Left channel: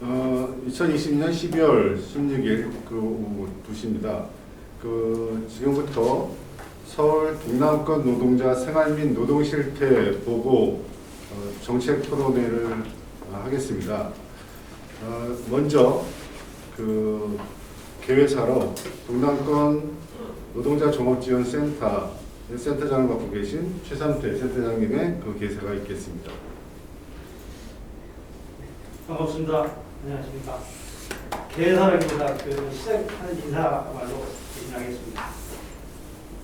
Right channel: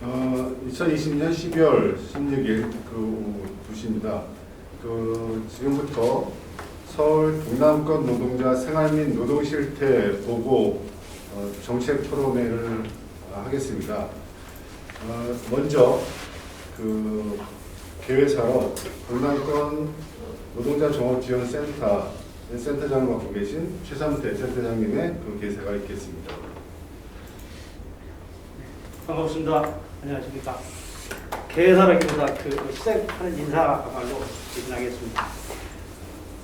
2020년 12월 16일 오후 2시입니다. 지금부터 서울 동남권 노동자 생활 및 노동 실태 보고 정책 토론회를 하겠습니다. 먼저 개회사로 동남권 노동자 종합지원센터 센터장을 맡고 계신 최삼태 센터장님의 개사가 있겠습니다. 반갑습니다. 안녕하십니까. 개사라기보다 시작하는 인사말로 진행하겠습니다.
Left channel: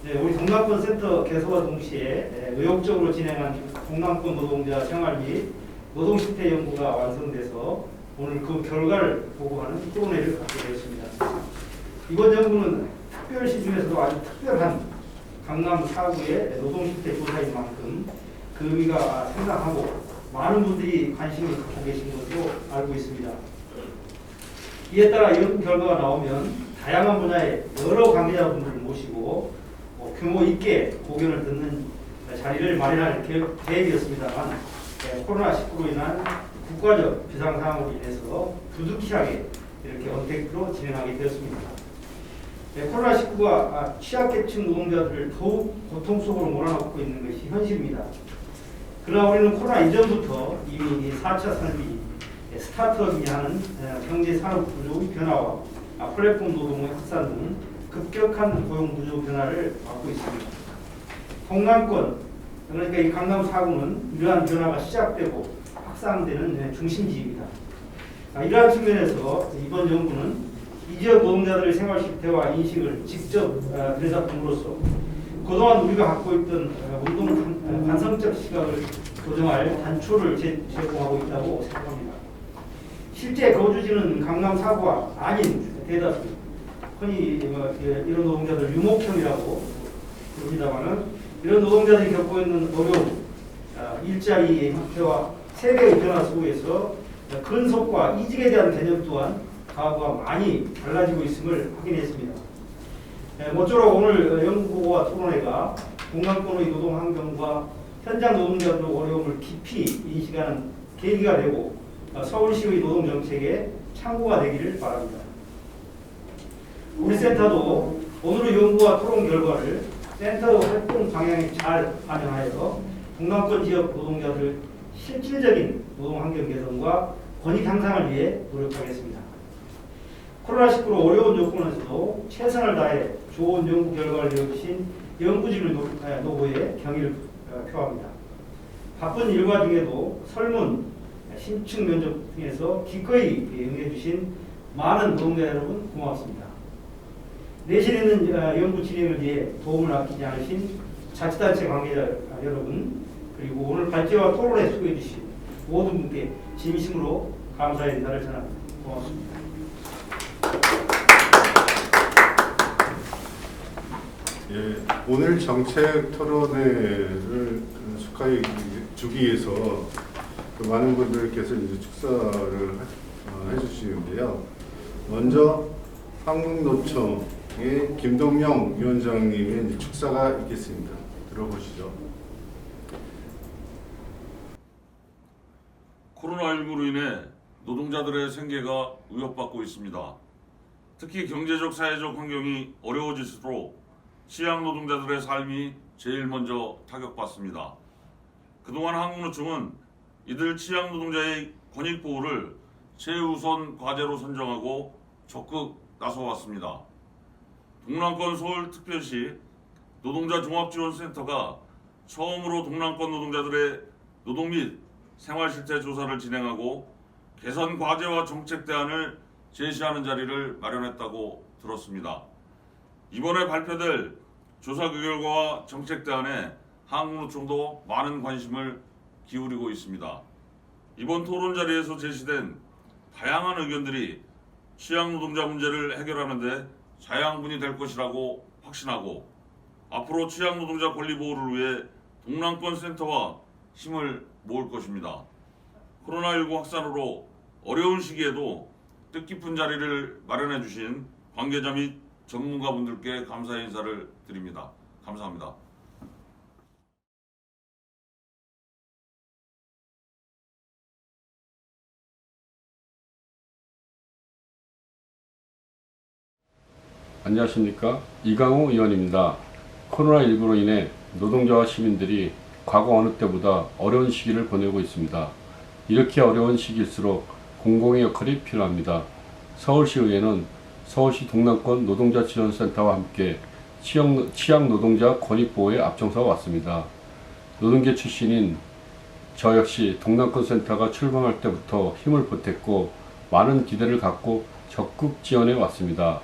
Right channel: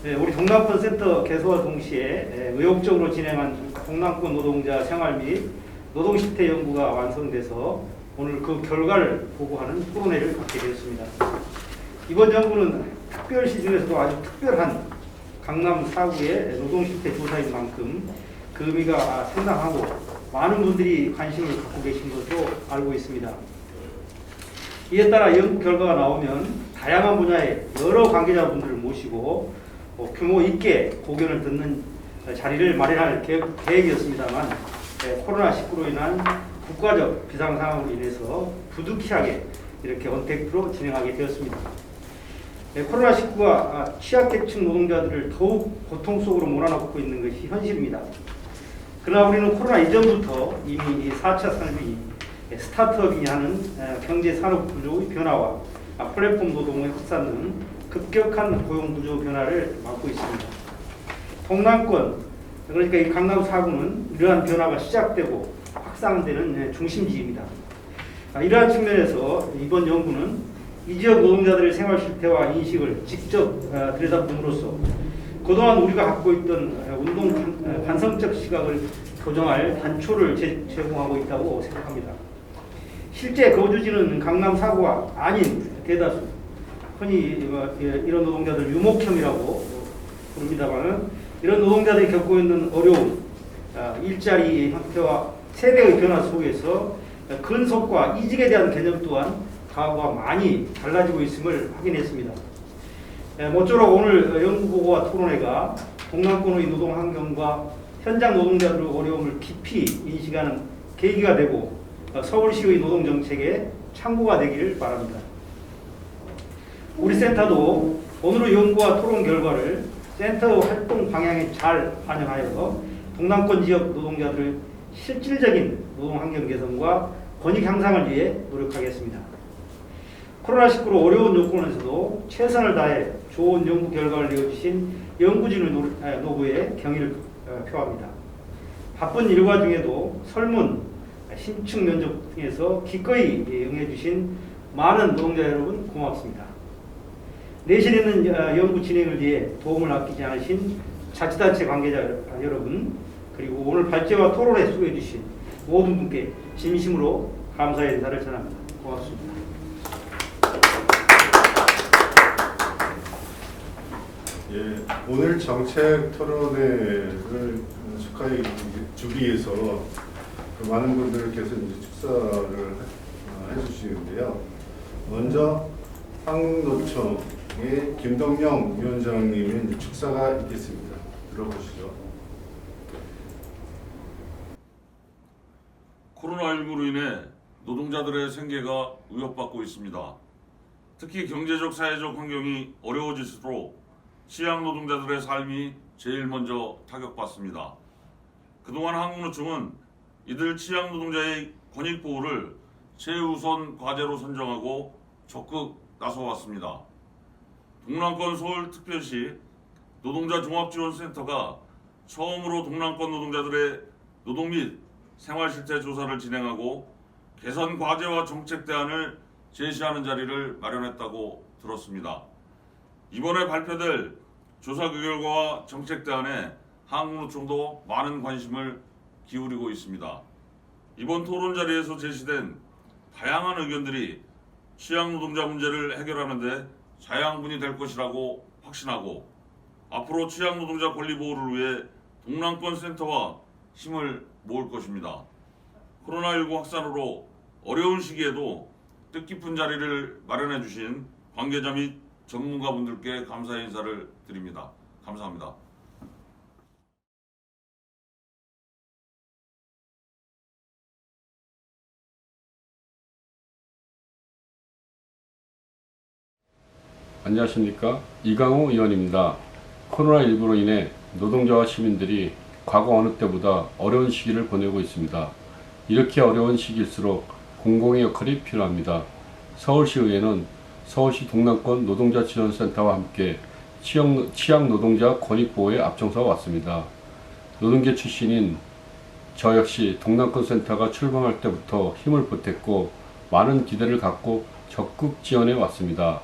네, 우리 동남권 센터 개소와 동시에 의욕적으로 진행한 동남권 노동자 생활 및 노동 실태 연구가 완성돼서 오늘 그 결과를 보고하는 토론회를 갖게 되었습니다. 이번 연구는 특별시 중에서도 아주 특별한 강남 4구의 노동 실태 조사인 만큼 그 의미가 상당하고 많은 분들이 관심을 갖고 계신 것으로 알고 있습니다. 이에 따라 연구 결과가 나오면 다양한 분야의 여러 관계자분들을 모시고 규모 있게 고견을 듣는 자리를 마련할 계획이었습니다만 코로나19로 인한 국가적 비상 상황으로 인해서 부득이하게 이렇게 언택트로 진행하게 되었습니다. 코로나19가 취약계층 노동자들을 더욱 고통 속으로 몰아넣고 있는 것이 현실입니다. 그러나 우리는 코로나 이전부터 이미 4차 산업이 스타트업이냐 하는 경제산업 구조의 변화와 플랫폼 노동의 확산 등 급격한 고용 구조 변화를 맞고 있습니다. 동남권, 그러니까 이 강남 4구는 이러한 변화가 시작되고 확산되는 중심지입니다. 이러한 측면에서 이번 연구는 이 지역 노동자들의 생활 실태와 인식을 직접 들여다봄으로써 그동안 우리가 갖고 있던 운동 관성적 시각을 교정할 단초를 제공하고 있다고 생각합니다. 실제 거주지는 강남 4구가 아닌 대다수, 흔히 이런 노동자들 유목형이라고 부릅니다만 이런 노동자들이 겪고 있는 어려움, 일자리 형태와 세대의 변화 속에서 근속과 이직에 대한 개념 또한 과거와 많이 달라지고 있음을 확인했습니다. 모쪼록 오늘 연구보고와 토론회가 동남권의 노동 환경과 현장 노동자들의 어려움을 깊이 인식하는 계기가 되고 서울시의 노동정책의 참고가 되기를 바랍니다. 우리 센터도 오늘의 연구와 토론 결과를 센터의 활동 방향에 잘 반영하여 동남권 지역 노동자들의 실질적인 노동 환경 개선과 권익 향상을 위해 노력하겠습니다. 코로나19로 어려운 요건에서도 최선을 다해 좋은 연구 결과를 내어주신 연구진의 노고에 경의를 표합니다. 바쁜 일과 중에도 설문, 심층 면접 등에서 기꺼이 응해주신 많은 노동자 여러분 고맙습니다. 내실 있는 연구 진행을 위해 도움을 아끼지 않으신 자치단체 관계자 여러분, 그리고 오늘 발제와 토론에 수고해주신 모든 분께 진심으로 감사의 인사를 전합니다. 고맙습니다. 예, 오늘 정책 토론회를 축하해 주기 위해서 많은 분들께서 이제 축사를 해주시는데요. 먼저 한국노총의 김동명 위원장님의 이제 축사가 있겠습니다. 들어보시죠. 코로나19로 인해 노동자들의 생계가 위협받고 있습니다. 특히 경제적, 사회적 환경이 어려워질수록 취약 노동자들의 삶이 제일 먼저 타격받습니다. 그동안 한국노총은 이들 취약 노동자의 권익 보호를 최우선 과제로 선정하고 적극 나서왔습니다. 동남권 서울특별시 노동자 종합지원센터가 처음으로 동남권 노동자들의 노동 및 생활 실태 조사를 진행하고 개선 과제와 정책 대안을 제시하는 자리를 마련했다고 들었습니다. 이번에 발표될 조사 결과와 정책 대안에 한국노총도 많은 관심을 기울이고 있습니다. 이번 토론 자리에서 제시된 다양한 의견들이 취약 노동자 문제를 해결하는 데 자양분이 될 것이라고 확신하고 앞으로 취약 노동자 권리 보호를 위해 동남권 센터와 힘을 모을 것입니다. 코로나19 확산으로 어려운 시기에도 뜻깊은 자리를 마련해 주신 관계자 및 전문가분들께 감사의 인사를 드립니다. 감사합니다. 안녕하십니까. 이강우 의원입니다. 코로나19로 인해 노동자와 시민들이 과거 어느 때보다 어려운 시기를 보내고 있습니다. 이렇게 어려운 시기일수록 공공의 역할이 필요합니다. 서울시의회는 서울시 동남권 노동자 지원센터와 함께 취약 노동자 권익보호에 앞장서 왔습니다. 노동계 출신인 저 역시 동남권 센터가 출범할 때부터 힘을 보탰고 많은 기대를 갖고 적극 지원해 왔습니다.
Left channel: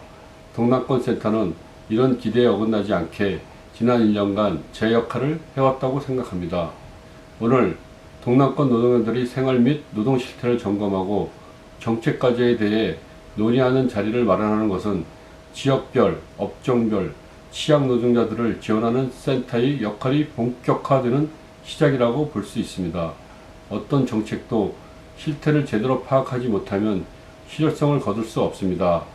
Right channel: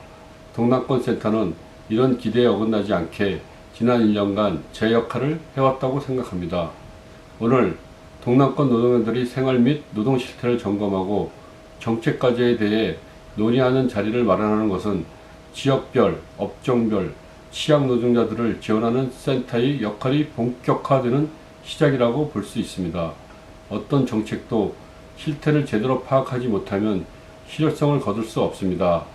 동남권 센터는 이런 기대에 어긋나지 않게 지난 1년간 제 역할을 해왔다고 생각합니다. 오늘 동남권 노동자들이 생활 및 노동 실태를 점검하고 정책 과제에 대해 논의하는 자리를 마련하는 것은 지역별, 업종별, 취약 노동자들을 지원하는 센터의 역할이 본격화되는 시작이라고 볼 수 있습니다. 어떤 정책도 실태를 제대로 파악하지 못하면 실효성을 거둘 수 없습니다.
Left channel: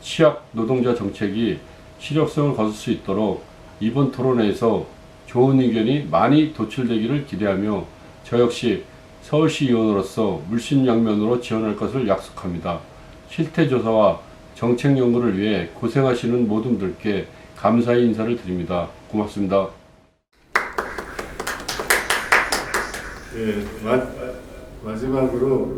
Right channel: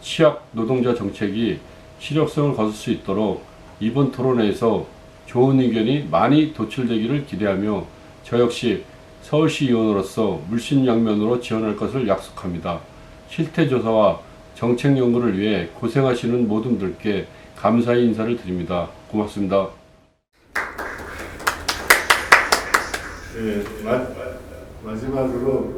취약 노동자 정책이 실효성을 거둘 수 있도록 이번 토론회에서 좋은 의견이 많이 도출되기를 기대하며 저 역시 서울시 의원으로서 물심양면으로 지원할 것을 약속합니다. 실태조사와 정책 연구를 위해 고생하시는 모든 분들께 감사의 인사를 드립니다. 고맙습니다. 예, 마지막으로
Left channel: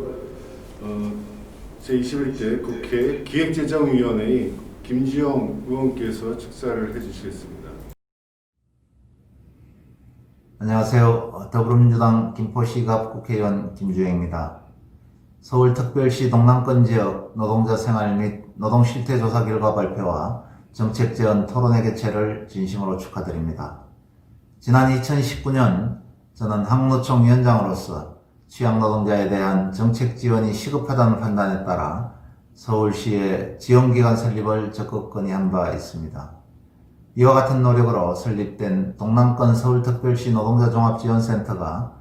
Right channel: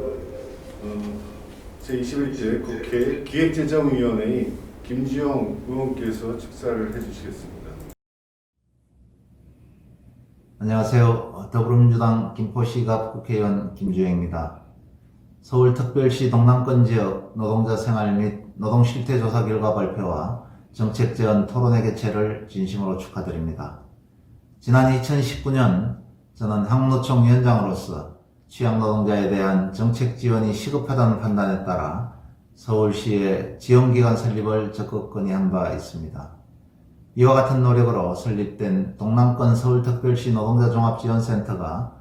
제21대 국회 기획재정위원회의 김주영 의원께서 축사를 해주시겠습니다. 안녕하세요. 더불어민주당 김포시갑 국회의원 김주영입니다. 서울특별시 동남권 지역 노동자 생활 및 노동 실태 조사 결과 발표와 정책 제안 토론회 개최를 진심으로 축하드립니다. 지난 2019년 저는 한국노총 위원장으로서 취약 노동자에 대한 정책 지원이 시급하다는 판단에 따라 서울시의 지원기관 설립을 적극 건의한 바 있습니다. 이와 같은 노력으로 설립된 동남권 서울특별시 노동자 종합지원센터가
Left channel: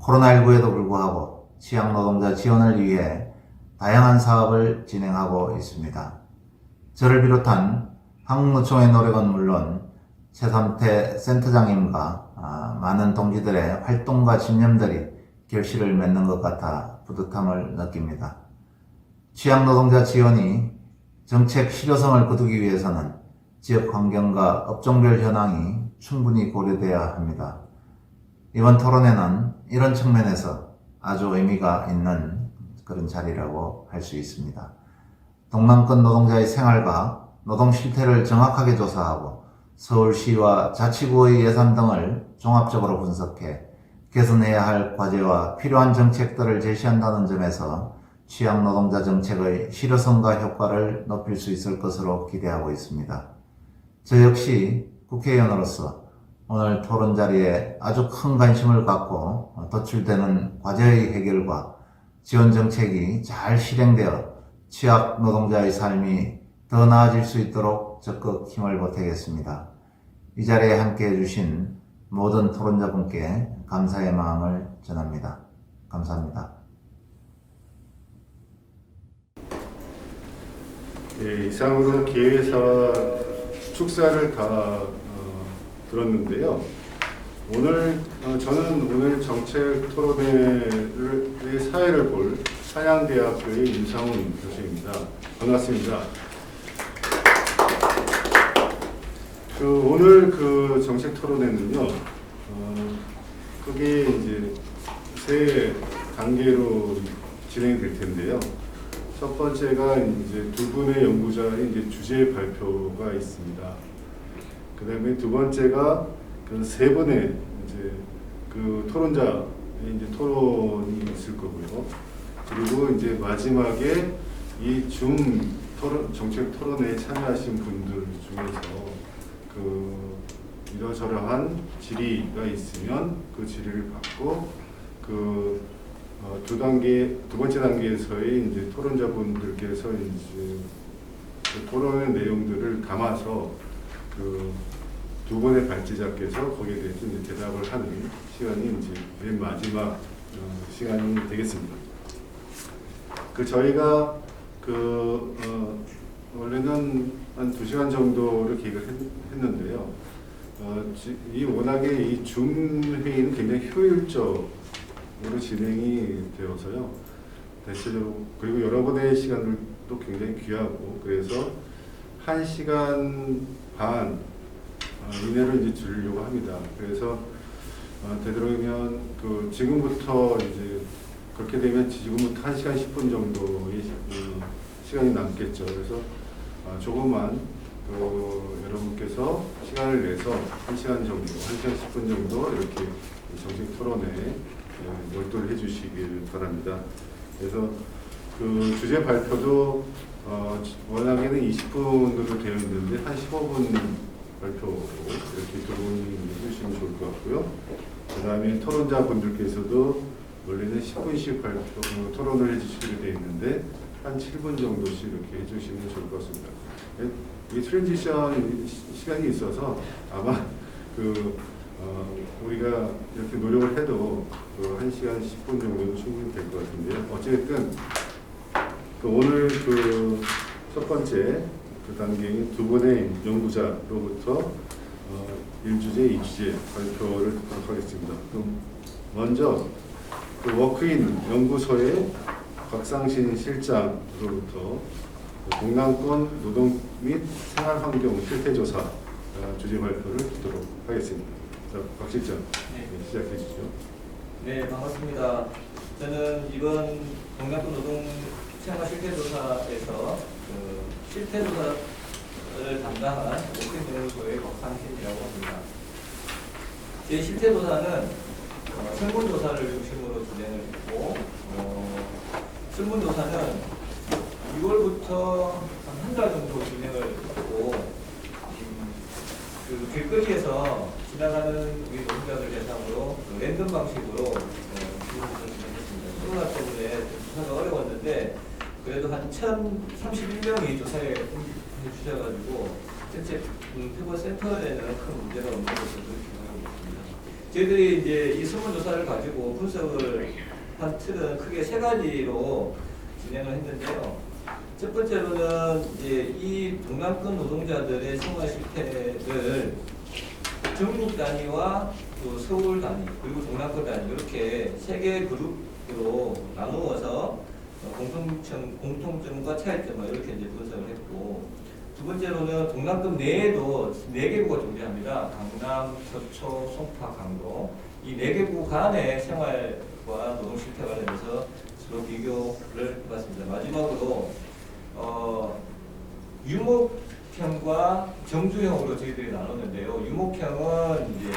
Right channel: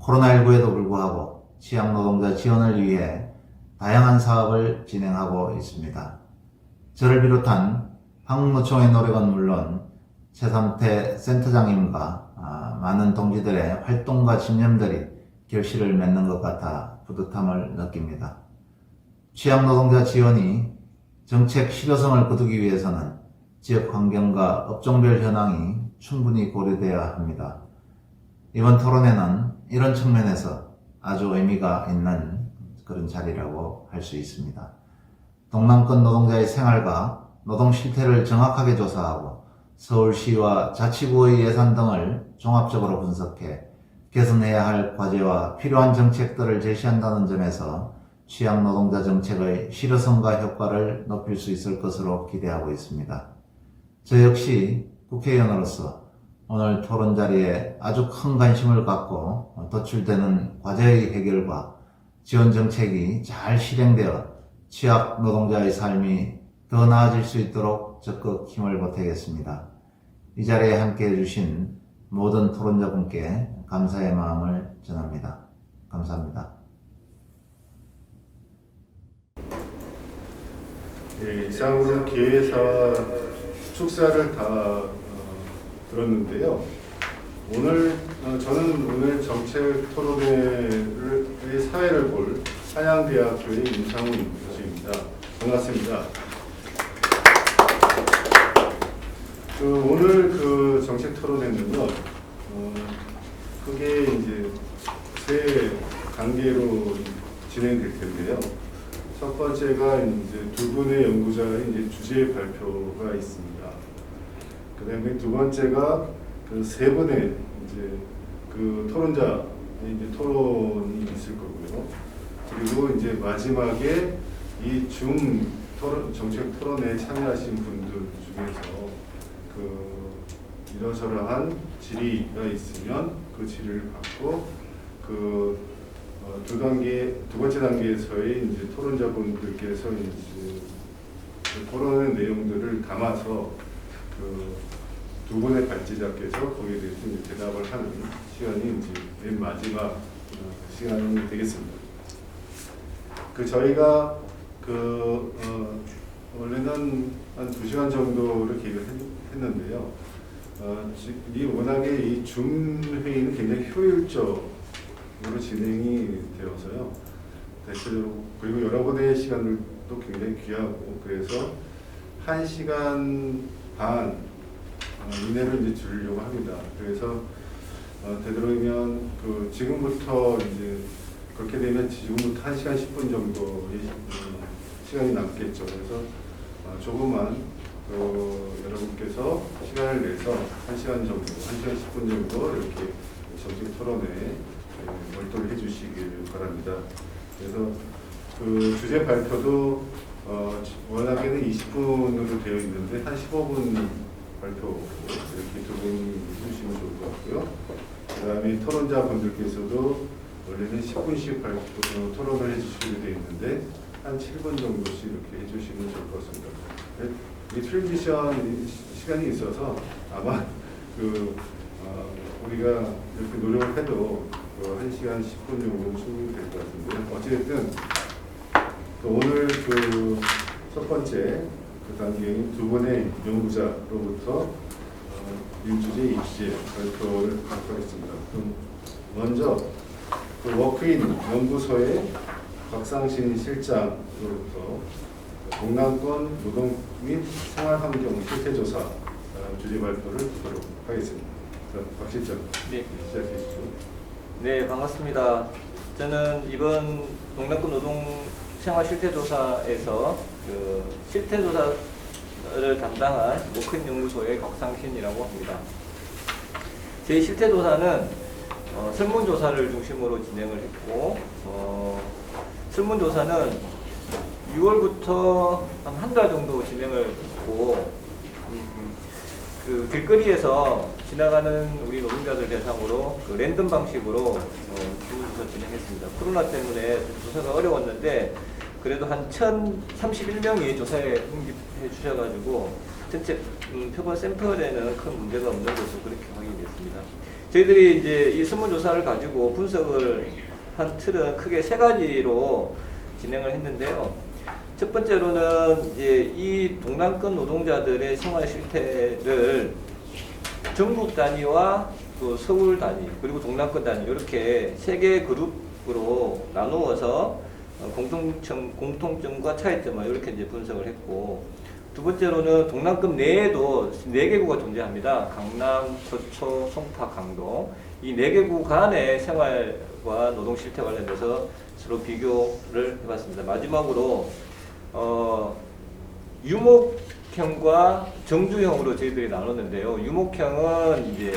코로나19에도 불구하고 취약 노동자 지원을 위해 다양한 사업을 진행하고 있습니다. 저를 비롯한 한국노총의 노력은 물론 최삼태 센터장님과 많은 동지들의 활동과 집념들이 결실을 맺는 것 같아 뿌듯함을 느낍니다. 취약 노동자 지원이 정책 실효성을 거두기 위해서는 지역 환경과 업종별 현황이 충분히 고려되어야 합니다. 이번 토론회는 이런 측면에서 아주 의미가 있는 그런 자리라고 할 수 있습니다. 동남권 노동자의 생활과 노동 실태를 정확하게 조사하고 서울시와 자치구의 예산 등을 종합적으로 분석해 개선해야 할 과제와 필요한 정책들을 제시한다는 점에서 취약 노동자 정책의 실효성과 효과를 높일 수 있을 것으로 기대하고 있습니다. 저 역시 국회의원으로서 오늘 토론 자리에 아주 큰 관심을 갖고 도출되는 과제의 해결과 지원 정책이 잘 실행되어 취약 노동자의 삶이 더 나아질 수 있도록 적극 힘을 보태겠습니다. 이 자리에 함께해 주신 모든 토론자분께 감사의 마음을 전합니다. 감사합니다. 예, 이상으로 기회사와 축사를 다 들었는데요. 저는 오늘 정책 토론회의 사회를 볼 한양대학교의 임상훈 교수입니다. 반갑습니다. 오늘 그 정책 토론회는요, 크게 이제 세 단계로 진행될 텐데요. 첫 번째가 이제 두 분의 연구자의 이제 주제 발표가 있습니다. 그 다음에 두 번째가 그 세 분의 이제 그 토론자의 이제 토론이 있을 거고요. 그리고 이제 마지막에 이 정책 토론회에 참여하신 분들 중에서 그 이러저러한 질의가 있으면 그 질의를 받고 두 번째 단계에서의 이제 토론자분들께서 이제 그 토론의 내용들을 담아서 두 분의 발제자께서 거기에 대해서 이제 대답을 하는 시간이 이제 맨 마지막 시간이 되겠습니다. 저희가 원래는 한 2시간 정도를 계획을 했는데요. 이 워낙에 이 줌 회의는 굉장히 효율적으로 진행이 되어서요. 대체적으로 그리고 여러분의 시간들도 굉장히 귀하고 그래서 1시간 반 이내로 이제 줄이려고 합니다. 그래서 되도록이면 지금부터 이제 그렇게 되면 지금부터 1시간 10분 정도의 시간이 남겠죠. 그래서 조금만 여러분께서 시간을 내서 1시간 정도, 1시간 10분 정도 이렇게 정책 토론에 몰두를 해주시길 바랍니다. 그래서 주제 발표도 워낙에는 20분으로 되어 있는데 한 15분 발표로 이렇게 두 분이 해주시면 좋을 것 같고요. 그 다음에 토론자 분들께서도 원래는 10분씩 토론을 해주시기로 되어 있는데 한 7분 정도씩 이렇게 해주시면 좋을 것 같습니다. 이 트랜지션 시간이 있어서 아마 우리가 이렇게 노력을 해도 1시간 10분 정도는 충분히 될 것 같은데요. 어쨌든 오늘 첫 번째 단계인 두 분의 연구자로부터 1주제, 2주제 발표를 듣도록 하겠습니다. 그럼 먼저 워크인 연구소의 곽상신 실장으로부터 동남권 노동 및 생활환경 실태조사 주제 발표를 듣도록 하겠습니다. 자, 곽 실장, 네. 시작해 주시죠. 네, 반갑습니다. 저는 이번 동남권 노동 생활 실태조사에서 실태조사를 담당한 워크인 연구소의 곽상신이라고 합니다. 저희 실태조사는 설문조사를 중심으로 진행을 했고, 설문조사는 6월부터 한 달 정도 진행을 했고, 길거리에서 지나가는 우리 노동자들 대상으로 랜덤 방식으로 설문조사 진행했습니다. 코로나 때문에 조사가 어려웠는데 그래도 한 1,031명이 조사에 응집해 주셔가지고 전체 표본 샘플에는 큰 문제가 없는 것으로 그렇게 확인됐습니다. 저희들이 이제 이 설문조사를 가지고 분석을 한 틀은 크게 세 가지로 진행을 했는데요. 첫 번째로는 이제 이 동남권 노동자들의 생활 실태를 전국 단위와 또 서울 단위 그리고 동남권 단위 이렇게 세 개의 그룹으로 나누어서 공통점과 차이점을 이렇게 이제 분석을 했고, 두 번째로는 동남권 내에도 4개구가 존재합니다. 강남, 서초, 송파, 강동 이 4개구 간의 생활과 노동 실태 관련돼서 서로 비교를 해봤습니다. 마지막으로 유목형과 정주형으로 저희들이 나눴는데요. 유목형은 이제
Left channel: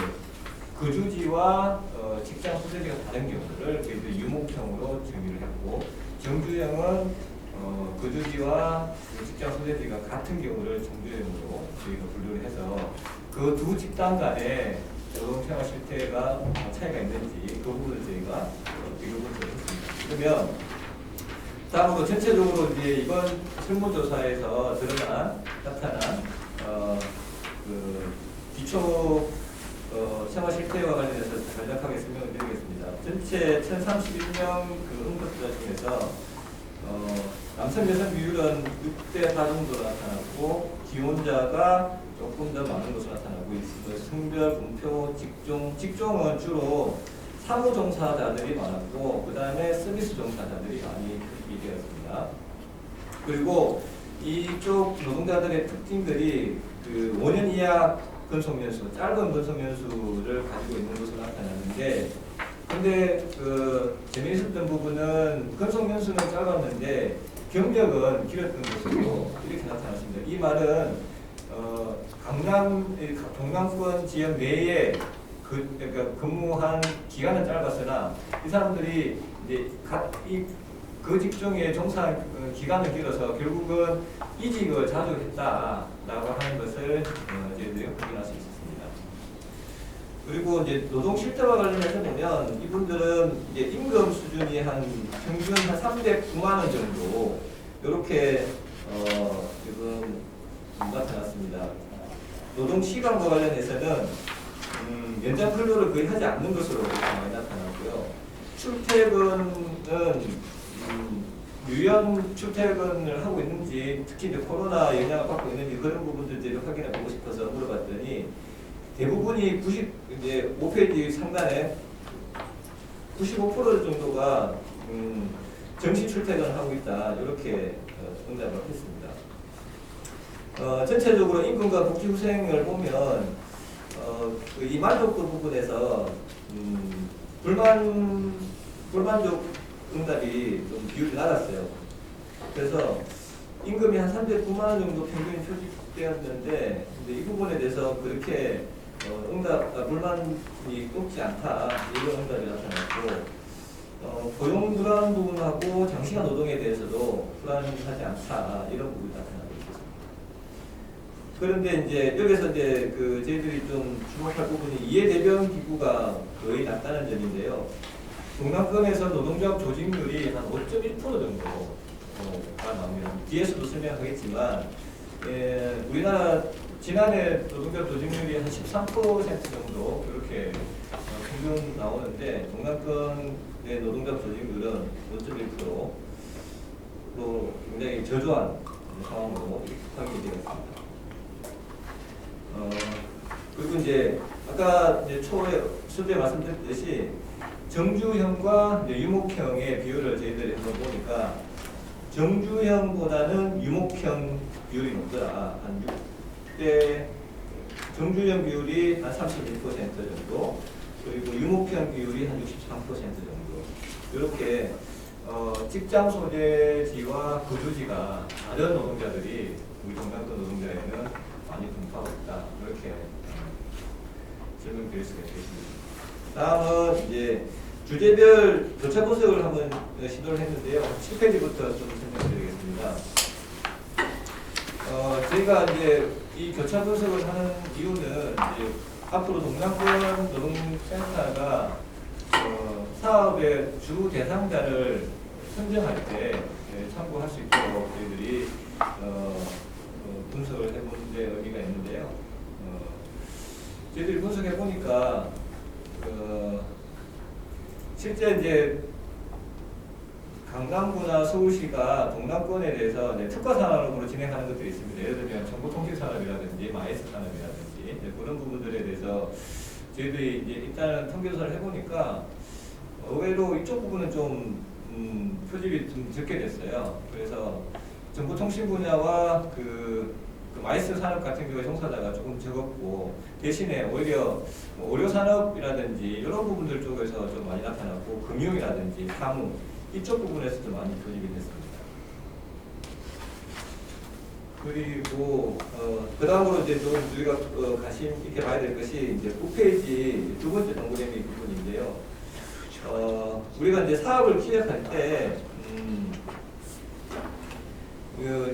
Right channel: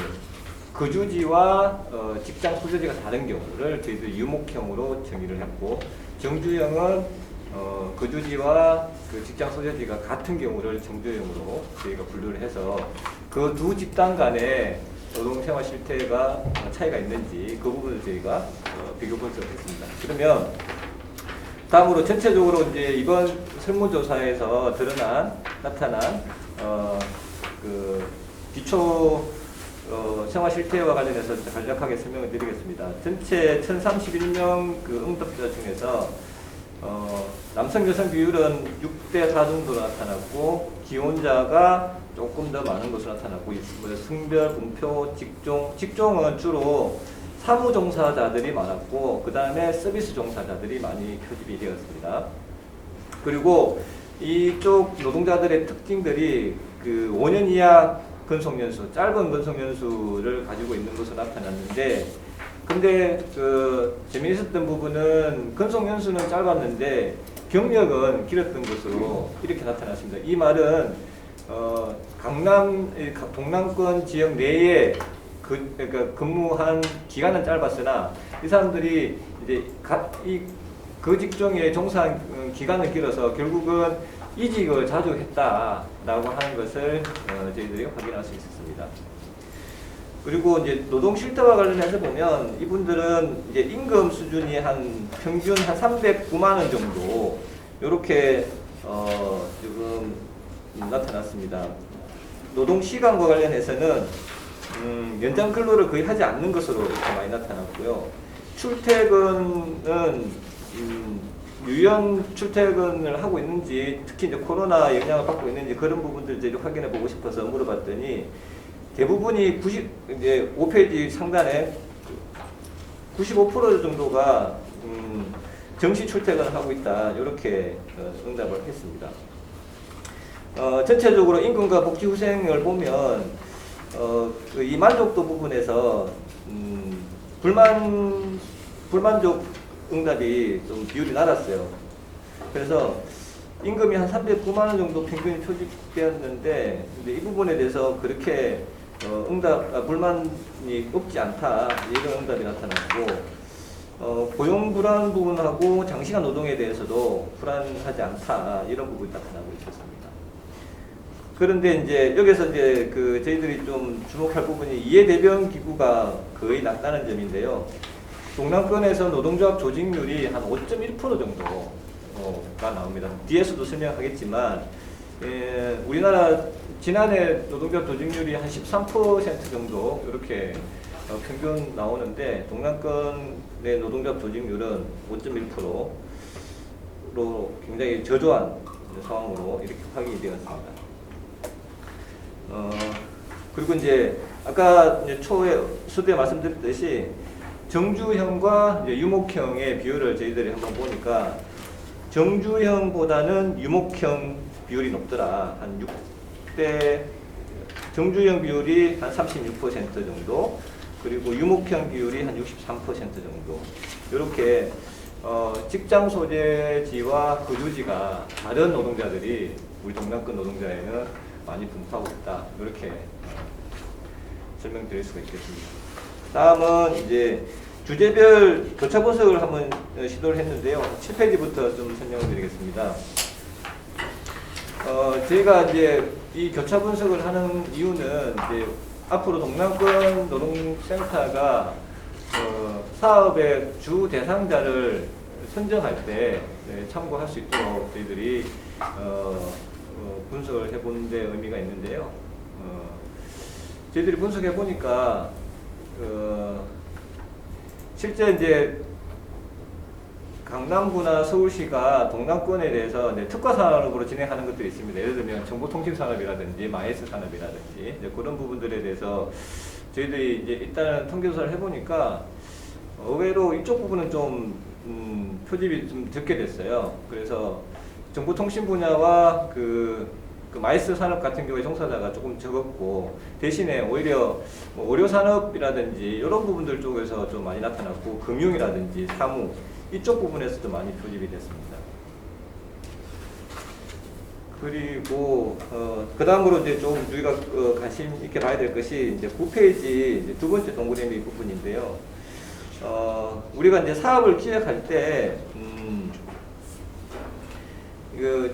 거주지와 직장 소재지가 다른 경우를 저희들이 유목형으로 정의를 했고, 정주형은 거주지와 직장 소재지가 같은 경우를 정주형으로 저희가 분류를 해서 그 두 집단 간의 노동생활 실태가 차이가 있는지 그 부분을 저희가 비교 분석했습니다. 그러면 다음으로 전체적으로 이제 이번 설문조사에서 나타난 기초 생활 실태와 관련해서 간략하게 설명을 드리겠습니다. 전체 1,031명 응답자 중에서 남성 여성 비율은 6대 4 정도로 나타났고, 기혼자가 조금 더 많은 것으로 나타났고 있습니다. 성별, 문표, 직종은 주로 사무 종사자들이 많았고, 그 다음에 서비스 종사자들이 많이 표집이 되었습니다. 그리고 이쪽 노동자들의 특징들이 5년 이하 근속연수, 짧은 근속연수를 가지고 있는 것으로 나타났는데, 근데 재미있었던 부분은 근속연수는 짧았는데 경력은 길었던 것으로 이렇게 나타났습니다. 이 말은 동남권 지역 내에 그러니까 근무한 기간은 짧았으나 이 사람들이 이제 그 직종에 종사한 기간은 길어서 결국은 이직을 자주 했다라고 하는 것을 저희들이 확인할 수 있었습니다. 그리고 이제 노동 실태와 관련해서 보면 이분들은 이제 임금 수준이 평균 한 309만 원 정도 이렇게 지금 나타났습니다. 노동 시간과 관련해서는 연장 근로를 거의 하지 않는 것으로 많이 나타났고요. 출퇴근은 유연 출퇴근을 하고 있는지, 특히 이제 코로나 영향을 받고 있는지 그런 부분들을 확인해 보고 싶어서 물어봤더니 대부분이 5페이지 상단에 95% 정도가 정시 출퇴근을 하고 있다, 이렇게 응답을 했습니다. 전체적으로 임금과 복지 후생을 보면 이 만족도 부분에서 불만족 응답이 좀 비율이 낮았어요. 그래서 임금이 한 309만 원 정도 평균 표집되었는데, 근데 이 부분에 대해서 그렇게 불만이 높지 않다, 이런 응답이 나타났고, 고용 불안 부분하고 장시간 노동에 대해서도 불안하지 않다, 이런 부분이 나타나고 있었습니다. 그런데 이제 여기서 이제 저희들이 좀 주목할 부분이 이해대변 기구가 거의 낮다는 점인데요. 동남권에서 노동조합 조직률이 한 5.1% 정도가 나옵니다. 뒤에서도 설명하겠지만, 우리나라 지난해 노동조합 조직률이 한 13% 정도 이렇게 평균 나오는데, 동남권의 노동조합 조직률은 5.1%로 굉장히 저조한 상황으로 이렇게 파악이 되었습니다. 그리고 이제 아까 이제 초에 서두에 말씀드렸듯이 정주형과 이제 유목형의 비율을 저희들이 한번 보니까 정주형보다는 유목형 비율이 높더라. 한 6대, 정주형 비율이 한 36% 정도, 그리고 유목형 비율이 한 63% 정도. 이렇게 직장 소재지와 거주지가 다른 노동자들이 우리 동남권 노동자에는 많이 분포하고 있다. 이렇게 설명드릴 수가 있겠습니다. 다음은 이제 주제별 교차 분석을 한번 시도를 했는데요. 7페이지부터 좀 설명을 드리겠습니다. 저희가 이제 이 교차 분석을 하는 이유는 이제 앞으로 동남권 노동센터가 사업의 주 대상자를 선정할 때 참고할 수 있도록 저희들이 분석을 해보는 데 의미가 있는데요. 저희들이 분석해 보니까 실제 이제 강남구나 서울시가 동남권에 대해서 이제 특화 산업으로 진행하는 것들이 있습니다. 예를 들면 정보통신산업이라든지 마이스 산업이라든지 이제 그런 부분들에 대해서 저희들이 이제 일단 통계조사를 해보니까 의외로 이쪽 부분은 좀 표집이 좀 적게 됐어요. 그래서 정보통신 분야와 그 마이스 산업 같은 경우에 종사자가 조금 적었고, 대신에 오히려 뭐 의료 산업이라든지 이런 부분들 쪽에서 좀 많이 나타났고, 금융이라든지 사무 이쪽 부분에서도 많이 표집이 됐습니다. 그리고 그 다음으로 이제 좀 우리가 관심 있게 봐야 될 것이 이제 9페이지 두 번째 동그라미 부분인데요. 우리가 이제 사업을 기획할 때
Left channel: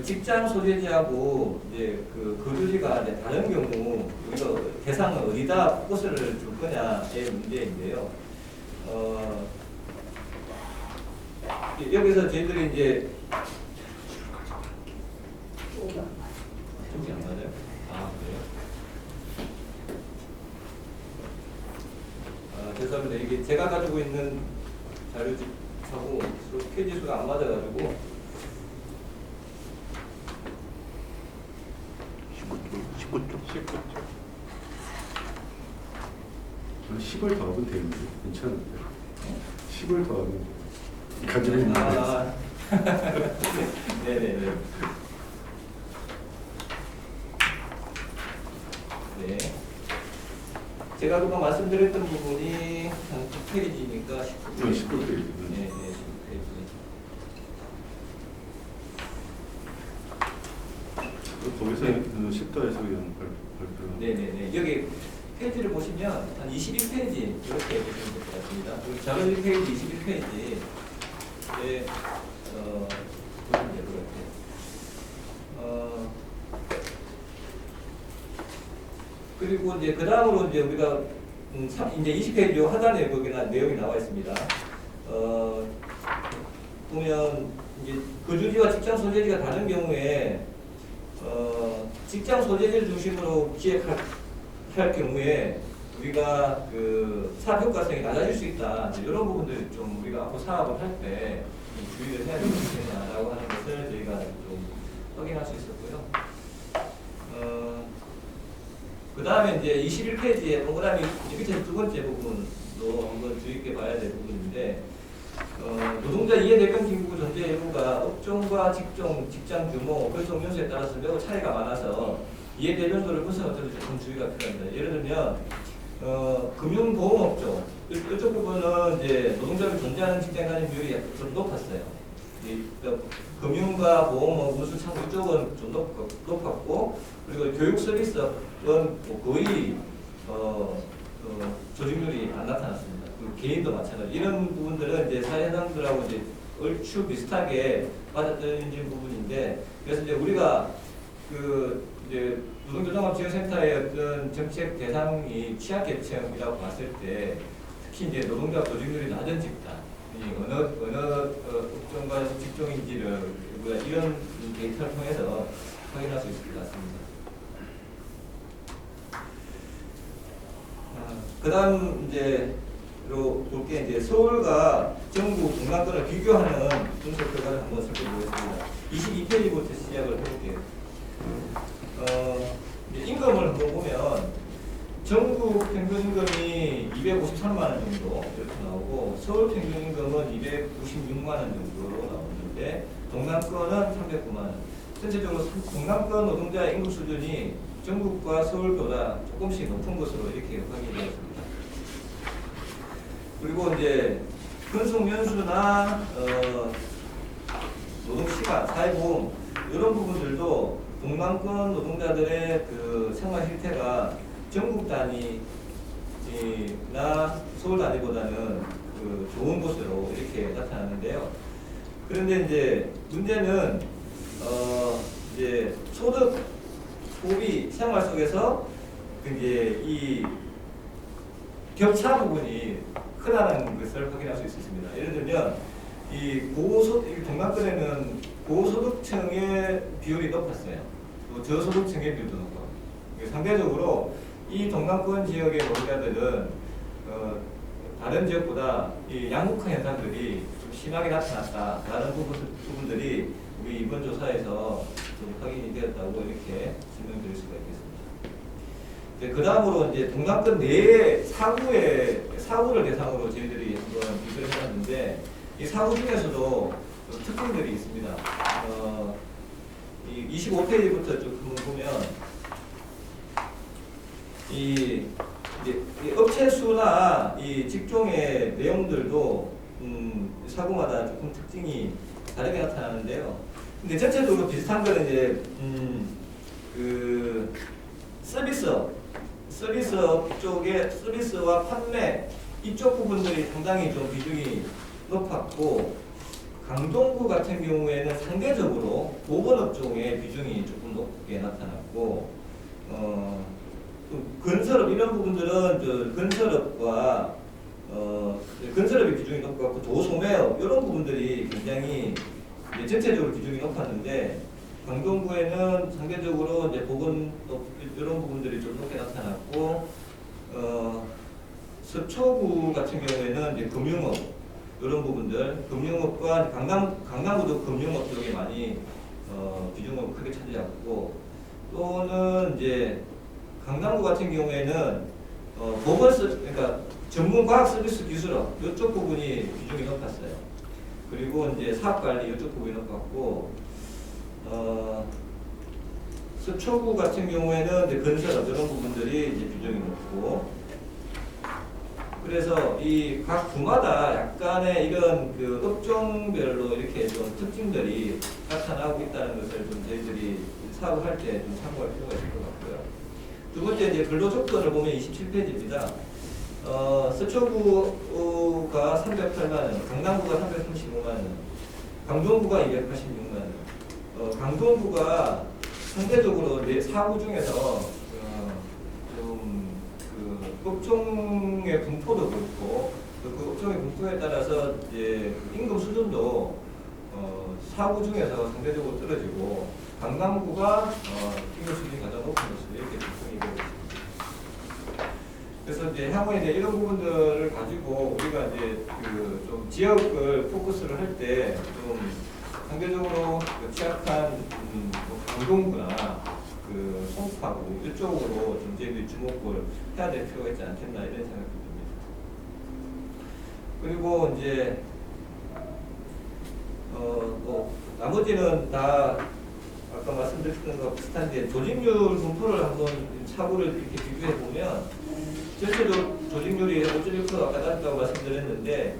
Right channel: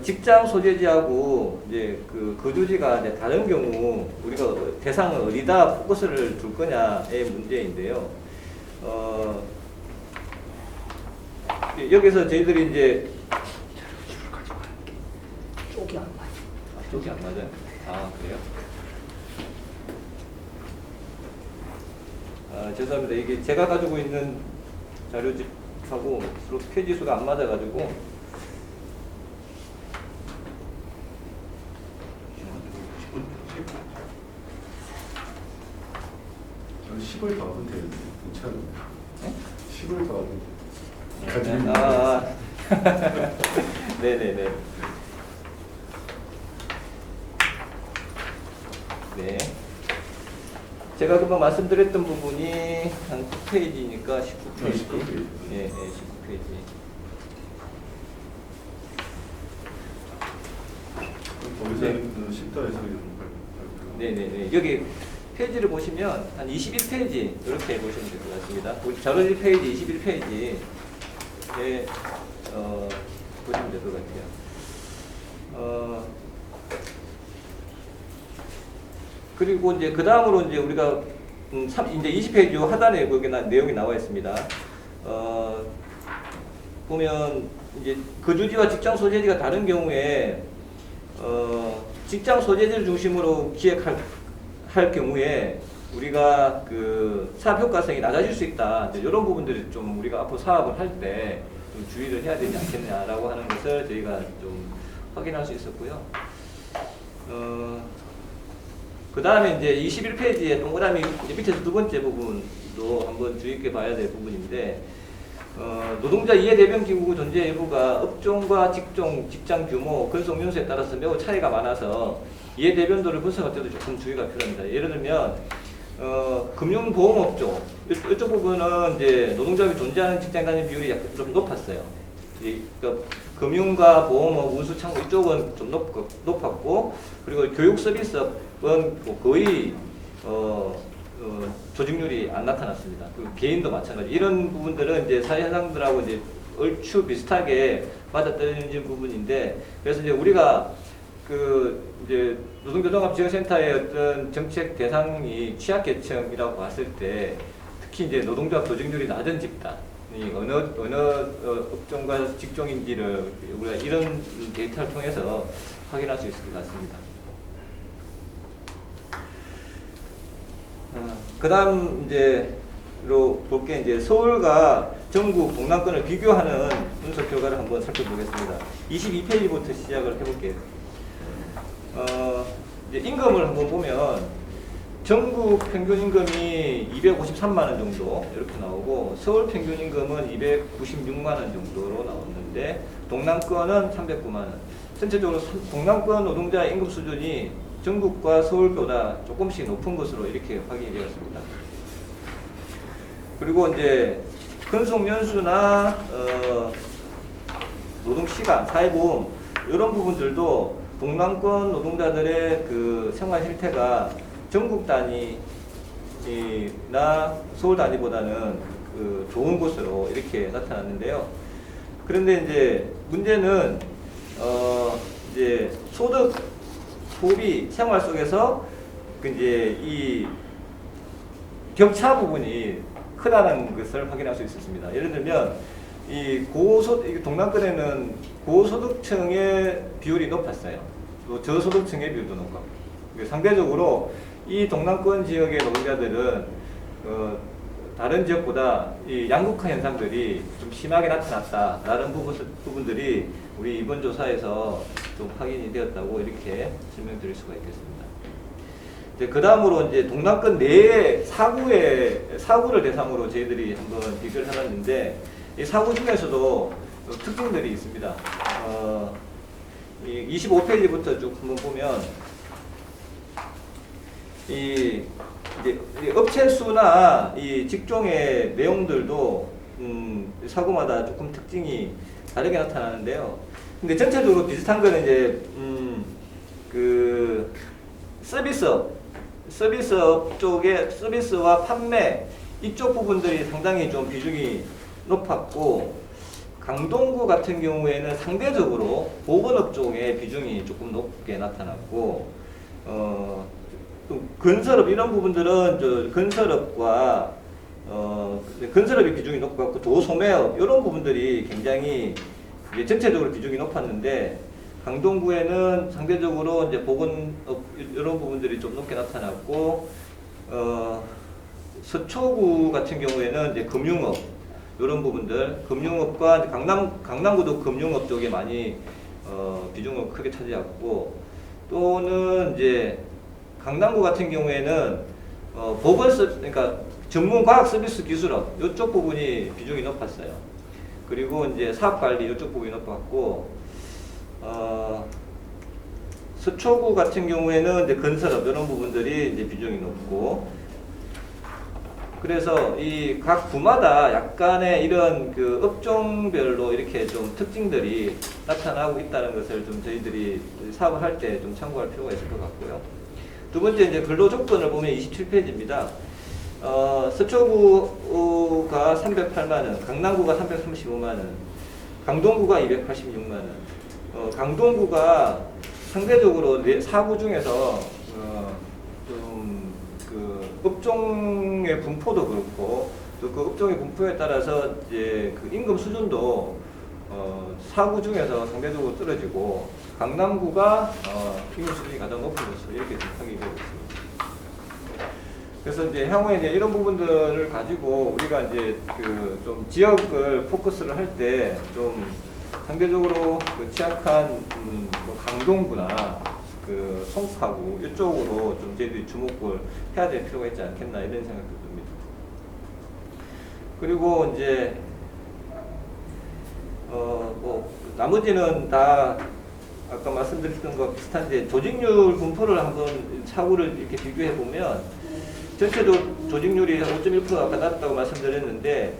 직장 소재지하고 이제 거주지가 이제 다른 경우 우리가 대상을 어디다 포커스를 둘 거냐의 문제인데요. 여기서 저희들이 이제 쪽이 안 맞아. 쪽이 안 맞아요. 아, 그래요? 죄송합니다. 이게 제가 가지고 있는 자료집하고 서로 페이지 수가 안 맞아가지고. 10을 더하면 되는데 괜찮은데 10을 더하면 가지고 있는 네네네. 네. 제가 금방 말씀드렸던 부분이 한 9페이지니까 19페이지. 19페이지. 네, 19페이지. 거기서 10도에서 그냥 발표. 네네네. 여기 페이지를 보시면 한 21페이지 이렇게 보시면 될 것 같습니다. 우리 자료 1페이지, 21페이지에 보시면 될 것 같아요. 그리고 이제 그 다음으로 이제 우리가 이제 20페이지 하단에 거기 내용이 나와 있습니다. 보면 이제 거주지와 직장 소재지가 다른 경우에 직장 소재지를 중심으로 기획할 경우에 우리가 그 사업 효과성이 낮아질 수 있다. 이런 부분들이 좀 우리가 앞으로 사업을 할 때 주의를 해야 되지 않겠냐라고 하는 것을 저희가 좀 확인할 수 있었고요. 그 다음에 이제 21페이지에 동그라미 밑에서 두 번째 부분도 한번 주의 있게 봐야 될 부분인데, 노동자 이해대변 기구 존재 여부가 업종과 직장 규모, 근속 연수에 따라서 매우 차이가 많아서 이해대변도를 분석할 때도 조금 주의가 필요합니다. 예를 들면 금융보험업종 이쪽 부분은 이제 노동자가 존재하는 직장 단위 비율이 약간 좀 높았어요. 그러니까 금융과 보험업, 운수, 창고 이쪽은 좀 높았고, 그리고 교육 서비스업은 뭐 거의 조직률이 안 나타났습니다. 개인도 마찬가지. 이런 부분들은 이제 사회현상들하고 이제 얼추 비슷하게 맞아떨어지는 부분인데, 그래서 이제 우리가 이제 노동교통합지원센터의 어떤 정책 대상이 취약계층이라고 봤을 때, 특히 이제 노동조합 조직률이 낮은 집단이 어느 업종과 직종인지를 우리가 이런 데이터를 통해서 확인할 수 있을 것 같습니다. 그다음 이제로 볼 게 이제 서울과 전국 동남권을 비교하는 분석 결과를 한번 살펴보겠습니다. 22페이지부터 시작을 해볼게요. 이제 임금을 한번 보면 전국 평균 임금이 253만 원 정도 이렇게 나오고, 서울 평균 임금은 296만 원 정도로 나오는데 동남권은 309만 원. 전체적으로 동남권 노동자 임금 수준이 전국과 서울보다 조금씩 높은 것으로 이렇게 확인이 되었습니다. 그리고 이제 근속 연수나 노동 시간, 사회보험 이런 부분들도 동남권 노동자들의 그 생활 실태가 전국 단위나 서울 단위보다는 그 좋은 것으로 이렇게 나타났는데요. 그런데 이제 문제는 이제 소득, 소비, 생활 속에서 이제 이 격차 부분이 크다는 것을 확인할 수 있었습니다. 예를 들면 이 동남권에는 고소득층의 비율이 높았어요. 또 저소득층의 비율도 높고, 상대적으로 이 동남권 지역의 노동자들은 다른 지역보다 이 양극화 현상들이 좀 심하게 나타났다라는 부분들이 우리 이번 조사에서 좀 확인이 되었다고 이렇게 설명드릴 수가 있겠습니다. 그 다음으로 이제 동남권 내의 사구를 대상으로 저희들이 한번 비교를 해봤는데, 이 사구 중에서도 특징들이 있습니다. 25페이지부터 쭉 한번 보면 이 업체 수나 이 직종의 내용들도 사구마다 조금 특징이 다르게 나타나는데요. 근데 전체적으로 비슷한 거는 이제 그 서비스업 쪽의 서비스와 판매 이쪽 부분들이 상당히 좀 비중이 높았고, 강동구 같은 경우에는 상대적으로 보건업 쪽의 비중이 조금 높게 나타났고, 또 건설업 이런 부분들은 건설업과 건설업의 비중이 높고, 도소매업 이런 부분들이 굉장히 이제 전체적으로 비중이 높았는데, 강동구에는 상대적으로 이제 보건업 이런 부분들이 좀 높게 나타났고, 서초구 같은 경우에는 이제 금융업 이런 부분들, 금융업과 강남구도 금융업 쪽에 많이 비중을 크게 차지했고, 또는 이제 강남구 같은 경우에는 그러니까 전문 과학 서비스 기술업 이쪽 부분이 비중이 높았어요. 그리고 이제 사업관리 이쪽 부분이 높았고, 서초구 같은 경우에는 이제 건설업 이런 부분들이 이제 비중이 높고, 그래서 이 각 구마다 약간의 이런 그 업종별로 이렇게 좀 특징들이 나타나고 있다는 것을 좀 저희들이 사업을 할 때 좀 참고할 필요가 있을 것 같고요. 두 번째 이제 근로 조건을 보면 27페이지입니다. 서초구가 308만 원, 강남구가 335만 원, 강동구가 286만 원. 강동구가 상대적으로 사구 중에서 좀 그 업종의 분포도 그렇고, 또 그 업종의 분포에 따라서 이제 그 임금 수준도 사구 중에서 상대적으로 떨어지고, 강남구가 임금 수준이 가장 높은 것으로 이렇게 확인이 되고 있습니다. 그래서 이제 향후에 이제 이런 부분들을 가지고 우리가 이제 그 좀 지역을 포커스를 할 때 좀 상대적으로 그 취약한 뭐 강동구나 그 송파구 이쪽으로 좀 저희들이 주목을 해야 될 필요가 있지 않겠나 이런 생각이 듭니다. 그리고 이제 뭐 나머지는 다 아까 말씀드렸던 것 비슷한데 조직률 분포를 한번 차후를 이렇게 비교해 보면 전체도 조직률이 5.1% 아까 낮다고 말씀드렸는데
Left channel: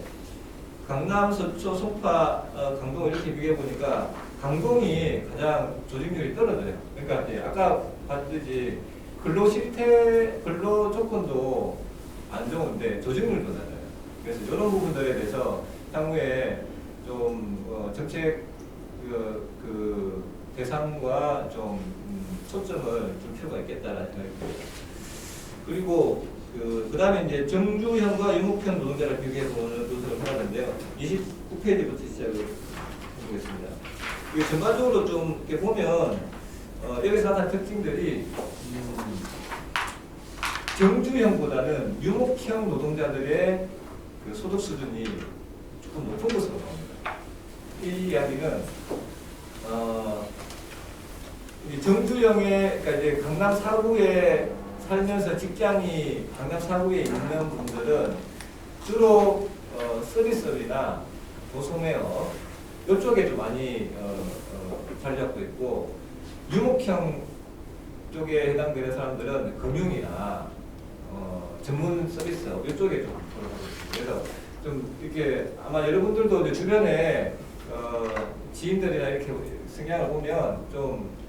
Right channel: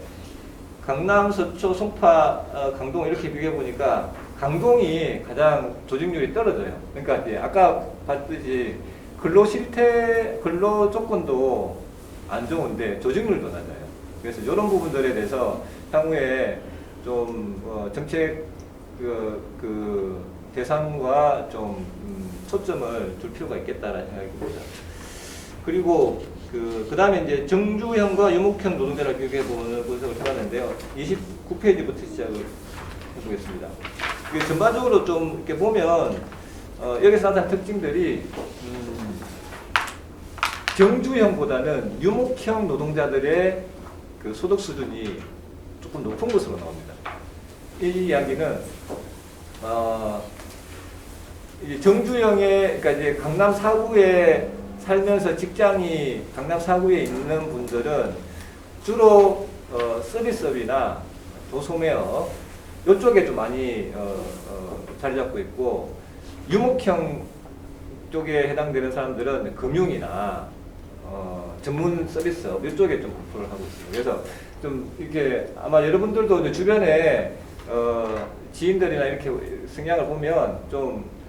강남, 서초, 송파, 강동 이렇게 비교해 보니까 강동이 가장 조직률이 떨어져요. 그러니까 이제 아까 봤듯이 근로 실태, 근로 조건도 안 좋은데 조직률도 낮아요. 그래서 이런 부분들에 대해서 향후에 좀 정책 그 대상과 좀 초점을 둘 필요가 있겠다라는 생각이 듭니다. 그리고 그 다음에 이제 정주형과 유목형 노동자를 비교해 보는 분석을 해봤는데요. 29페이지부터 시작을 해보겠습니다. 이게 전반적으로 좀 이렇게 보면 여기서 나타난 특징들이 정주형보다는 유목형 노동자들의 그 소득 수준이 조금 높은 것으로 나옵니다. 이 이야기는 이 정주형의 그러니까 이제 강남 4구에 살면서 직장이 강남 4구에 있는 분들은 주로 서비스업이나 도소매업 이쪽에 좀 많이 자리 잡고 있고 유목형 쪽에 해당되는 사람들은 금융이나 전문 서비스업 이쪽에 좀 분포를 하고 있습니다. 그래서 좀 이렇게 아마 여러분들도 이제 주변에 지인들이나 이렇게 성향을 보면 좀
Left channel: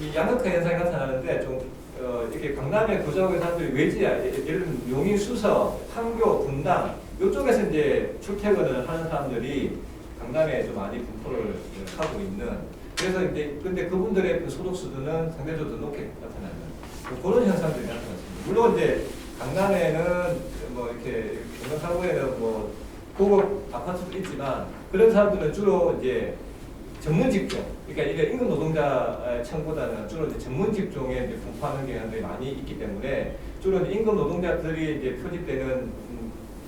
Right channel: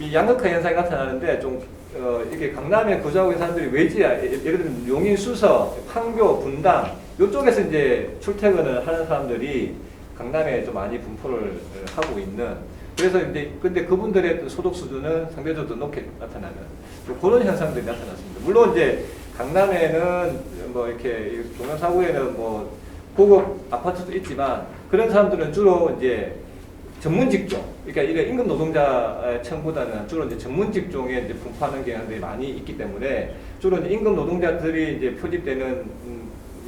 이 양극화 현상이 나타나는데 좀 이렇게 강남에 거주하고 있는 사람들이 외지 예를 들면 용인, 수서, 판교, 분당 이쪽에서 이제 출퇴근을 하는 사람들이 강남에 좀 많이 분포를 하고 있는 그래서 이제 그때 그분들의 소득 수준은 상대적으로 높게 나타나는 그런 현상들이 나타났습니다. 물론 이제 강남에는 뭐 이렇게 동남 4구에는 뭐 고급 아파트도 있지만 그런 사람들은 주로 이제 전문 직종, 그러니까 이런 임금 노동자층보다는 주로 이제 전문 직종에 이제 분포하는 경향들이 많이 있기 때문에 주로 이제 임금 노동자들이 이제 표집되는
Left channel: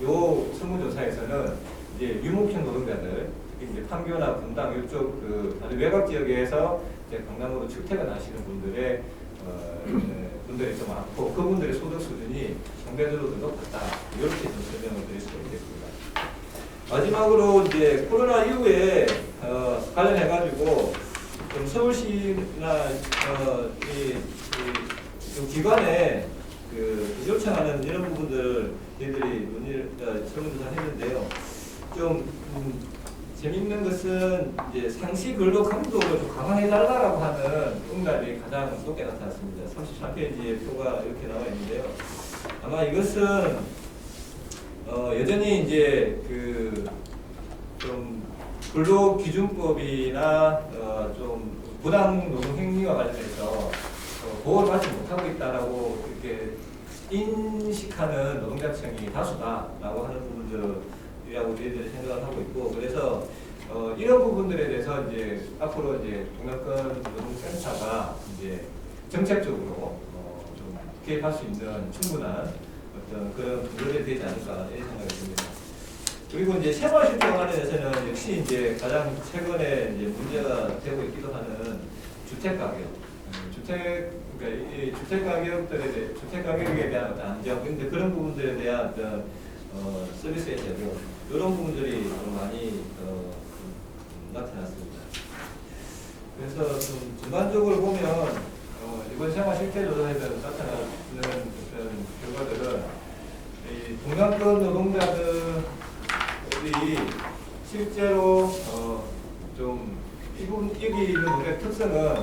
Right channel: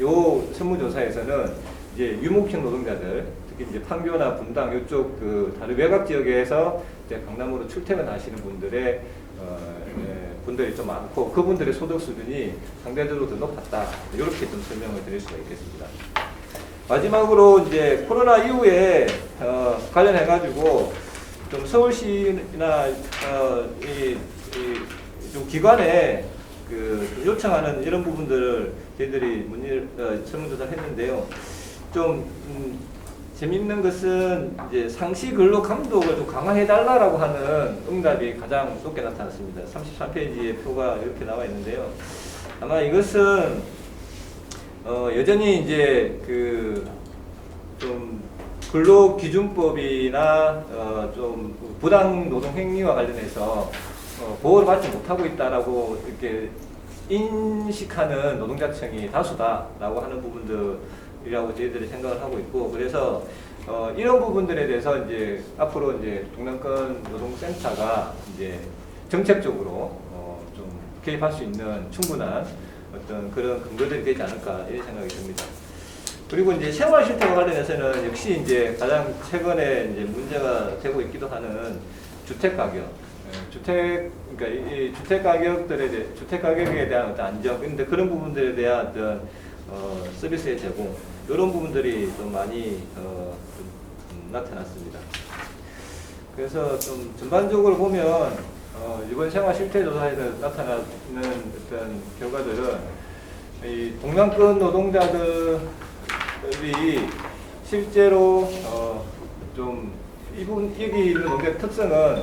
요 설문조사에서는 이제 유목형 노동자들, 특히 이제 판교나 분당 이쪽 그 다른 외곽 지역에서 이제 강남으로 출퇴근하시는 분들의 분들이 좀 많고 그분들의 소득 수준이 상대적으로 더 높았다 이렇게 좀 설명을 드릴 수가 있겠습니다. 마지막으로 이제 코로나 이후에 관련해 가지고 좀 서울시나 좀 기관에 그 요청하는 이런 부분들을 저희들이 문의를 설문조사를 했는데요. 좀 재밌는 것은 이제 상시 근로 감독을 좀 강화해 달라라고 하는 응답이 가장 높게 나타났습니다. 33페이지에 표가 이렇게 나와 있는데요. 아마 이것은 여전히 이제 그 좀 근로기준법이나 좀 부당 노동 행위와 관련해서 보호를 받지 못하고 있다라고 이렇게 인식하는 노동자층이 다수다라고 하는 부분들이라고 저희들이 생각을 하고 있고 그래서 이런 부분들에 대해서 이제 앞으로 이제 동남권 노동센터가 이제 정책적으로 좀 개입할 수 있는 충분한 어떤 그런 근거들이 되지 않을까 이런 생각이 듭니다. 그리고 이제 생활 실태와 관련해서는 역시 이제 가장 최근에 이제 문제가 되고 있기도 하는 주택 가격, 그러니까 이 주택 가격들에 대해 주택 가격에 대한 어떤 안정, 근데 그런 부분들에 대한 어떤 서비스의 제공 이런 부분들이 좀 많이 좀 나타났습니다. 그래서 좀 전반적으로 보면 이번 생활 실태 조사에서 나타나는 어떤 결과들은 이 동남권 노동자들이 실제로 좀 여기 있는 노동자 특성은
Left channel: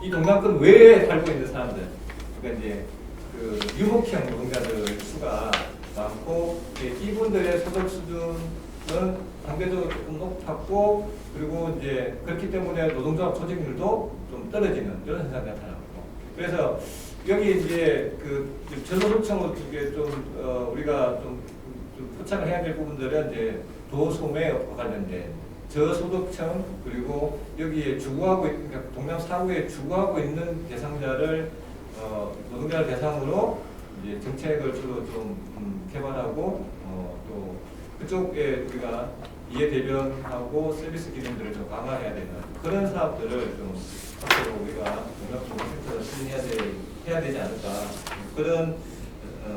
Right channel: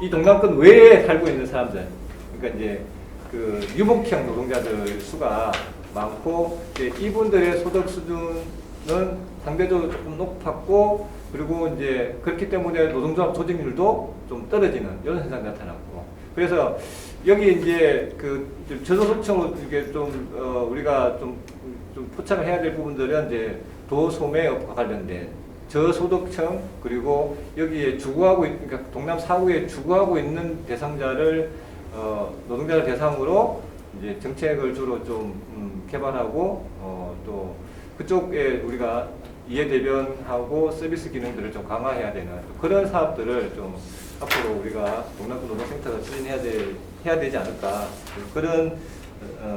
이 동남권 외에 살고 있는 사람들, 그러니까 이제 그 유목형 노동자들 수가 많고 이분들의 소득 수준은 상대적으로 조금 높았고 그리고 이제 그렇기 때문에 노동조합 조직률도 좀 떨어지는 이런 현상이 나타났고 그래서 여기 이제 그 저소득층으로 이게 좀 우리가 좀 포착을 해야 될 부분들은 이제 도소매업과 관련된 저소득층 그리고 여기에 주거하고 그러니까 동남 4구에 주거하고 있는 대상자를 노동자를 대상으로 이제 정책을 주로 좀 개발하고 또 그쪽에 우리가 이해 대변하고 서비스 기능들을 좀 강화해야 되는 그런 사업들을 좀 앞으로 우리가 동남권 노동센터가 추진해야 되지 않을까 그런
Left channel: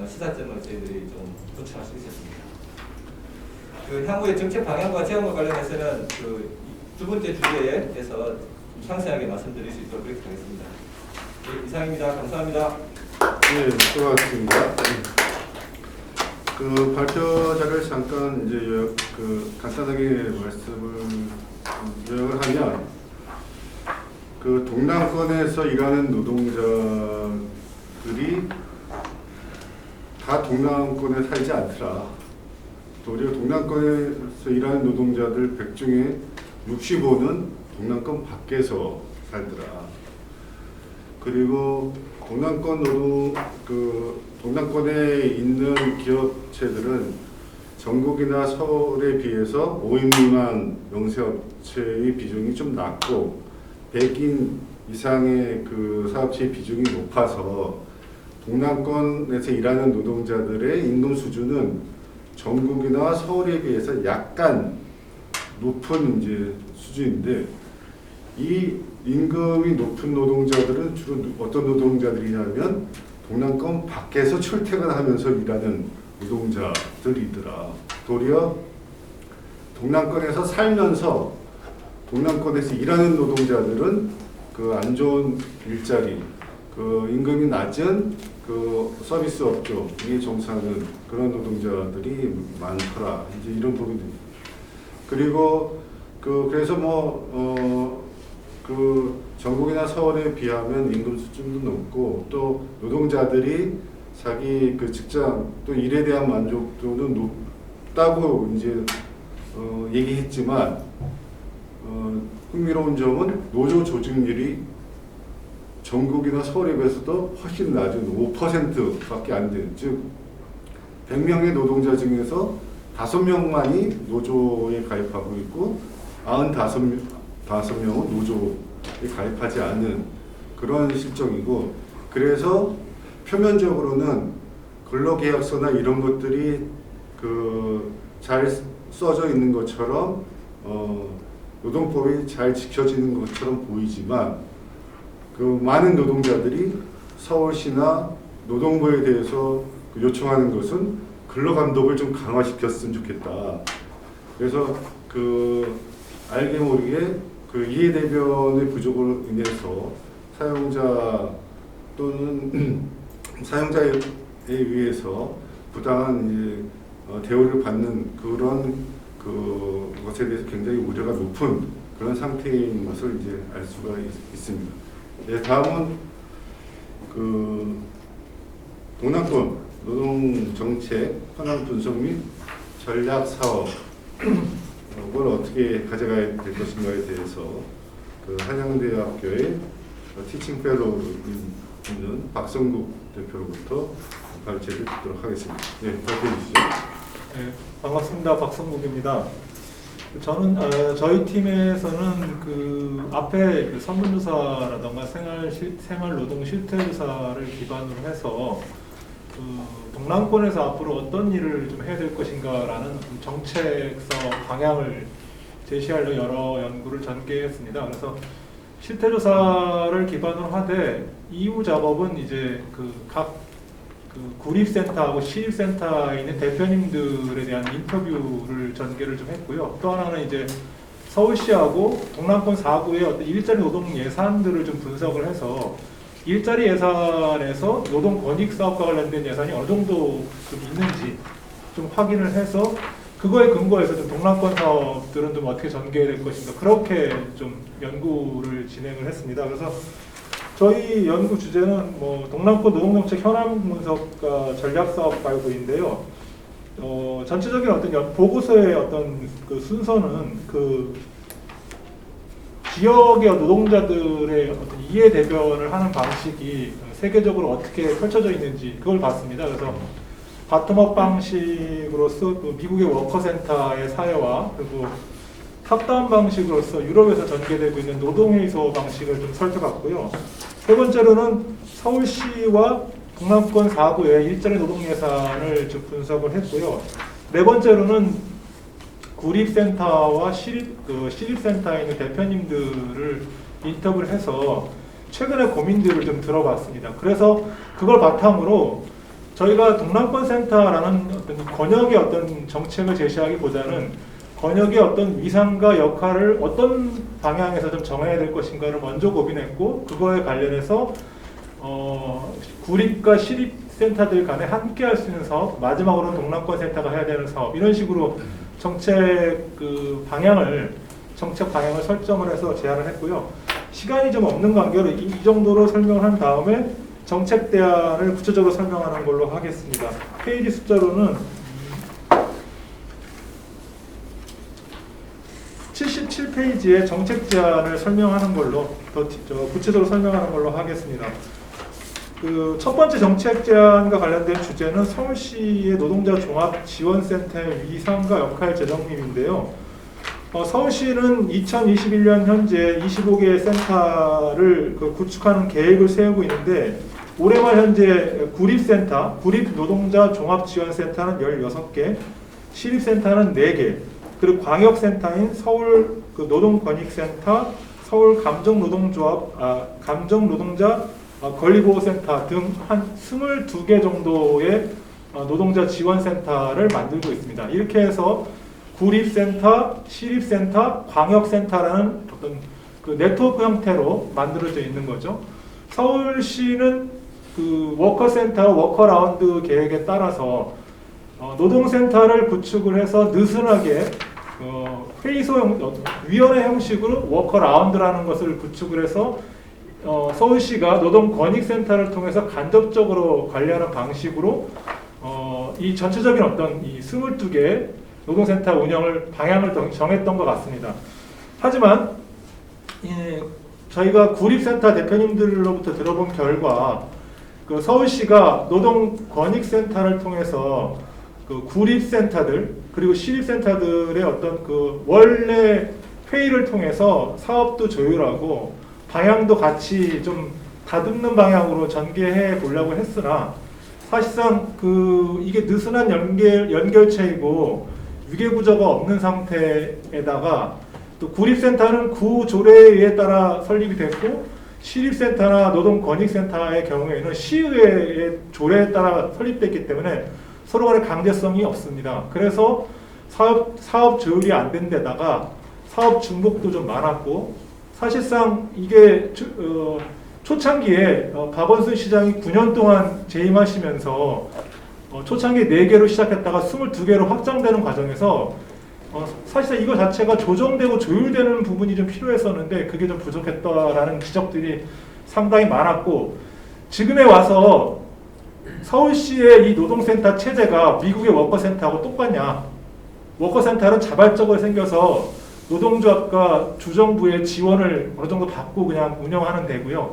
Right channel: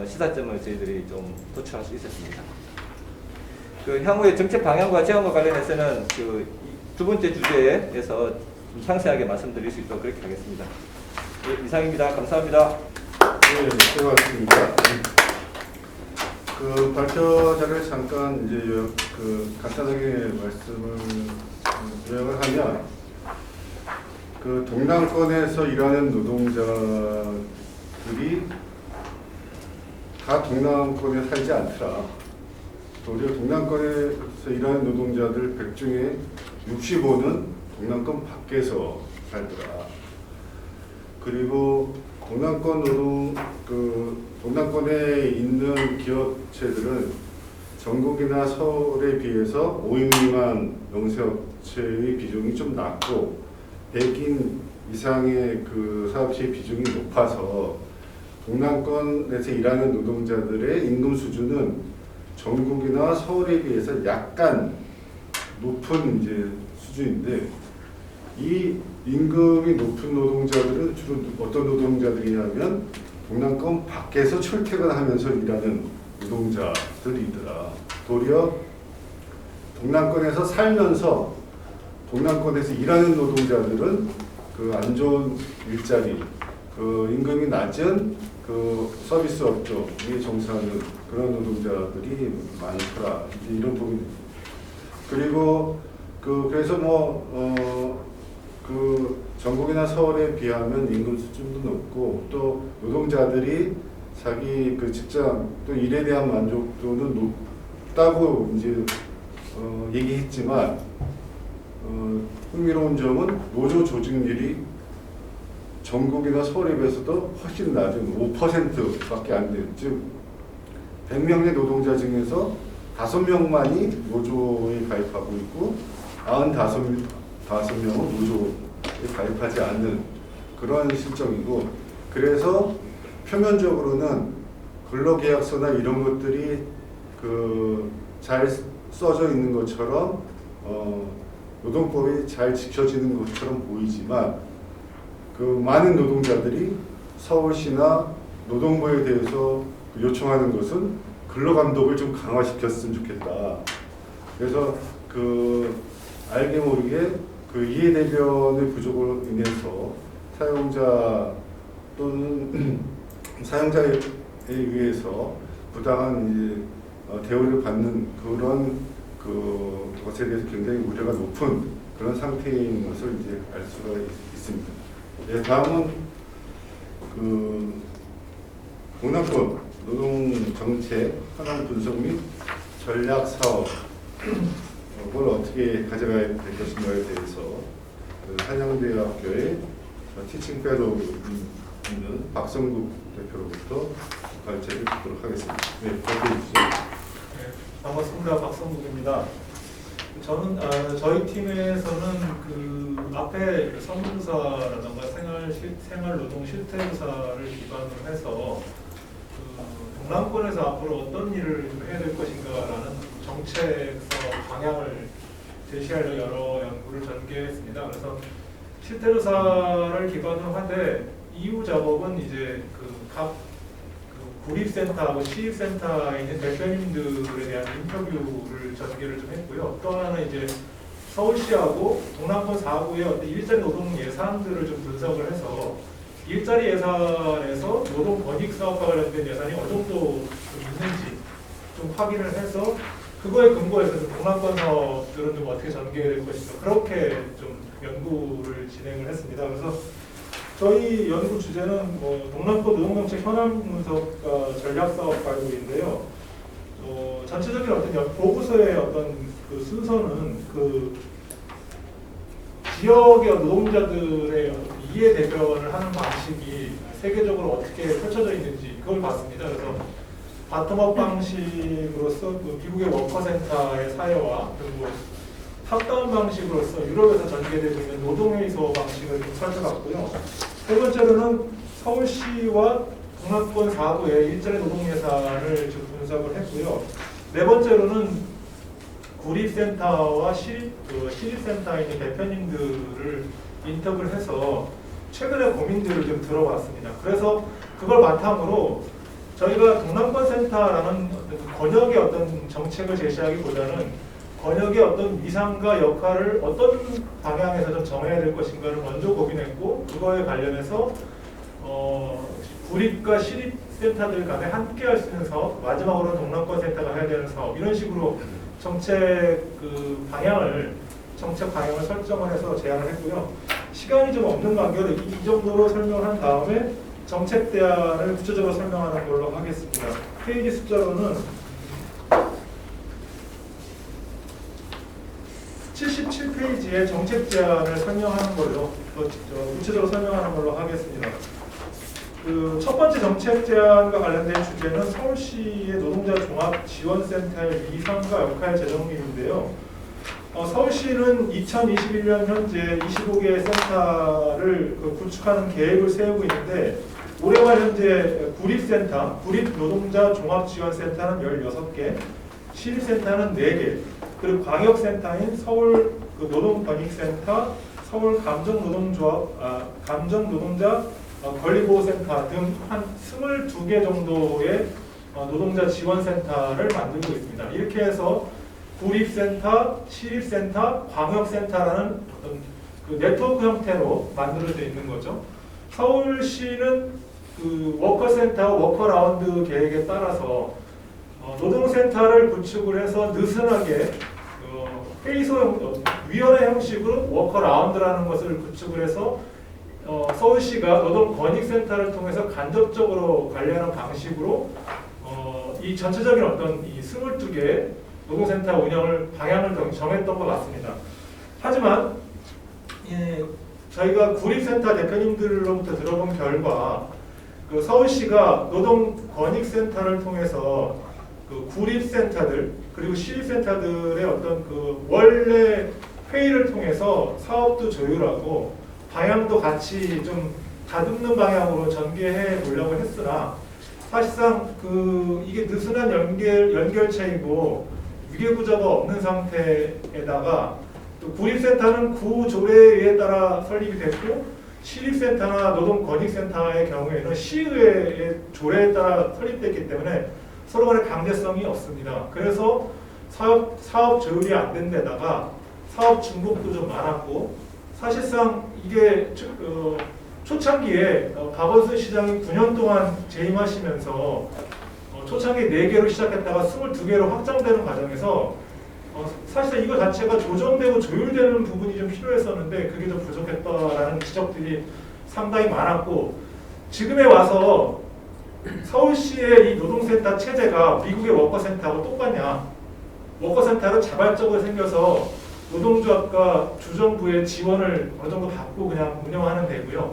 시사점을 저희들이 좀 도출할 수 있었습니다. 그 향후의 정책 방향과 제안과 관련해서는 그 두 번째 주제에서 좀 상세하게 말씀드릴 수 있도록 그렇게 하겠습니다. 예, 이상입니다. 감사합니다. 네, 수고하셨습니다. 그 발표 자료를 잠깐 이제 간단하게 말씀을 요약을 하면, 그 동남권에서 일하는 노동자들이 다 동남권에 살지 않더라. 도리어 동남권에서 일하는 노동자들 100 중에 65는 동남권 밖에서 살더라. 그리고 동남권에 있는 기업체들은 전국이나 서울에 비해서 5인 미만 영세업체의 비중이 좀 낮고 100인 이상의 그 사업체의 비중이 높아서 동남권에서 일하는 노동자들의 임금 수준은 전국이나 서울에 비해서 약간 높은 이제 수준인데, 이 임금이 높은 노동자들은 주로 어떤 노동자들이냐면 동남권 밖에서 출퇴근하면서 일하는 노동자들이더라. 도리어 동남권에서 살면서 동남권에서 일하는 노동자들은 그 안 좋은 일자리, 그 임금이 낮은 그 서비스 업종에 종사하는 그런 노동자들이 많더라. 이제 이런 부분입니다. 그리고 그래서 그 전국이나 서울에 비하면 임금 수준도 높고, 또 노동자들이 자기 그 직장 또 일에 대한 만족도는 높다고 이제 얘기했지만, 흥미로운 점은 노조 조직률이 전국이나 서울에 비해서도 훨씬 낮은 5%밖에 안 되는, 즉 100명의 노동자 중에서 5명만이 노조에 가입하고 있고 95명은 노조에 가입하지 않는 그런 실정이고, 그래서 표면적으로는 근로계약서나 이런 것들이 그 잘 써져 있는 것처럼 노동법이 잘 지켜지는 것처럼 보이지만, 그 많은 노동자들이 서울시나 노동부에 대해서 요청하는 것은 근로감독을 좀 강화시켰으면 좋겠다. 그래서 그 알게 모르게 그 이해대변의 부족으로 인해서 사용자 또는 사용자에 의해서 부당한 이제 대우를 받는 그런 그 것에 대해서 굉장히 우려가 높은 그런 상태인 것을 이제 알 수가 있습니다. 네, 다음은 그 동남권 노동 정책 현황 분석 및 전략 사업을 어떻게 가져가야 될 것인가에 대해서 그 한양대학교의 티칭 페로우 있는 박성국 대표로부터 발제를 듣도록 하겠습니다. 네, 발표해 주시죠. 네, 반갑습니다. 박성국입니다. 저는 저희 팀에서는 그 앞에 그 설문조사라던가 생활노동 실태조사를 기반으로 해서 그 동남권에서 앞으로 어떤 일을 좀 해야 될 것인가라는 정책성 방향을 제시하려 여러 연구를 전개했습니다. 그래서 실태조사를 기반으로 하되 이후 작업은 이제 각 구립센터하고 시립센터에 있는 대표님들에 대한 인터뷰를 전개를 좀 했고요. 또 하나는 이제 서울시하고 동남권 4구의 어떤 일자리 노동 예산들을 좀 분석을 해서 일자리 예산에서 노동 권익 사업과 관련된 예산이 어느 정도 좀 있는지 좀 확인을 해서 그거에 근거해서 좀 동남권 사업들은 좀 어떻게 전개될 것인가, 그렇게 좀 연구를 진행을 했습니다. 그래서 저희 연구 주제는 동남권 노동정책 현황 분석과 전략 사업 발굴인데요. 전체적인 어떤 보고서의 어떤 그 순서는 그 지역의 노동자들의 어떤 이해 대변을 하는 방식이 세계적으로 어떻게 펼쳐져 있는지 그걸 봤습니다. 그래서 바텀업 방식으로서 미국의 워커센터의 사례와 그리고 탑다운 방식으로서 유럽에서 전개되고 있는 노동회의소 방식을 좀 살펴봤고요. 세 번째로는 서울시와 동남권 4구의 일자리 노동 예산을 좀 분석을 했고요. 네 번째로는 구립센터와 시립센터에 있는 대표님들을 인터뷰를 해서 최근의 고민들을 좀 들어봤습니다. 그래서 그걸 바탕으로 저희가 동남권센터라는 어떤 권역의 어떤 정책을 제시하기보다는 권역의 어떤 위상과 역할을 어떤 방향에서 좀 정해야 될 것인가를 먼저 고민했고, 그거에 관련해서 구립과 시립센터들 간에 함께 할 수 있는 사업, 마지막으로는 동남권센터가 해야 되는 사업, 이런 식으로 정책 정책 방향을 설정을 해서 제안을 했고요. 시간이 좀 없는 관계로 이 정도로 설명한 다음에 정책 대안을 구체적으로 설명하는 걸로 하겠습니다. 페이지 숫자로는 77페이지에 정책 제안을 설명하는 걸로 구체적으로 설명하는 걸로 하겠습니다. 그 첫 번째 정책 제안과 관련된 주제는 서울시의 노동자 종합 지원센터의 위상과 역할 재정립인데요. 서울시는 2021년 현재 25개의 센터를 구축하는 계획을 세우고 있는데, 올해 말 현재 구립센터, 구립노동자 종합지원센터는 16개, 시립센터는 4개, 그리고 광역센터인 서울 노동권익센터, 서울 감정노동자 권리보호센터 등 한 22개 정도의 노동자 지원센터를 만들고 있습니다. 이렇게 해서 구립센터, 시립센터, 광역센터라는 어떤 그 네트워크 형태로 만들어져 있는 거죠. 서울시는 그 워커센터, 워커라운드 계획에 따라서 노동센터를 구축을 해서 느슨하게 회의소 위원회 형식으로 워커라운드라는 것을 구축을 해서 서울시가 노동권익센터를 통해서 간접적으로 관리하는 방식으로 이 전체적인 어떤 이 22개 노동센터 운영을 방향을 정했던 것 같습니다. 하지만 저희가 구립센터 대표님들로부터 들어본 결과, 그 서울시가 노동권익센터를 통해서 그 구립센터들 그리고 시립센터들의 어떤 그 원래 회의를 통해서 사업도 조율하고 방향도 같이 좀 다듬는 방향으로 전개해 보려고 했으나, 사실상 그 이게 느슨한 연결체이고 위계구조가 없는 상태에다가 또 구립센터는 구조례에 따라 설립이 됐고, 시립센터나 노동권익센터의 경우에는 시의회의 조례에 따라 설립됐기 때문에 서로 간에 강제성이 없습니다. 그래서 사업 조율이 안 된 데다가 사업 중복도 좀 많았고, 사실상 이게 초창기에 박원순 시장이 9년 동안 재임하시면서 초창기에 4개로 시작했다가 22개로 확장되는 과정에서 사실상 이거 자체가 조정되고 조율되는 부분이 좀 필요했었는데 그게 좀 부족했다라는 지적들이 상당히 많았고, 지금에 와서 서울시의 이 노동센터 체제가 미국의 워커센터하고 똑같냐? 워커센터는 자발적으로 생겨서 노동조합과 주정부의 지원을 어느 정도 받고 그냥 운영하는 데고요.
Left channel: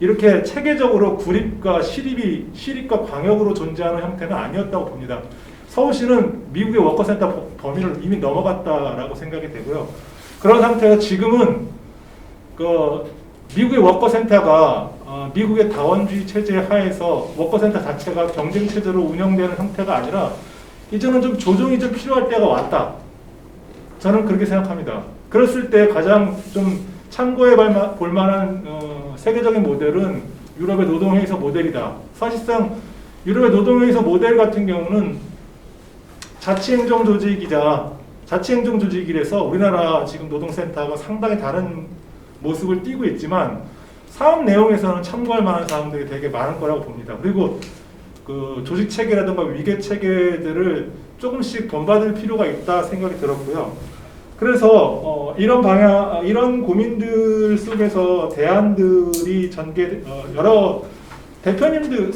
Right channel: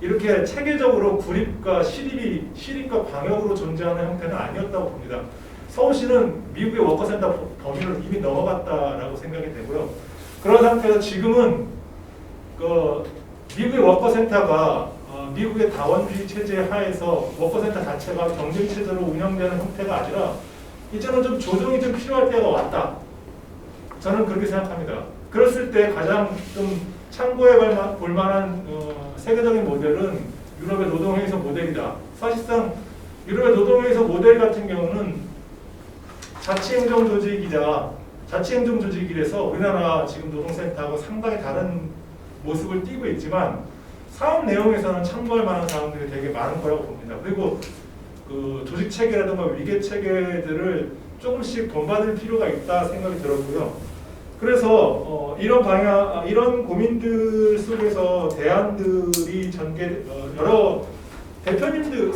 이렇게 체계적으로 구립과 시립과 광역으로 존재하는 형태는 아니었다고 봅니다. 서울시는 미국의 워커센터 범위를 이미 넘어갔다라고 생각이 되고요. 그런 상태에서 지금은 그 미국의 워커센터가 미국의 다원주의 체제 하에서 워커센터 자체가 경쟁 체제로 운영되는 형태가 아니라 이제는 좀 조정이 좀 필요할 때가 왔다. 저는 그렇게 생각합니다. 그랬을 때 가장 좀 참고해 볼 만한 세계적인 모델은 유럽의 노동회의소 모델이다. 사실상 유럽의 노동회의소 모델 같은 경우는 자치행정 조직이라서 우리나라 지금 노동센터하고 상당히 다른 모습을 띠고 있지만 사업 내용에서는 참고할 만한 사항들이 되게 많은 거라고 봅니다. 그리고 그 조직 체계라든가 위계 체계들을 조금씩 본받을 필요가 있다 생각이 들었고요. 그래서 이런 고민들 속에서 대안들이 여러 대표님들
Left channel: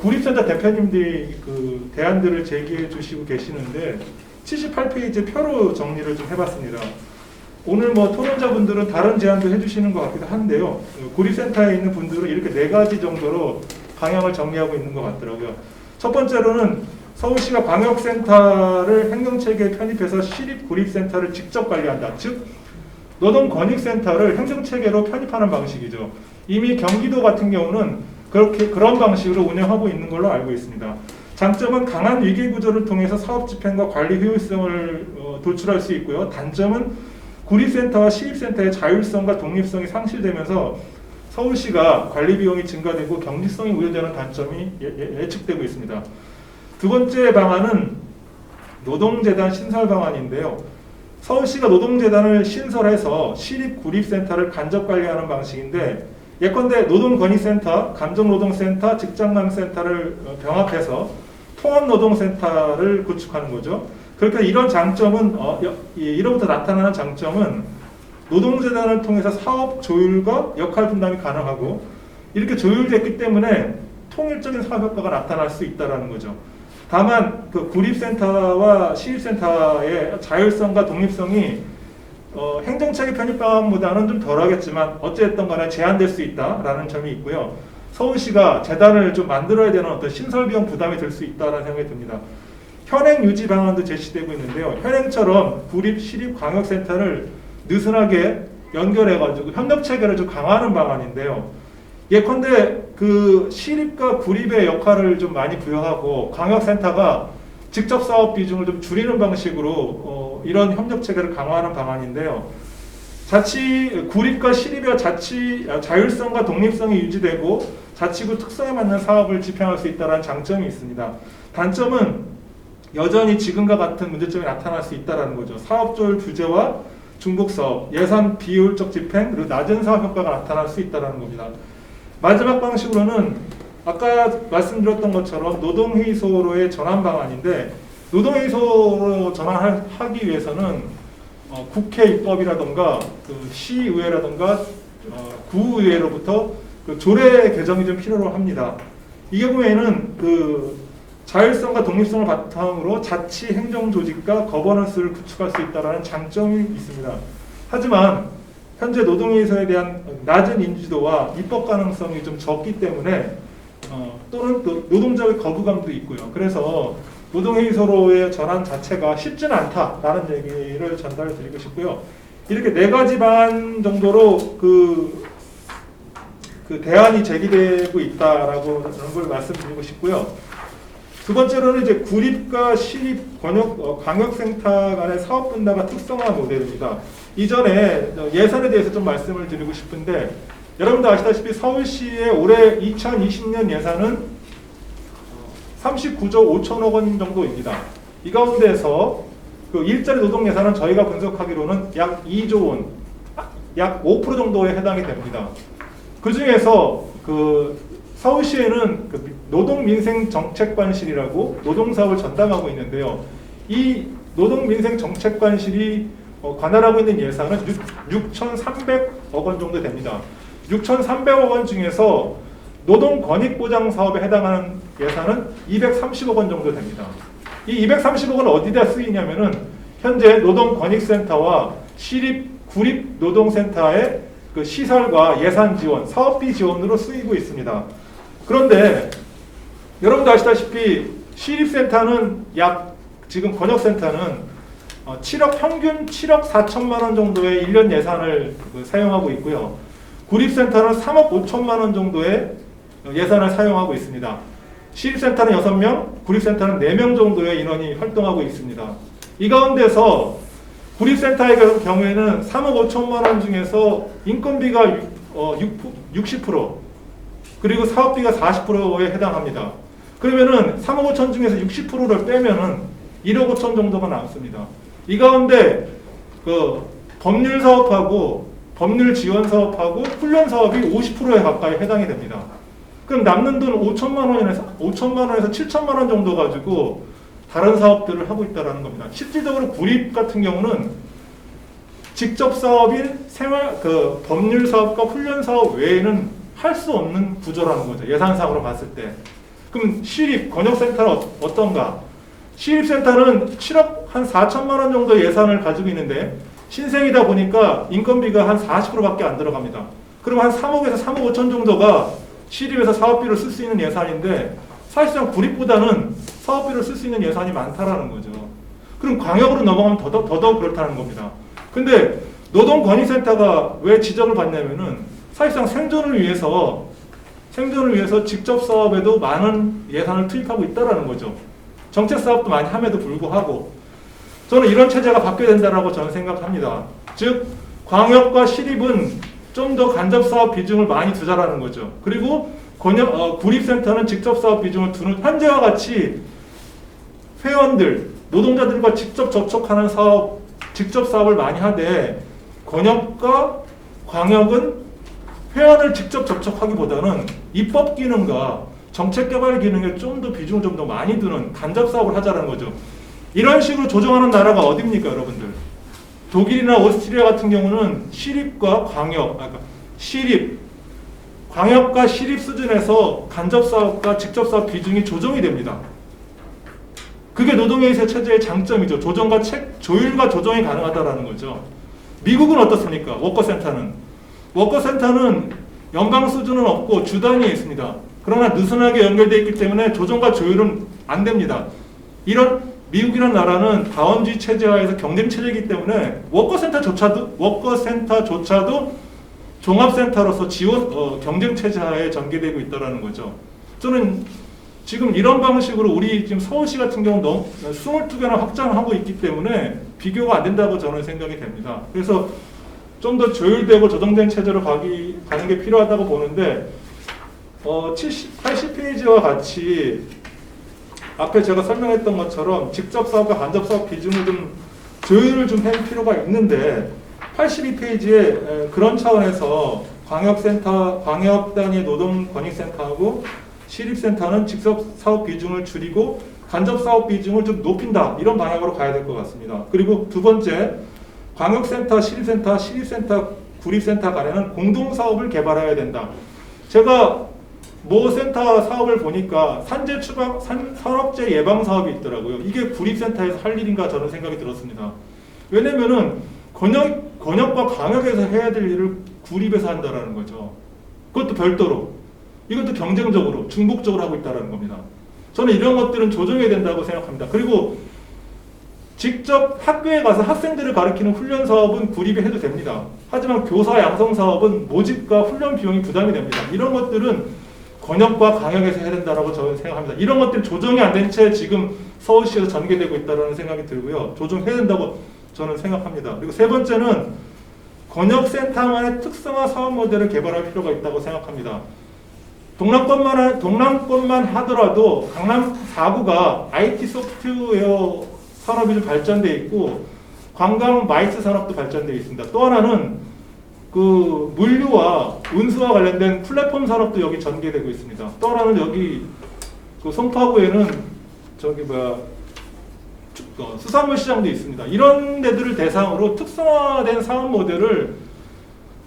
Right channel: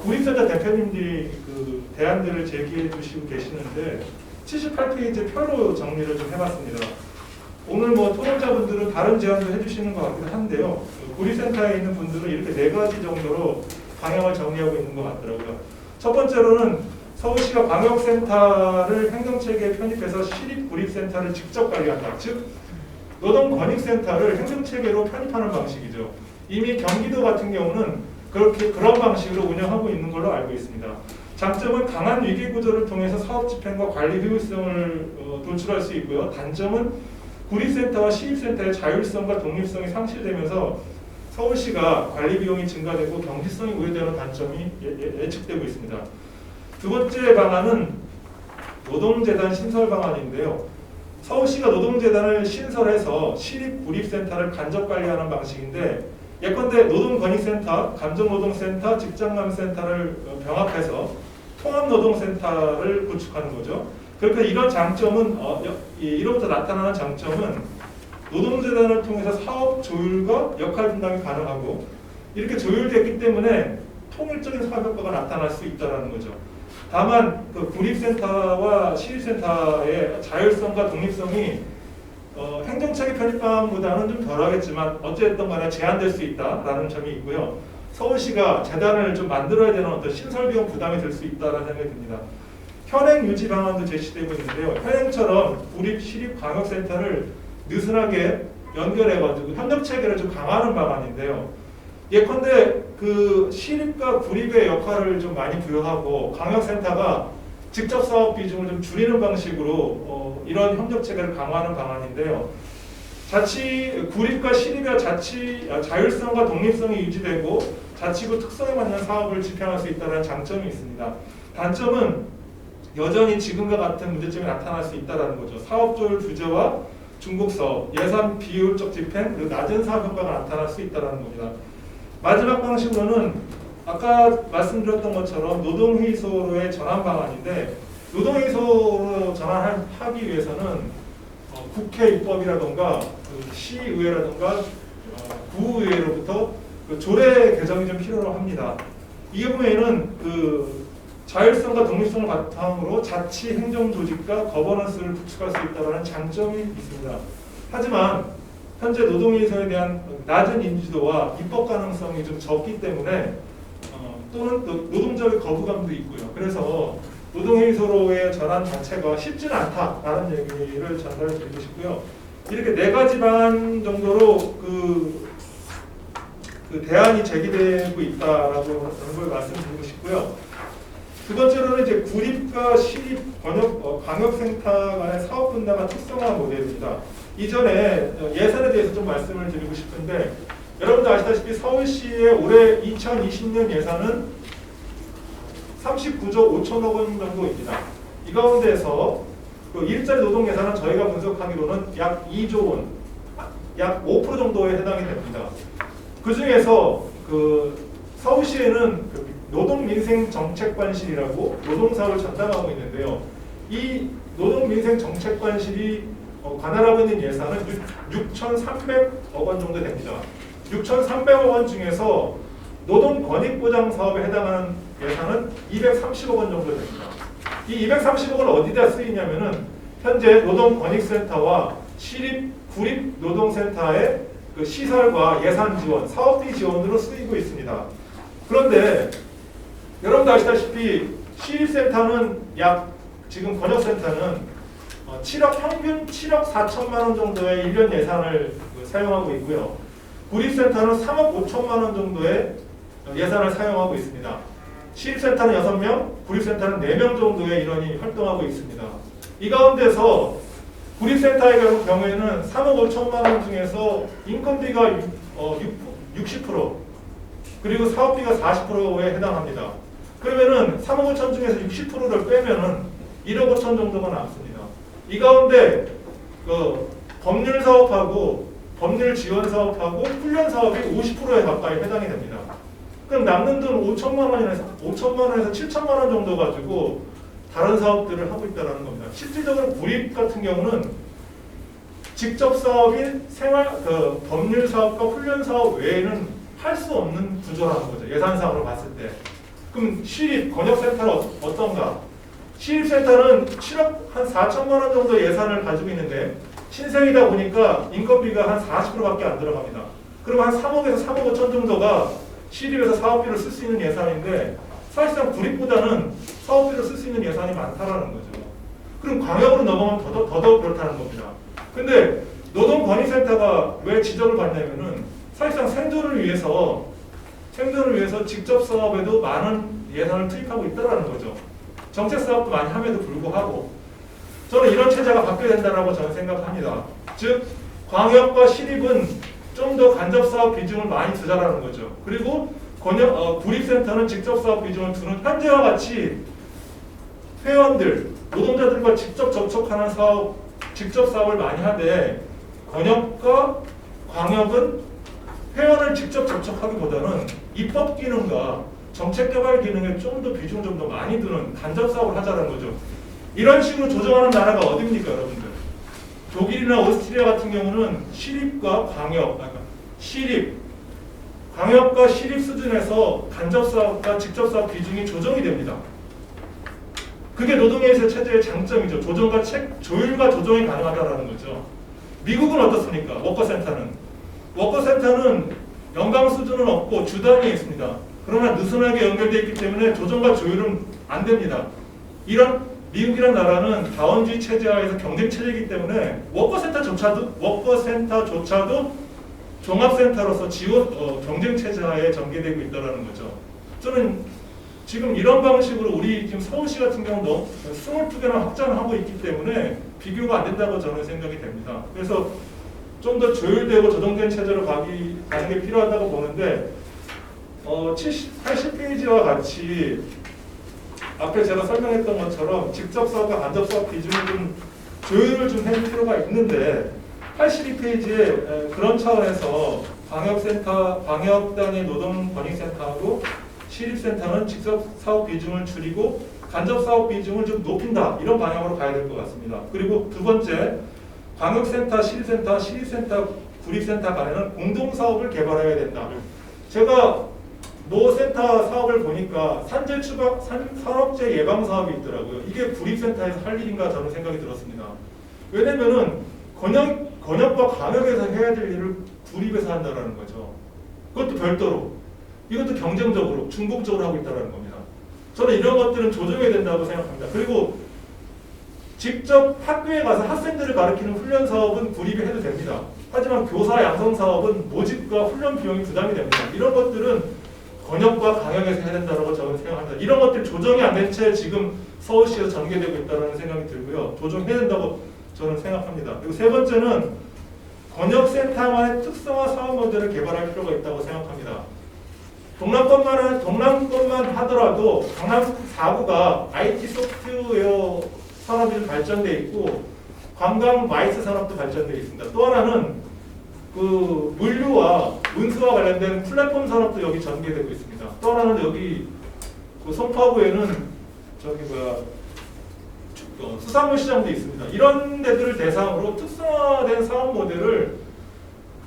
구립센터 대표님들이 그 대안들을 제기해 주시고 계시는데 78페이지 표로 정리를 좀 해봤습니다. 오늘 토론자분들은 다른 제안도 해주시는 것 같기도 한데요. 구립센터에 있는 분들은 이렇게 4가지 정도로 방향을 정리하고 있는 것 같더라고요. 첫 번째로는 서울시가 광역센터를 행정체계에 편입해서 시립구립센터를 직접 관리한다. 즉 노동권익센터를 행정체계로 편입하는 방식이죠. 이미 경기도 같은 경우는 그런 방식으로 운영하고 있는 걸로 알고 있습니다. 장점은 강한 위기구조를 통해서 사업 집행과 관리 효율성을 도출할 수 있고요. 단점은 구립센터와 시립센터의 자율성과 독립성이 상실되면서 서울시가 관리 비용이 증가되고 경직성이 우려되는 단점이 예측되고 있습니다. 두 번째 방안은 노동재단 신설 방안인데요. 서울시가 노동재단을 신설해서 시립구립센터를 간접 관리하는 방식인데, 예컨대 노동권익센터, 감정노동센터, 직장남센터를 병합해서 통합노동센터를 구축하는 거죠. 그러니까 이런 장점은 이로부터 나타나는 장점은 노동재단을 통해서 사업 조율과 역할 분담이 가능하고, 이렇게 조율됐기 때문에 통일적인 사업 효과가 나타날 수 있다는 거죠. 다만 그 구립센터와 시립센터의 자율성과 독립성이 행정체계 편입 방안보다는 좀 덜하겠지만 어쨌든 간에 제한될 수 있다라는 점이 있고요. 서울시가 재단을 좀 만들어야 되는 어떤 신설 비용 부담이 될 수 있다라는 생각이 듭니다. 현행 유지 방안도 제시되고 있는데요. 현행처럼 구립, 시립, 광역센터를 느슨하게 연결해가지고 협력 체계를 좀 강화하는 방안인데요. 예컨대 그 시립과 구립의 역할을 좀 많이 부여하고 광역센터가 직접 사업 비중을 좀 줄이는 방식으로 이런 협력 체계를 강화하는 방안인데요. 구립과 시립의 자율성과 독립성이 유지되고 자치구 특성에 맞는 사업을 집행할 수 있다는 장점이 있습니다. 단점은 여전히 지금과 같은 문제점이 나타날 수 있다는 거죠. 사업 조율 규제와 중복 사업, 예산 비효율적 집행, 그리고 낮은 사업 효과가 나타날 수 있다는 겁니다. 마지막 방식으로는 아까 말씀드렸던 것처럼 노동회의소로의 전환 방안인데, 노동회의소로 전환하기 위해서는 국회 입법이라던가 그 시의회라던가 구의회로부터 그 조례 개정이 좀 필요로 합니다. 이 경우에는 그 자율성과 독립성을 바탕으로 자치 행정 조직과 거버넌스를 구축할 수 있다는 장점이 있습니다. 하지만 현재 노동회의소에 대한 낮은 인지도와 입법 가능성이 좀 적기 때문에 또는 또 노동자의 거부감도 있고요. 그래서 노동회의소로의 전환 자체가 쉽지는 않다라는 얘기를 전달해 드리고 싶고요. 이렇게 4가지 방안 정도로 그 대안이 제기되고 있다라고 하는 걸 말씀드리고 싶고요. 두 번째로는 이제 구립과 시립 광역센터 간의 사업 분담과 특성화 모델입니다. 이전에 예산에 대해서 좀 말씀을 드리고 싶은데, 여러분도 아시다시피 서울시의 올해 2020년 예산은 39조 5천억 원 정도입니다. 이 가운데서 그 일자리 노동 예산은 저희가 분석하기로는 약 2조 원, 약 5% 정도에 해당이 됩니다. 그 중에서 그 서울시에는 그 노동민생정책관실이라고 노동사업을 전담하고 있는데요. 이 노동민생정책관실이 관할하고 있는 예산은 6,300억 원 정도 됩니다. 6,300억 원 중에서 노동권익보장 사업에 해당하는 예산은 230억 원 정도 됩니다. 이 230억 원은 어디다 쓰이냐면은 현재 노동권익센터와 시립, 구립 노동센터의 그 시설과 예산 지원, 사업비 지원으로 쓰이고 있습니다. 그런데 여러분도 아시다시피 시립센터는 지금 권역센터는 평균 7억 4천만 원 정도의 1년 예산을 사용하고 있고요. 구립센터는 3억 5천만 원 정도의 예산을 사용하고 있습니다. 시립센터는 6명, 구립센터는 4명 정도의 인원이 활동하고 있습니다. 이 가운데서 구립센터의 경우에는 3억 5천만 원 중에서 인건비가 60%, 그리고 사업비가 40%에 해당합니다. 그러면은 3억 5천 중에서 60%를 빼면은 1억 5천 정도가 남습니다. 이 가운데 그 법률 사업하고 법률 지원 사업하고 훈련 사업이 50%에 가까이 해당이 됩니다. 그럼 남는 돈 5천만 원에서 7천만 원 정도 가지고 다른 사업들을 하고 있다는 겁니다. 실질적으로 구립 같은 경우는 직접 사업인 법률 사업과 훈련 사업 외에는 할 수 없는 구조라는 거죠. 예산상으로 봤을 때. 그럼 시립 권역센터는 어떤가? 시립센터는 7억 한 4천만 원 정도 예산을 가지고 있는데 신생이다 보니까 인건비가 한 40%밖에 안 들어갑니다. 그럼 한 3억에서 3억 5천 정도가 시립에서 사업비를 쓸 수 있는 예산인데, 사실상 구립보다는 사업비를 쓸 수 있는 예산이 많다라는 거죠. 그럼 광역으로 넘어가면 더더욱 그렇다는 겁니다. 근데 노동권익센터가 왜 지적을 받냐면은 사실상 생존을 위해서 직접 사업에도 많은 예산을 투입하고 있다라는 거죠. 정책 사업도 많이 함에도 불구하고 저는 이런 체제가 바뀌어야 된다라고 저는 생각합니다. 즉 광역과 시립은 좀 더 간접 사업 비중을 많이 두자라는 거죠. 그리고 구립센터는 직접 사업 비중을 두는 현재와 같이 회원들, 노동자들과 직접 접촉하는 사업, 직접 사업을 많이 하되 권역과 광역은 회원을 직접 접촉하기보다는 입법 기능과 정책 개발 기능에 좀 더 비중을 좀 더 많이 두는 간접 사업을 하자는 거죠. 이런 식으로 조정하는 나라가 어디입니까, 여러분들? 독일이나 오스트리아 같은 경우는 시립과 광역과 시립 수준에서 간접 사업과 직접 사업 비중이 조정이 됩니다. 그게 노동회의세 체제의 장점이죠. 조율과 조정이 가능하다는 거죠. 미국은 어떻습니까? 워커센터는 연방 수준은 없고 주단위에 있습니다. 그러나 느슨하게 연결되어 있기 때문에 조정과 조율은 안 됩니다. 이런 미국이라는 나라는 다원주의 체제하에서 경쟁 체제이기 때문에 워커센터조차도 종합센터로서 경쟁 체제하에 전개되고 있다는 거죠. 저는 지금 이런 방식으로 우리 지금 서울시 같은 경우 22개나 확장하고 있기 때문에 비교가 안 된다고 저는 생각이 됩니다. 그래서 좀 더 조율되고 조정된 체제로 가는 게 필요하다고 보는데 80페이지와 같이 앞에 제가 설명했던 것처럼 직접 사업과 간접 사업 비중을 좀 조율을 좀 할 필요가 있는데 82페이지에 그런 차원에서 광역 단위 노동권익센터하고 시립센터는 직접 사업 비중을 줄이고 간접 사업 비중을 좀 높인다, 이런 방향으로 가야 될 것 같습니다. 그리고 두 번째, 광역센터, 시립센터, 구립센터 간에는 공동사업을 개발해야 된다. 제가 모 센터 사업을 보니까 산업재 예방 사업이 있더라고요. 이게 구립센터에서 할 일인가 저는 생각이 들었습니다. 왜냐면은 권역과 광역에서 해야 될 일을 구립에서 한다는 거죠. 그것도 별도로. 이것도 경쟁적으로, 중복적으로 하고 있다는 겁니다. 저는 이런 것들은 조정해야 된다고 생각합니다. 그리고 직접 학교에 가서 학생들을 가르치는 훈련 사업은 구립에 해도 됩니다. 하지만 교사 양성 사업은 모집과 훈련 비용이 부담이 됩니다. 이런 것들은 권역과 광역에서 해야 된다고 저는 생각합니다. 이런 것들이 조정이 안 된 채 지금 서울시에서 전개되고 있다는 생각이 들고요. 조정해야 된다고 저는 생각합니다. 그리고 세 번째는 권역센터만의 특성화 사업 모델을 개발할 필요가 있다고 생각합니다. 동남권만 하더라도 강남 4구가 IT 소프트웨어 산업이 좀 발전되어 있고 관광 마이스 산업도 발전되어 있습니다. 또 하나는 그 물류와 운수와 관련된 플랫폼 산업도 여기 전개되고 있습니다. 또 하나는 여기 그 송파구에는 수산물 시장도 있습니다. 이런 데들을 대상으로 특성화된 사업 모델을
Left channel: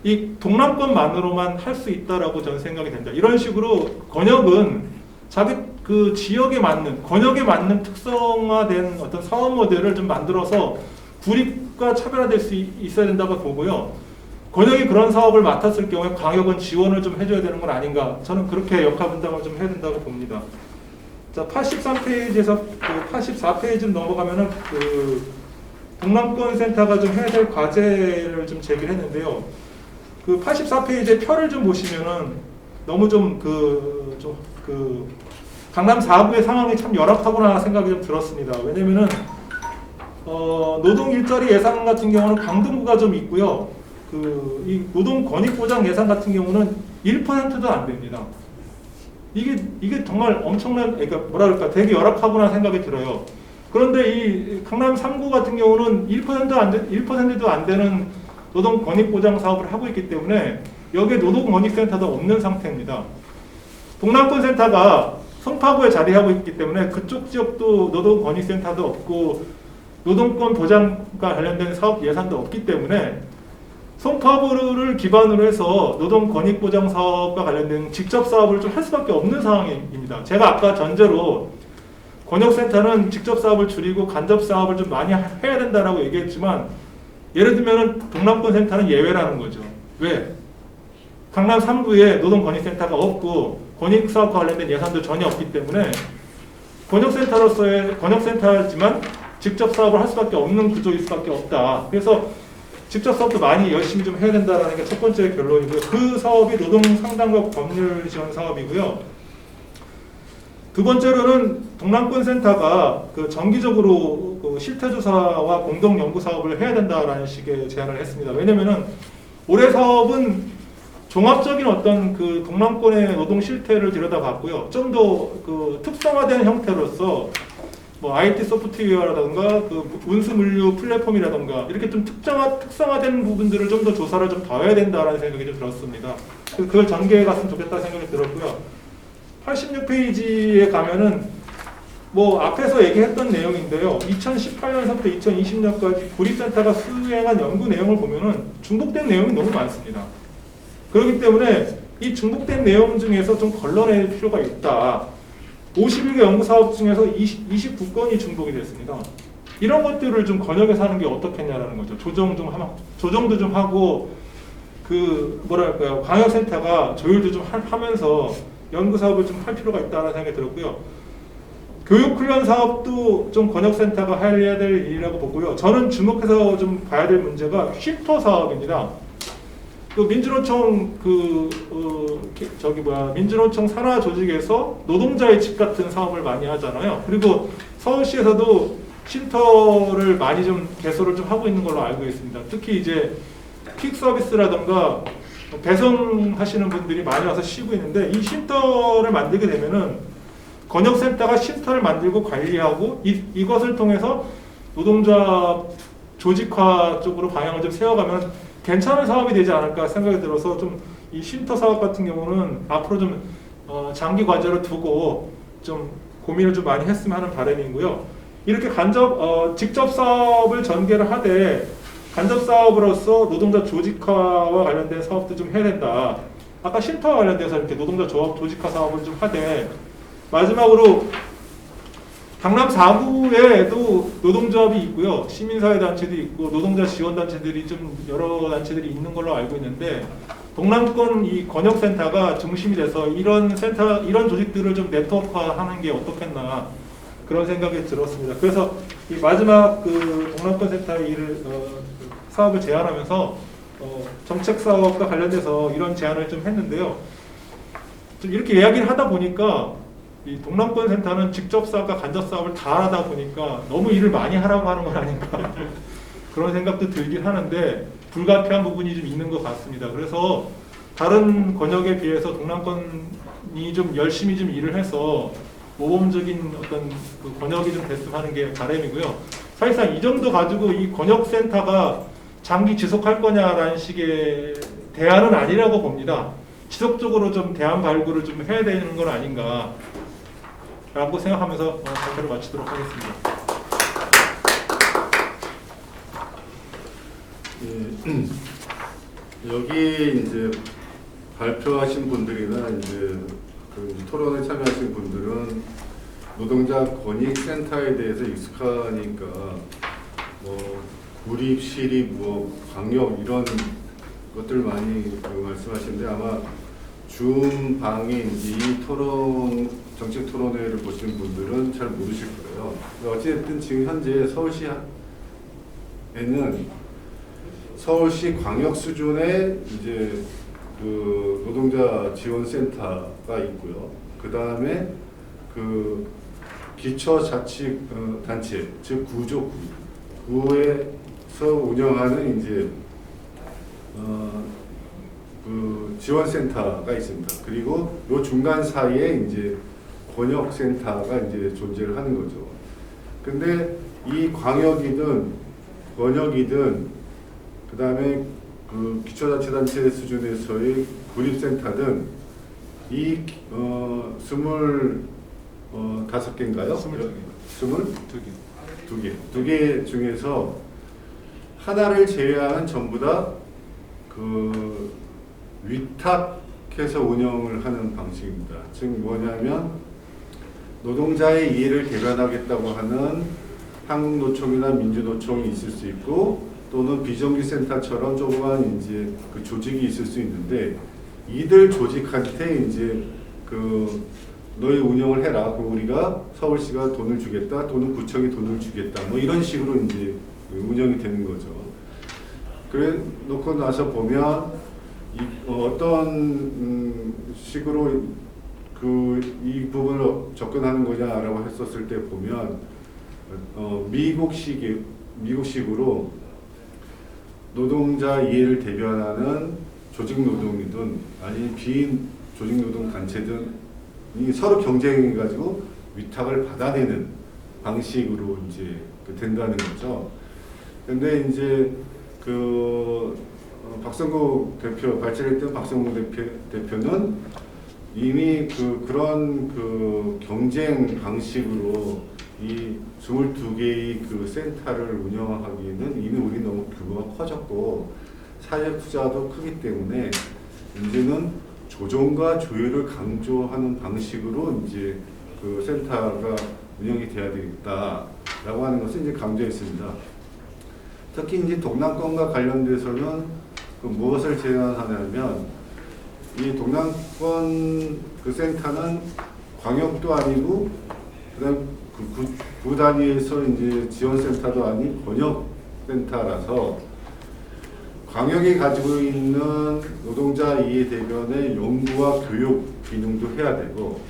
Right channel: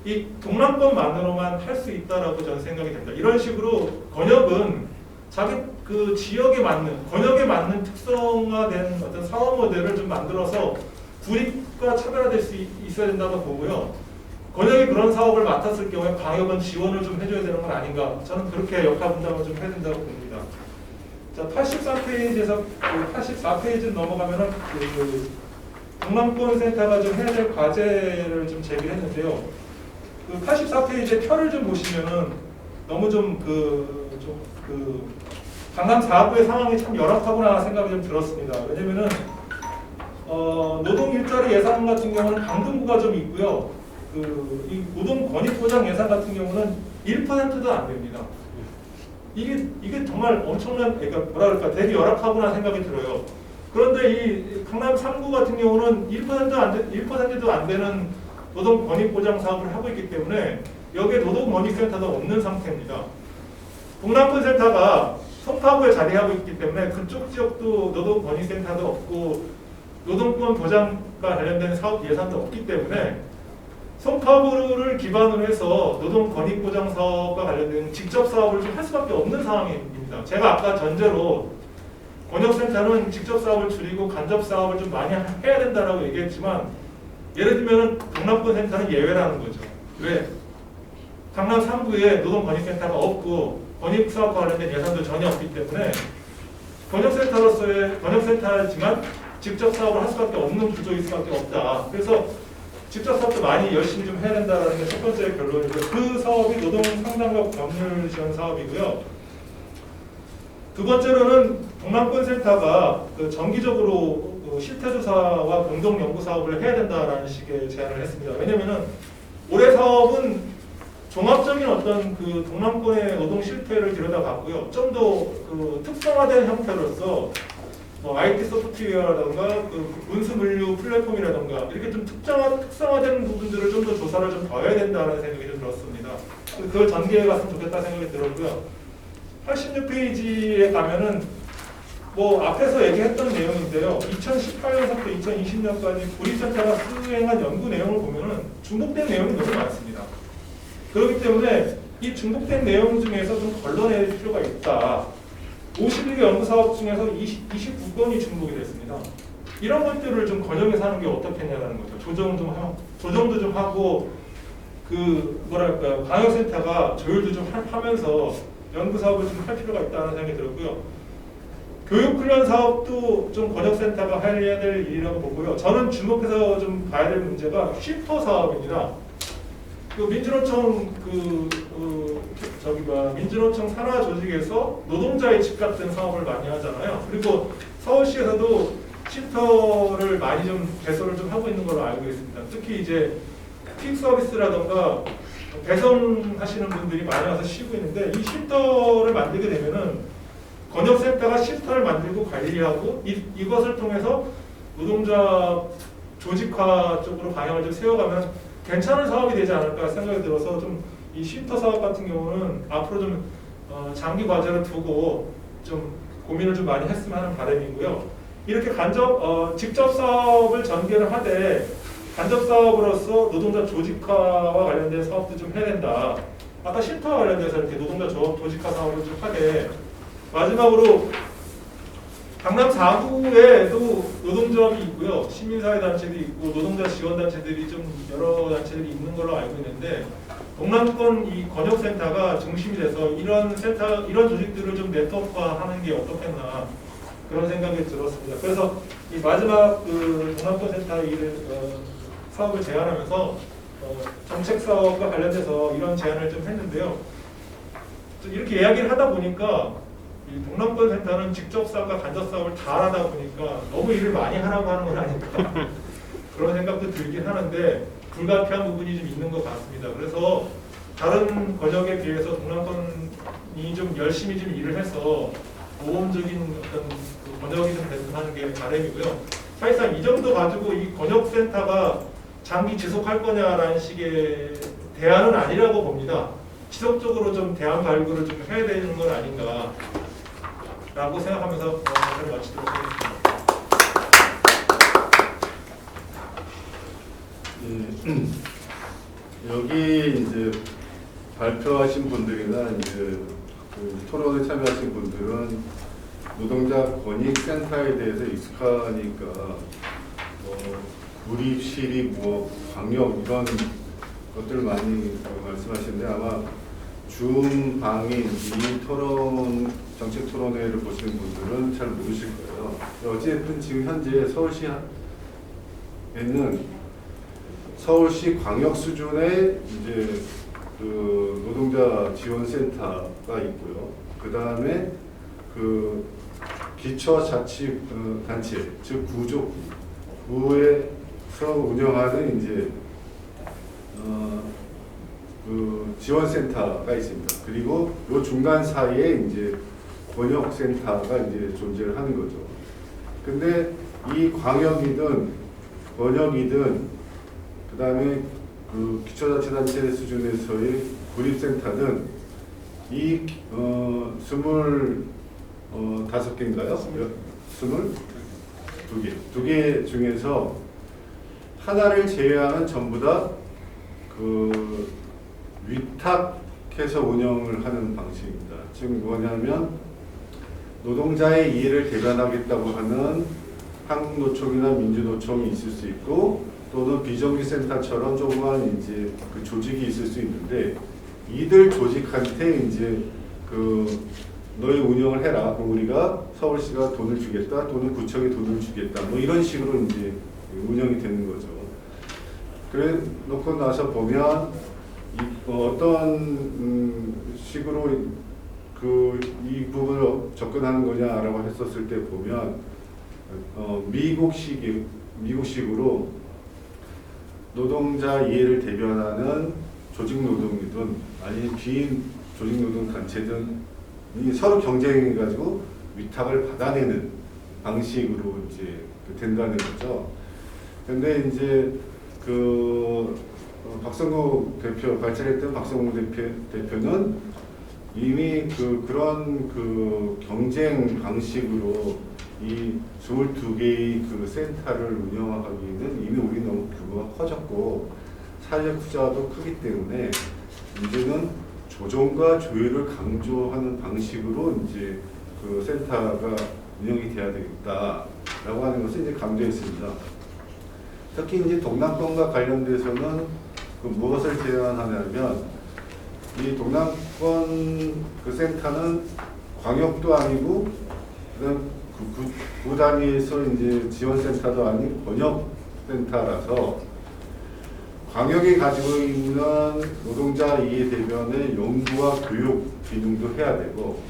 이 동남권만으로만 할 수 있다라고 저는 생각이 됩니다. 이런 식으로 권역은 자기 그 지역에 맞는, 권역에 맞는 특성화된 어떤 사업 모델을 좀 만들어서 구립과 차별화될 수 있어야 된다고 보고요. 권역이 그런 사업을 맡았을 경우에 광역은 지원을 좀 해줘야 되는 건 아닌가. 저는 그렇게 역할 분담을 좀 해야 된다고 봅니다. 자, 83페이지에서 84페이지를 넘어가면은 그 동남권 센터가 좀 해야 될 과제를 좀 제기했는데요. 그 84페이지의 표를 좀 보시면은 너무 강남 4구의 상황이 참 열악하구나 생각이 좀 들었습니다. 왜냐면은 노동 일자리 예산 같은 경우는 강등부가 좀 있고요. 이 노동 권익 보장 예산 같은 경우는 1%도 안 됩니다. 이게 정말 엄청난, 그러니까 되게 열악하구나 생각이 들어요. 그런데 이 강남 3구 같은 경우는 1%도 안 되는 노동 권익 보장 사업을 하고 있기 때문에 여기에 노동 권익센터도 없는 상태입니다. 동남권 센터가 송파구에 자리하고 있기 때문에 그쪽 지역도 노동 권익센터도 없고 노동권 보장과 관련된 사업 예산도 없기 때문에 송파구를 기반으로 해서 노동 권익 보장 사업과 관련된 직접 사업을 좀 할 수밖에 없는 상황입니다. 제가 아까 전제로 권역센터는 직접 사업을 줄이고 간접 사업을 좀 많이 해야 된다라고 얘기했지만 예를 들면 동남권 센터는 예외라는 거죠. 왜? 강남 3구에 노동권익센터가 없고 권익사업과 관련된 예산도 전혀 없기 때문에 권역센터지만 직접 사업을 할 수밖에 없는 구조일 수밖에 없다. 그래서 직접 사업도 많이 열심히 좀 해야 된다는 게 첫 번째 결론이고요. 그 사업이 노동 상담과 법률 지원 사업이고요. 두 번째로는 동남권 센터가 정기적으로 실태 조사와 공동 연구 사업을 해야 된다라는 식의 제안을 했습니다. 왜냐면은 올해 사업은 종합적인 어떤 그 동남권의 노동 실태를 들여다봤고요. 좀 더 그 특성화된 형태로서 뭐 IT 소프트웨어라든가 그 운수 물류 플랫폼이라든가 이렇게 좀 특성화된 부분들을 좀 더 조사를 좀 더 해야 된다라는 생각이 좀 들었습니다. 그래서 그걸 전개해 갔으면 좋겠다는 생각이 들었고요. 86페이지에 가면은 뭐 앞에서 얘기했던 내용인데요. 2018년부터 2020년까지 구립센터가 수행한 연구 내용을 보면은 중복된 내용이 너무 많습니다. 그렇기 때문에 이 중복된 내용 중에서 좀 걸러낼 필요가 있다. 51개 연구사업 중에서 29건이 중복이 됐습니다. 이런 것들을 좀 번역해서 하는 게 어떻겠냐라는 거죠. 조정도 좀 하고 그 뭐랄까요, 광역센터가 조율도 좀 하면서 연구 사업을 좀 할 필요가 있다는 생각이 들었고요. 교육훈련 사업도 좀 권역센터가 해야 될 일이라고 보고요. 저는 주목해서 좀 봐야 될 문제가 쉼터 사업입니다. 그 민주노총 민주노총 산하 조직에서 노동자의 집 같은 사업을 많이 하잖아요. 그리고 서울시에서도 쉼터를 많이 좀 개소를 좀 하고 있는 걸로 알고 있습니다. 특히 이제 퀵 서비스라던가 배송하시는 분들이 많이 와서 쉬고 있는데 이 쉼터를 만들게 되면은 권역센터가 쉼터를 만들고 관리하고 이것을 통해서 노동자 조직화 쪽으로 방향을 좀 세워가면 괜찮은 사업이 되지 않을까 생각이 들어서 좀 이 쉼터 사업 같은 경우는 앞으로 좀 장기 과제로 두고 좀 고민을 좀 많이 했으면 하는 바람이고요. 이렇게 직접 사업을 전개를 하되 간접 사업으로서 노동자 조직화와 관련된 사업도 좀 해야 된다. 아까 쉼터와 관련돼서 이렇게 노동자 조직화 사업을 좀 하되 마지막으로 강남 4구에도 노동조합이 있고요. 시민사회단체도 있고 노동자 지원단체들이 좀 여러 단체들이 있는 걸로 알고 있는데 동남권 이 권역센터가 중심이 돼서 이런 조직들을 좀 네트워크화하는 게 어떻겠나 그런 생각이 들었습니다. 그래서 이 마지막 그 동남권 센터 일을 사업을 제안하면서 정책 사업과 관련돼서 이런 제안을 좀 했는데요. 좀 이렇게 이야기를 하다 보니까 이 동남권 센터는 직접 사업과 간접 사업을 다 하다 보니까 너무 일을 많이 하라고 하는 건 아닌가 그런 생각도 들긴 하는데 불가피한 부분이 좀 있는 것 같습니다. 그래서 다른 권역에 비해서 동남권이 좀 열심히 좀 일을 해서 모범적인 어떤 그 권역이 좀 됐으면 하는 게 바람이고요. 사실상 이 정도 가지고 이 권역센터가 장기 지속할 거냐라는 식의 대안은 아니라고 봅니다. 지속적으로 좀 대안 발굴을 좀 해야 되는 건 아닌가 라고 생각하면서 발표를 마치도록 하겠습니다. 예, 여기 이제 발표하신 분들이나 이제 그 토론에 참여하신 분들은 노동자 권익센터에 대해서 익숙하니까 뭐 구립, 시립, 뭐 광역 이런 것들 많이 말씀하시는데 아마 줌 방에 이 토론 정책 토론회를 보시는 분들은 잘 모르실 거예요. 어쨌든 지금 현재 서울시에는 서울시 광역 수준의 이제 그 노동자 지원센터가 있고요. 그 다음에 그 기초자치 단체 즉 구에서 운영하는 이제 그 지원센터가 있습니다. 그리고 요 중간 사이에 이제 권역센터가 이제 존재를 하는 거죠. 근데 이 광역이든 권역이든 그 다음에 그 기초자치단체 수준에서의 구립센터든 이 25개인가요? 22개 중에서 하나를 제외하면 전부 다 그 위탁해서 운영을 하는 방식입니다. 즉 뭐냐면 노동자의 이해를 대변하겠다고 하는 한국노총이나 민주노총이 있을 수 있고 또는 비정규센터처럼 조그만 이제 그 조직이 있을 수 있는데 이들 조직한테 이제 그 너희 운영을 해라. 그럼 우리가 서울시가 돈을 주겠다 또는 구청이 돈을 주겠다. 뭐 이런 식으로 이제 운영이 되는 거죠. 그래 놓고 나서 보면 어떤 식으로 이 부분을 접근하는 거냐라고 했었을 때 보면 미국식으로 노동자 이해를 대변하는 조직노동이든 아니면 비조직노동 단체든이 서로 경쟁해가지고 위탁을 받아내는 방식으로 이제 된다는 거죠. 근데 이제 박성국 대표, 발제했던 박성국 대표는 이미 그런 경쟁 방식으로 이 22개의 센터를 운영하기에는 이미 우리 너무 규모가 커졌고 사회적 투자도 크기 때문에 이제는 조정과 조율을 강조하는 방식으로 이제 센터가 운영이 돼야 되겠다라고 하는 것을 이제 강조했습니다. 특히 이제 동남권과 관련돼서는 무엇을 제안하냐면 이 동남권 센터는 광역도 아니고 그다음 구 단위에서 이제 지원센터도 아닌 권역센터라서 광역이 가지고 있는 노동자 이해 대변의 연구와 교육 기능도 해야 되고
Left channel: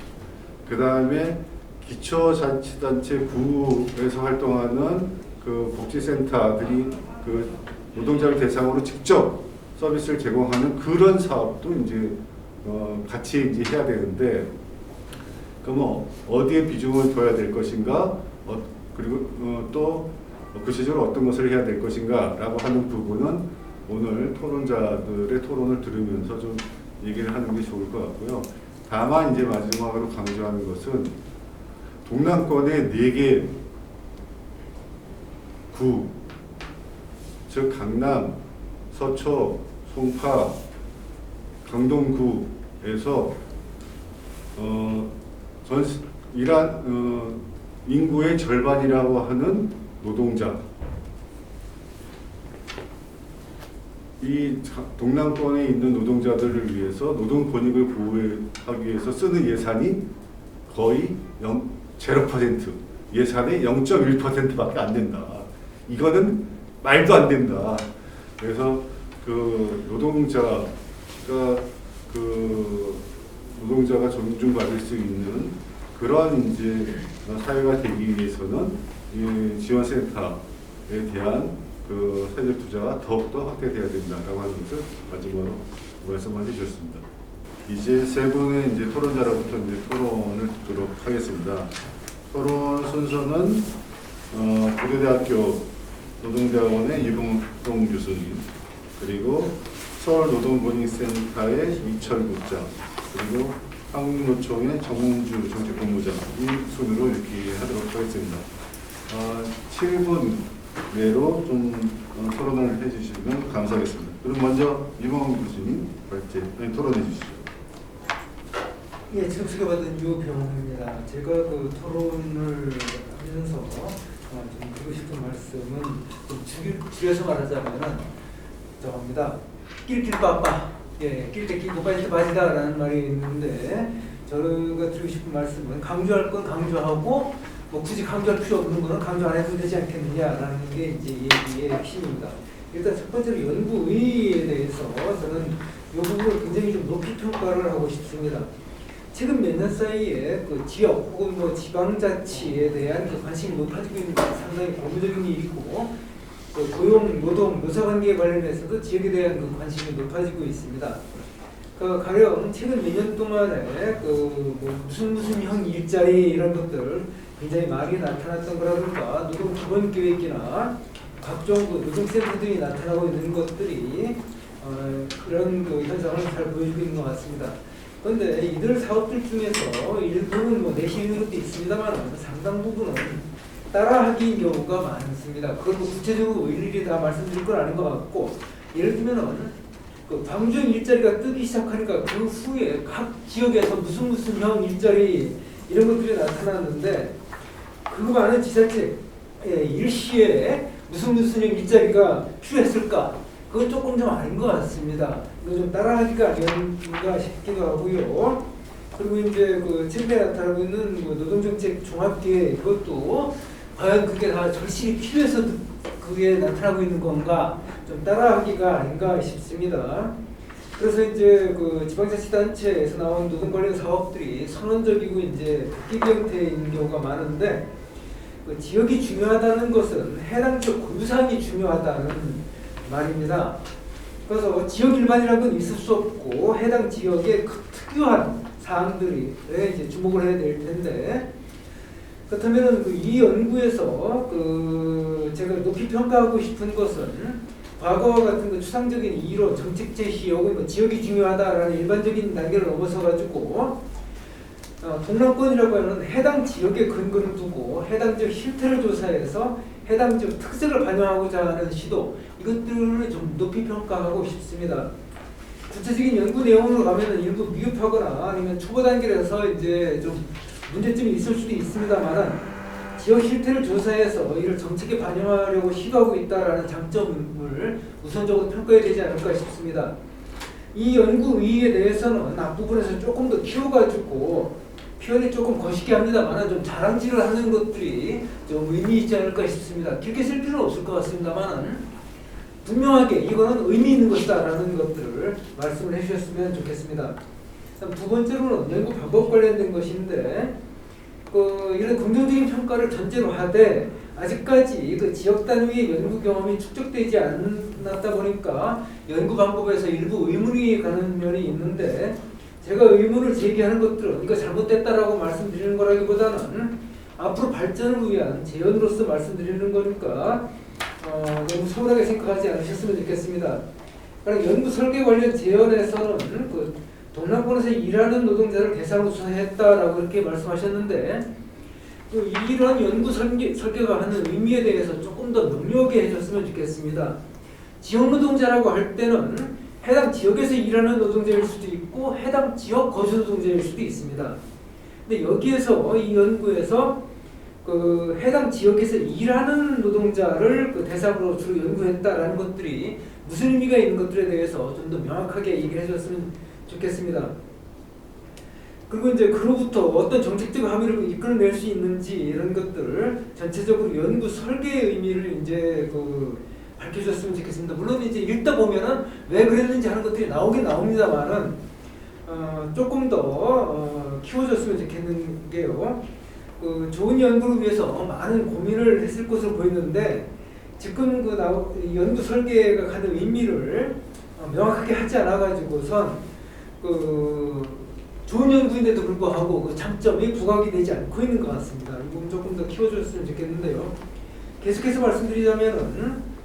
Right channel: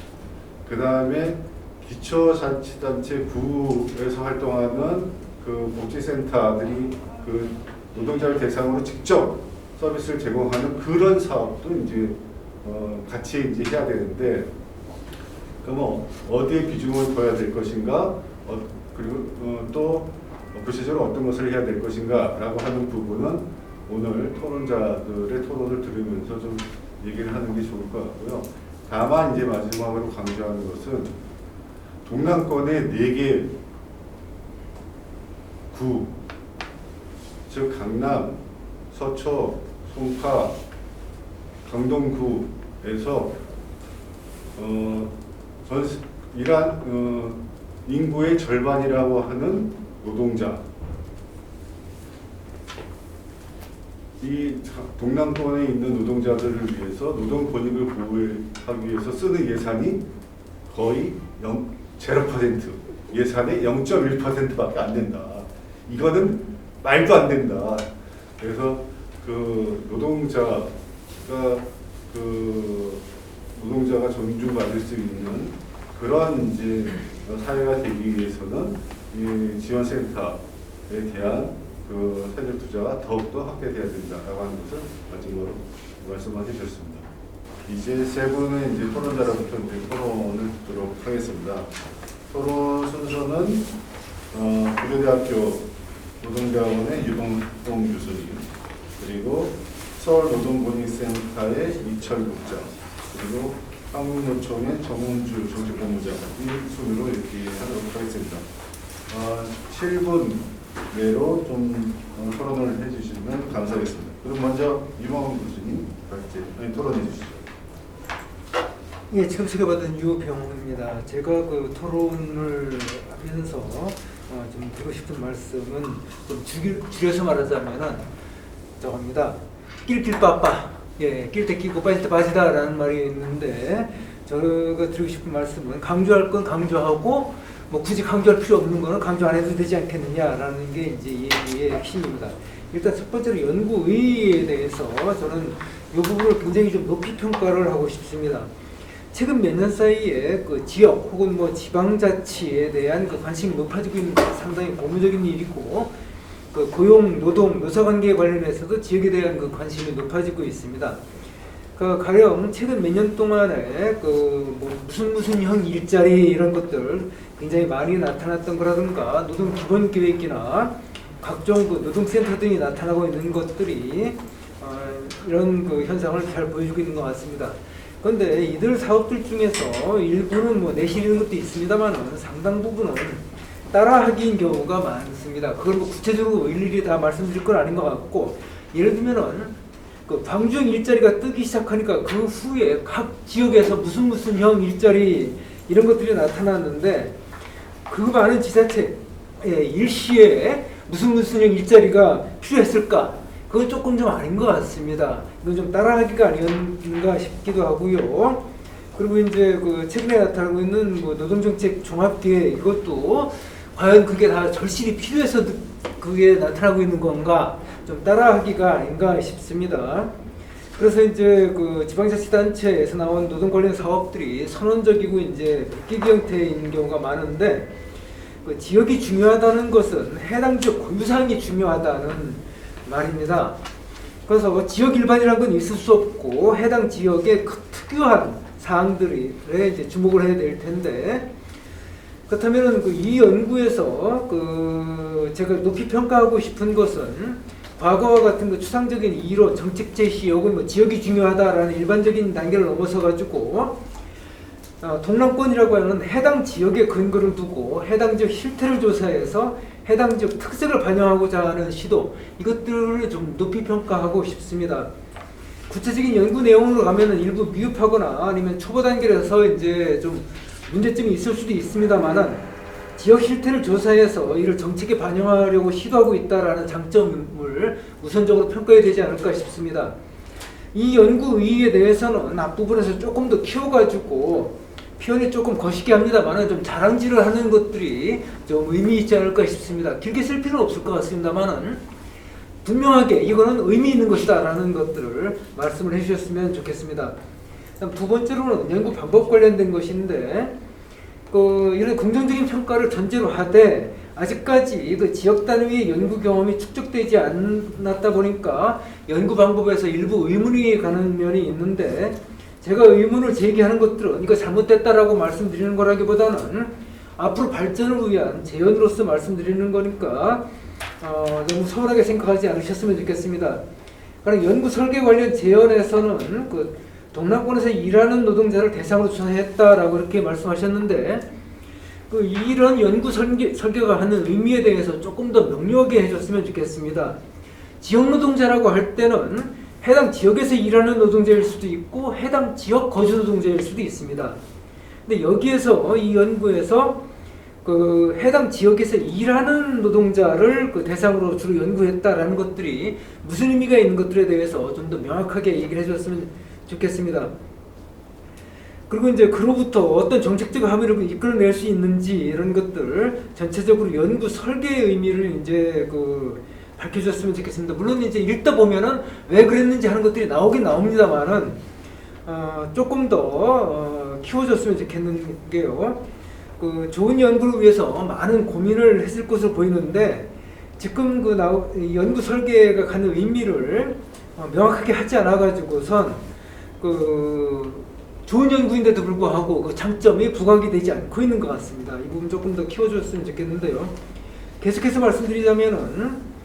그 다음에 기초자치단체 구에서 활동하는 복지센터들이 노동자를 대상으로 직접 서비스를 제공하는 그런 사업도 이제 같이 이제 해야 되는데 그럼 어디에 비중을 둬야 될 것인가 그리고 또 구체적으로 어떤 것을 해야 될 것인가라고 하는 부분은 오늘 토론자들의 토론을 들으면서 좀 얘기를 하는 게 좋을 것 같고요. 다만 이제 마지막으로 강조하는 것은 동남권의 4개 구, 즉 강남, 서초, 송파, 강동구에서 인구의 절반이라고 하는 노동자, 이 동남권에 있는 노동자들을 위해서 노동 권익을 보호하기 위해서 쓰는 예산이 거의 0% 예산의 0.1%밖에 안 된다. 이거는 말도 안 된다. 그래서 노동자가 존중받을 수 있는 그런 이제 사회가 되기 위해서는 이 지원센터에 대한 사회적 투자가 더욱더 확대돼야 된다라고 하는 것을 마지막으로 말씀해 주셨습니다. 이제 세 분의 이제 토론자로부터 이제 토론을 듣도록 하겠습니다. 토론 순서는 고려대학교 노동대학원의 유봉동 교수님, 그리고 서울노동권익센터의 이철 국장, 그리고 한국노총의 정은주 정책본부장 이 순으로 이렇게 하도록 하겠습니다. 7분 내로 좀 토론을 해주시면 감사하겠습니다. 그럼 먼저 유봉 교수님 토론해 주시죠. 네, 청취를 받은 유병호입니다. 제가 토론을 하면서 좀 드리고 싶은 말씀은 좀 줄여서 말하자면 저겁니다. 낄 빠빠, 낄 때 끼고 빠질 때 빠지다라는 말이 있는데 제가 드리고 싶은 말씀은 강조할 건 강조하고 굳이 강조할 필요 없는 거는 강조 안 해도 되지 않겠느냐라는 게 이제 이 얘기의 핵심입니다. 일단 첫 번째로 연구의의에 대해서 저는 이 부분을 굉장히 좀 높이 평가를 하고 싶습니다. 최근 몇 년 사이에 지역 혹은 지방자치에 대한 관심이 높아지고 있는 것은 상당히 고무적인 일이고 고용, 노동, 노사관계에 관련해서도 지역에 대한 관심이 높아지고 있습니다. 가령 최근 몇 년 동안에 무슨 형 일자리 이런 것들 굉장히 많이 나타났던 거라든가 노동 기본 계획이나 각종 노동센터 등이 나타나고 있는 것들이 이런 현상을 잘 보여주고 있는 것 같습니다. 그런데 이들 사업들 중에서 일부는 내실인 것도 있습니다만 상당 부분은 따라하기인 경우가 많습니다. 그걸 구체적으로 일일이 다 말씀드릴 건 아닌 것 같고 예를 들면은 광주형 일자리가 뜨기 시작하니까 그 후에 각 지역에서 무슨 형 일자리 이런 것들이 나타났는데 그 많은 지자체 일시에 무슨 형 일자리가 필요했을까? 그건 조금 좀 아닌 것 같습니다. 이거 좀 따라하기가 아닌가 싶기도 하고요. 그리고 이제 최근에 나타나고 있는 노동정책 종합대회 이것도 과연 그게 다 절실히 필요해서 그게 나타나고 있는 건가? 좀 따라하기가 아닌가 싶습니다. 그래서 이제 지방자치단체에서 나온 노동 관련 사업들이 선언적이고 이제 끼기 형태인 경우가 많은데 지역이 중요하다는 것은 해당 지역 고유사항이 중요하다는 말입니다. 그래서 지역 일반이라는 건 있을 수 없고 해당 지역의 그 특유한 사항들이 이제 주목을 해야 될 텐데, 그렇다면 이 연구에서 제가 높이 평가하고 싶은 것은 과거와 같은 추상적인 이론, 정책 제시, 혹은 지역이 중요하다라는 일반적인 단계를 넘어서 가지고 동남권이라고 하는 해당 지역에 근거를 두고 해당 지역 실태를 조사해서 해당 지역 특색을 반영하고자 하는 시도, 이것들을 좀 높이 평가하고 싶습니다. 구체적인 연구 내용으로 가면 일부 미흡하거나 아니면 초보 단계라서 이제 좀 문제점이 있을 수도 있습니다만은 지역 실태를 조사해서 이를 정책에 반영하려고 시도하고 있다라는 장점을 우선적으로 평가해야 되지 않을까 싶습니다. 이 연구 의의에 대해서는 앞부분에서 조금 더 키워가지고 표현이 조금 거시기 합니다만은 좀 자랑질을 하는 것들이 좀 의미 있지 않을까 싶습니다. 길게 쓸 필요는 없을 것 같습니다만은 분명하게 이거는 의미 있는 것이다라는 것들을 말씀을 해주셨으면 좋겠습니다. 두 번째로는 연구 방법 관련된 것인데, 이런 긍정적인 평가를 전제로 하되 아직까지 지역 단위의 연구 경험이 축적되지 않았다 보니까 연구 방법에서 일부 의문이 가는 면이 있는데, 제가 의문을 제기하는 것들은 이거 잘못됐다라고 말씀드리는 거라기보다는 앞으로 발전을 위한 제언으로서 말씀드리는 거니까 너무 서운하게 생각하지 않으셨으면 좋겠습니다. 그럼 연구 설계 관련 제언에서는 동남권에서 일하는 노동자를 대상으로 추천했다라고 이렇게 말씀하셨는데, 이런 연구 설계가 하는 의미에 대해서 조금 더 능력있게 해줬으면 좋겠습니다. 지역 노동자라고 할 때는 해당 지역에서 일하는 노동자일 수도 있고 해당 지역 거주 노동자일 수도 있습니다. 근데 여기에서 이 연구에서 해당 지역에서 일하는 노동자를 대상으로 주로 연구했다라는 것들이 무슨 의미가 있는 것들에 대해서 좀 더 명확하게 얘기를 해줬으면 좋겠습니다. 그리고 이제 그로부터 어떤 정책적 합의를 이끌어낼 수 있는지 이런 것들 전체적으로 연구 설계의 의미를 이제 밝혀줬으면 좋겠습니다. 물론 이제 읽다 보면은 왜 그랬는지 하는 것들이 나오긴 나옵니다만은 조금 더 키워줬으면 좋겠는 게요. 좋은 연구를 위해서 많은 고민을 했을 것으로 보이는데 지금 연구 설계가 갖는 의미를 명확하게 하지 않아가지고선 좋은 연구인데도 불구하고 장점이 부각이 되지 않고 있는 것 같습니다. 이 부분 조금 더 키워줬으면 좋겠는데요. 계속해서 말씀드리자면은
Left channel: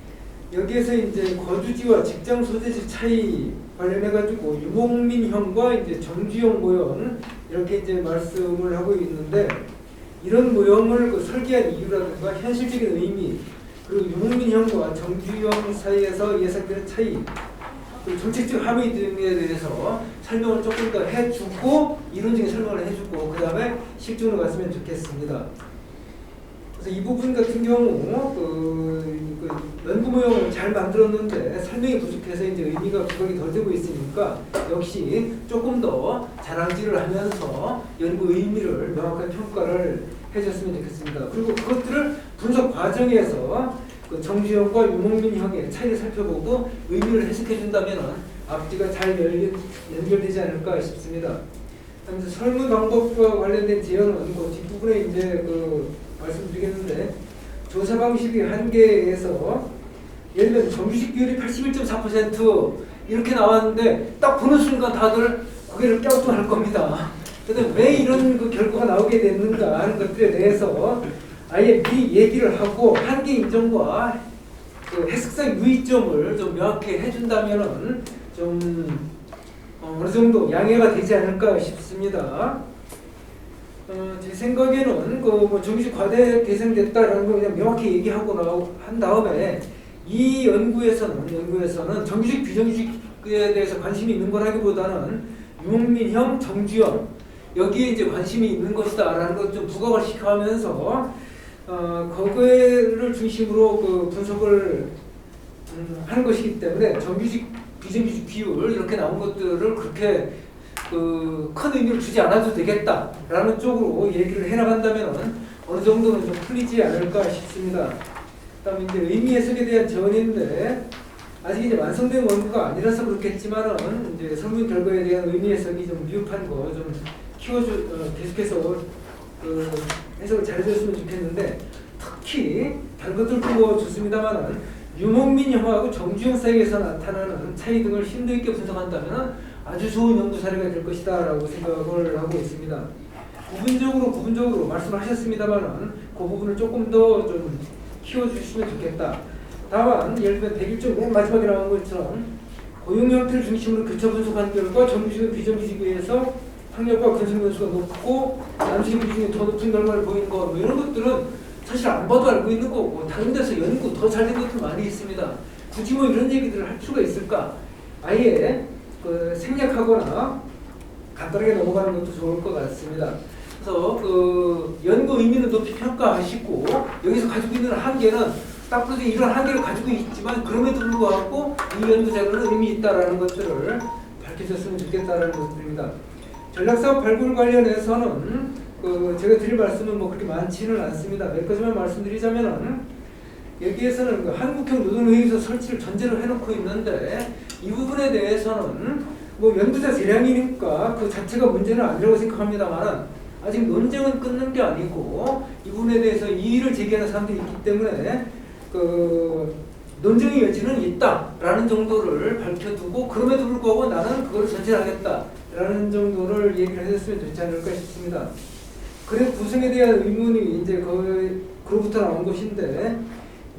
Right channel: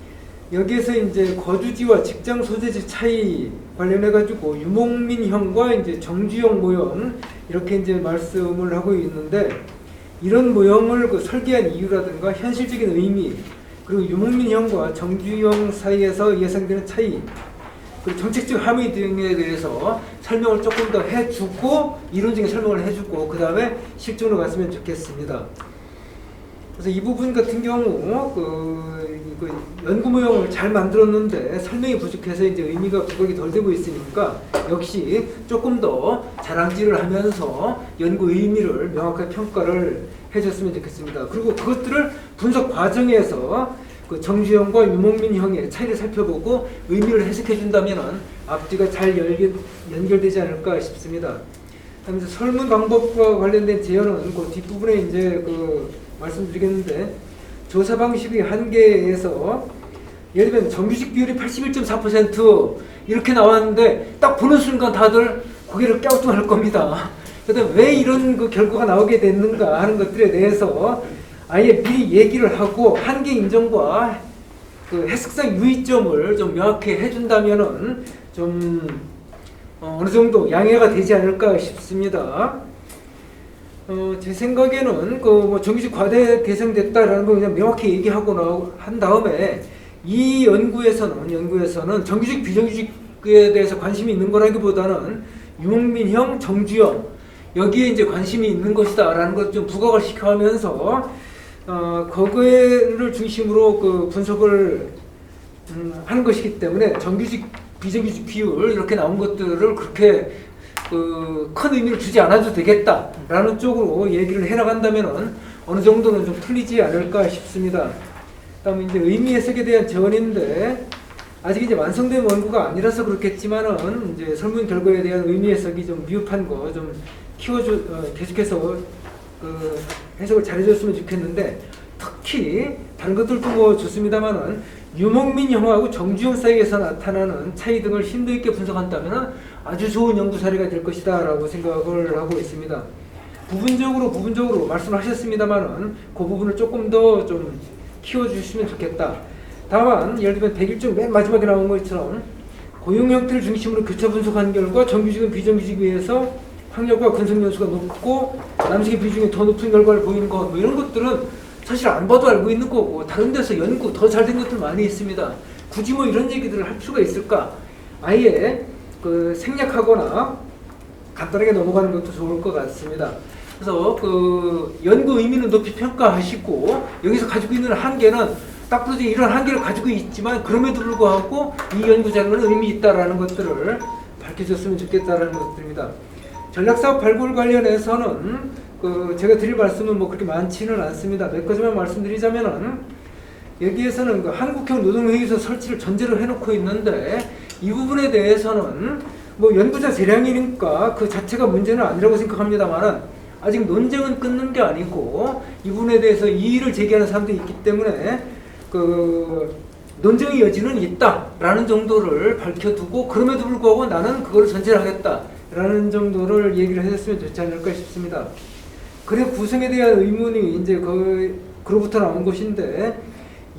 여기에서 이제 거주지와 직장 소재지 차이 관련해가지고 유목민형과 이제 정주형 모형 이렇게 이제 말씀을 하고 있는데, 이런 모형을 설계한 이유라든가 현실적인 의미, 그리고 유목민형과 정주형 사이에서 예상되는 차이, 정책적 합의 등에 대해서 설명을 조금 더 해주고 이론적인 설명을 해주고 그 다음에 실전으로 갔으면 좋겠습니다. 그래서 이 부분 같은 경우 연구 모형을 잘 만들었는데 설명이 부족해서 이제 의미가 부각이 덜 되고 있으니까 역시 조금 더 자랑질을 하면서 연구 의미를 명확하게 평가를 해줬으면 좋겠습니다. 그리고 그것들을 분석 과정에서 정주형과 유목민형의 차이를 살펴보고 의미를 해석해 준다면 앞뒤가 잘 연결되지 않을까 싶습니다. 설문 방법과 관련된 제언은 뒷부분에 이제 말씀드리겠는데, 조사 방식의 한계에서 예를 들면 정규직 비율이 81.4% 이렇게 나왔는데 딱 보는 순간 다들 고개를 갸우뚱할 겁니다. 그래서 왜 이런 결과가 나오게 됐는가 하는 것들에 대해서 아예 미리 얘기를 하고 한계 인정과 해석상 유의점을 좀 명확히 해준다면은 좀 어느 정도 양해가 되지 않을까 싶습니다. 제 생각에는 정규직 과대 개선됐다라는 걸 그냥 명확히 얘기하고 한 다음에 이 연구에서는 정규직 비정규직에 대해서 관심이 있는 거라기보다는 유목민형, 정주형 여기에 이제 관심이 있는 것이다라는 것 좀 부각을 시켜가면서 그거를 중심으로 분석을 하는 것이기 때문에 정규직 비정규직 비율 이렇게 나온 것들을 그렇게 큰 의미를 주지 않아도 되겠다라는 쪽으로 얘기를 해나간다면 어느 정도는 좀 풀리지 않을까 싶습니다. 다음 이제 의미 해석에 대한 제언인데 아직 이제 완성된 원고가 아니라서 그렇겠지만은 이제 설문 결과에 대한 의미 해석이 좀 미흡한 거 좀 계속해서 해석을 잘해줬으면 좋겠는데, 특히 다른 것들도 좋습니다만은 유목민 형하고 정주영 사이에서 나타나는 차이 등을 심도 있게 분석한다면 아주 좋은 연구 사례가 될 것이다 라고 생각을 하고 있습니다. 부분적으로 말씀하셨습니다만은 그 부분을 조금 더 좀 키워주시면 좋겠다. 다만 예를 들면 101조 맨 마지막에 나온 것처럼 고용 형태를 중심으로 교차 분석한 결과 정규직은 비정규직에 비해서 학력과 근속 연수가 높고 남식의 비중이 더 높은 결과를 보이는 것, 뭐 이런 것들은 사실 안 봐도 알고 있는 거고 다른 데서 연구 더 잘 된 것들 많이 있습니다. 굳이 뭐 이런 얘기들을 할 필요가 있을까? 아예 그 생략하거나 간단하게 넘어가는 것도 좋을 것 같습니다. 그래서 그 연구 의미는 높이 평가하시고 여기서 가지고 있는 한계는 딱 보지 이런 한계를 가지고 있지만 그럼에도 불구하고 이 연구 자료는 의미 있다라는 것들을 밝혀줬으면 좋겠다라는 것들입니다. 전략사업 발굴 관련해서는 그 제가 드릴 말씀은 뭐 그렇게 많지는 않습니다. 몇 가지만 말씀드리자면은 여기에서는 그 한국형 노동회의소 설치를 전제로 해놓고 있는데 이 부분에 대해서는 뭐 연구자 재량이니까 그 자체가 문제는 아니라고 생각합니다만 아직 논쟁은 끊는 게 아니고 이 부분에 대해서 이의를 제기하는 사람들이 있기 때문에 그 논쟁의 여지는 있다라는 정도를 밝혀두고 그럼에도 불구하고 나는 그걸 전제를 하겠다라는 정도를 얘기를 해줬으면 좋지 않을까 싶습니다. 그래 구성에 대한 의문이 이제 그로부터 나온 것인데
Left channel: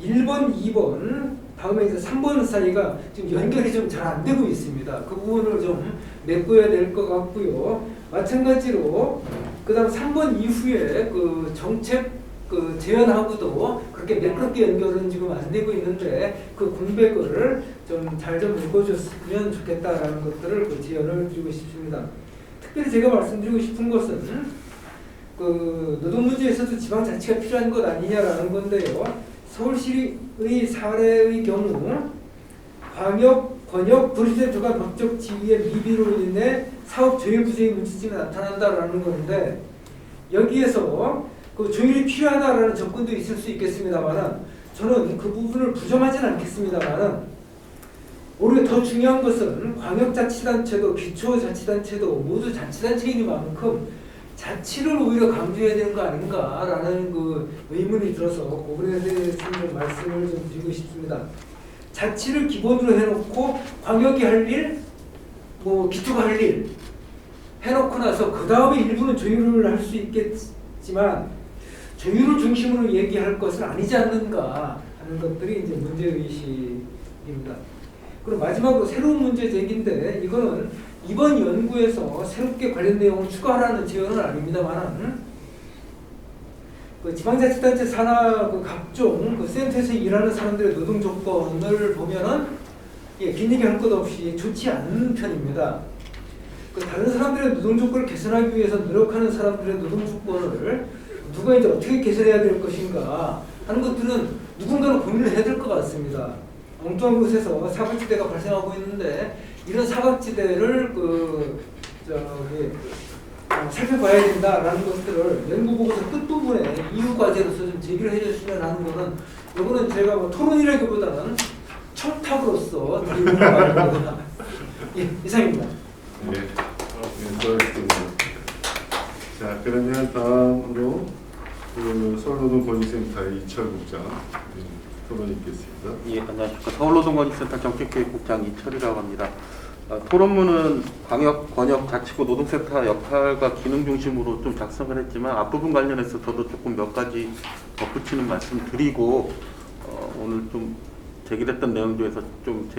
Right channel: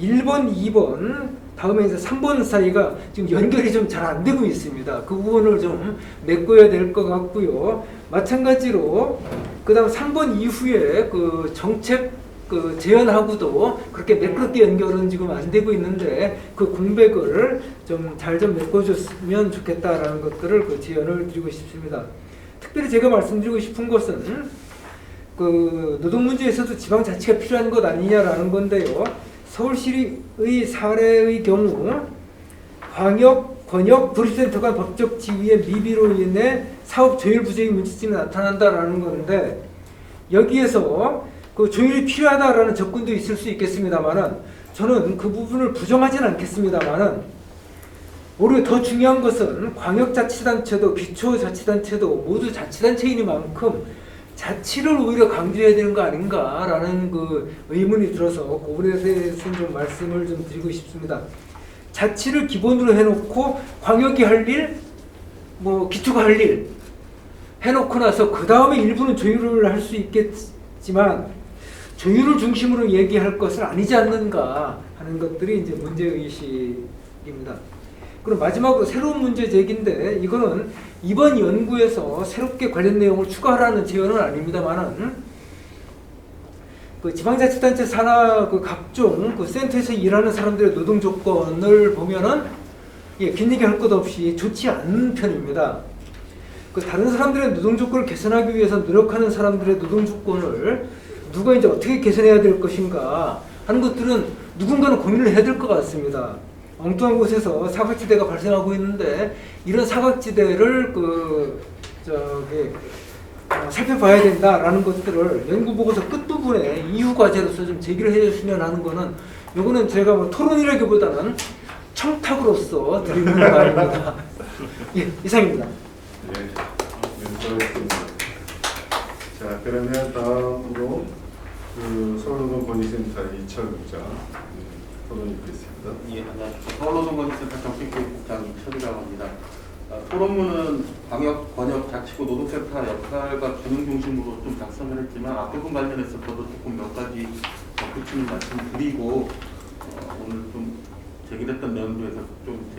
1번, 2번, 다음에 이제 3번 사이가 지금 연결이 좀 잘 안 되고 있습니다. 그 부분을 좀 메꿔야 될 것 같고요. 마찬가지로 그다음 3번 이후에 그 정책 그 제안하고도 그렇게 매끄럽게 연결은 지금 안 되고 있는데 그 공백을 좀 잘 좀 메꿔줬으면 좋겠다라는 것들을 그 제안을 드리고 싶습니다. 특별히 제가 말씀드리고 싶은 것은 그 노동 문제에서도 지방자치가 필요한 것 아니냐라는 건데요. 서울시의 사례의 경우 광역, 권역, 도시센터 간 법적 지위의 미비로 인해 사업 조율 부족의 문제점이 나타난다라는 건데 여기에서 그 조율이 필요하다라는 접근도 있을 수 있겠습니다만은 저는 그 부분을 부정하지는 않겠습니다만은 오히려 더 중요한 것은 광역자치단체도 기초자치단체도 모두 자치단체이니만큼 자치를 오히려 강조해야 되는 거 아닌가라는 그 의문이 들어서 그거에 대해서 좀 말씀을 좀 드리고 싶습니다. 자치를 기본으로 해놓고 광역이 할 일, 뭐 기초가 할 일 해놓고 나서 그 다음에 일부는 조율을 할 수 있겠지만 조율을 중심으로 얘기할 것은 아니지 않는가 하는 것들이 이제 문제의식입니다. 그럼 마지막으로 새로운 문제 제기인데 이거는 이번 연구에서 새롭게 관련 내용을 추가하라는 제언은 아닙니다만은 그 지방자치단체 산하 그 각종 그 센터에서 일하는 사람들의 노동 조건을 보면은 긴 얘기 할 것 없이 좋지 않은 편입니다. 그 다른 사람들의 노동 조건을 개선하기 위해서 노력하는 사람들의 노동 조건을 누가 이제 어떻게 개선해야 될 것인가 하는 것들은 누군가는 고민을 해야 될 것 같습니다. 엉뚱한 곳에서 사각지대가 발생하고 있는데 이런 사각지대를 살펴봐야 된다라는 것들을 연구 보고서 끝부분에 이유 과제로서 좀 제기를 해줬으면 하는 거는 이거는 제가 뭐 토론이라기보다는 청탁으로서 드리는 말입니다. 예, 이상입니다. 예, 수고하셨습니다. 자, 그러면 다음으로 그 서울노동권익센터의 이철 국장 토론 있겠습니다. 예, 안녕하십니까. 서울노동권익센터 정책교육국장 이철이라고 합니다. 토론문은 광역, 권역, 자치구, 노동센터 역할과 기능 중심으로 좀 작성을 했지만 앞부분 관련해서 저도 조금 몇 가지 덧붙이는 말씀을 드리고 오늘 좀 제기됐던 내용 중에서 좀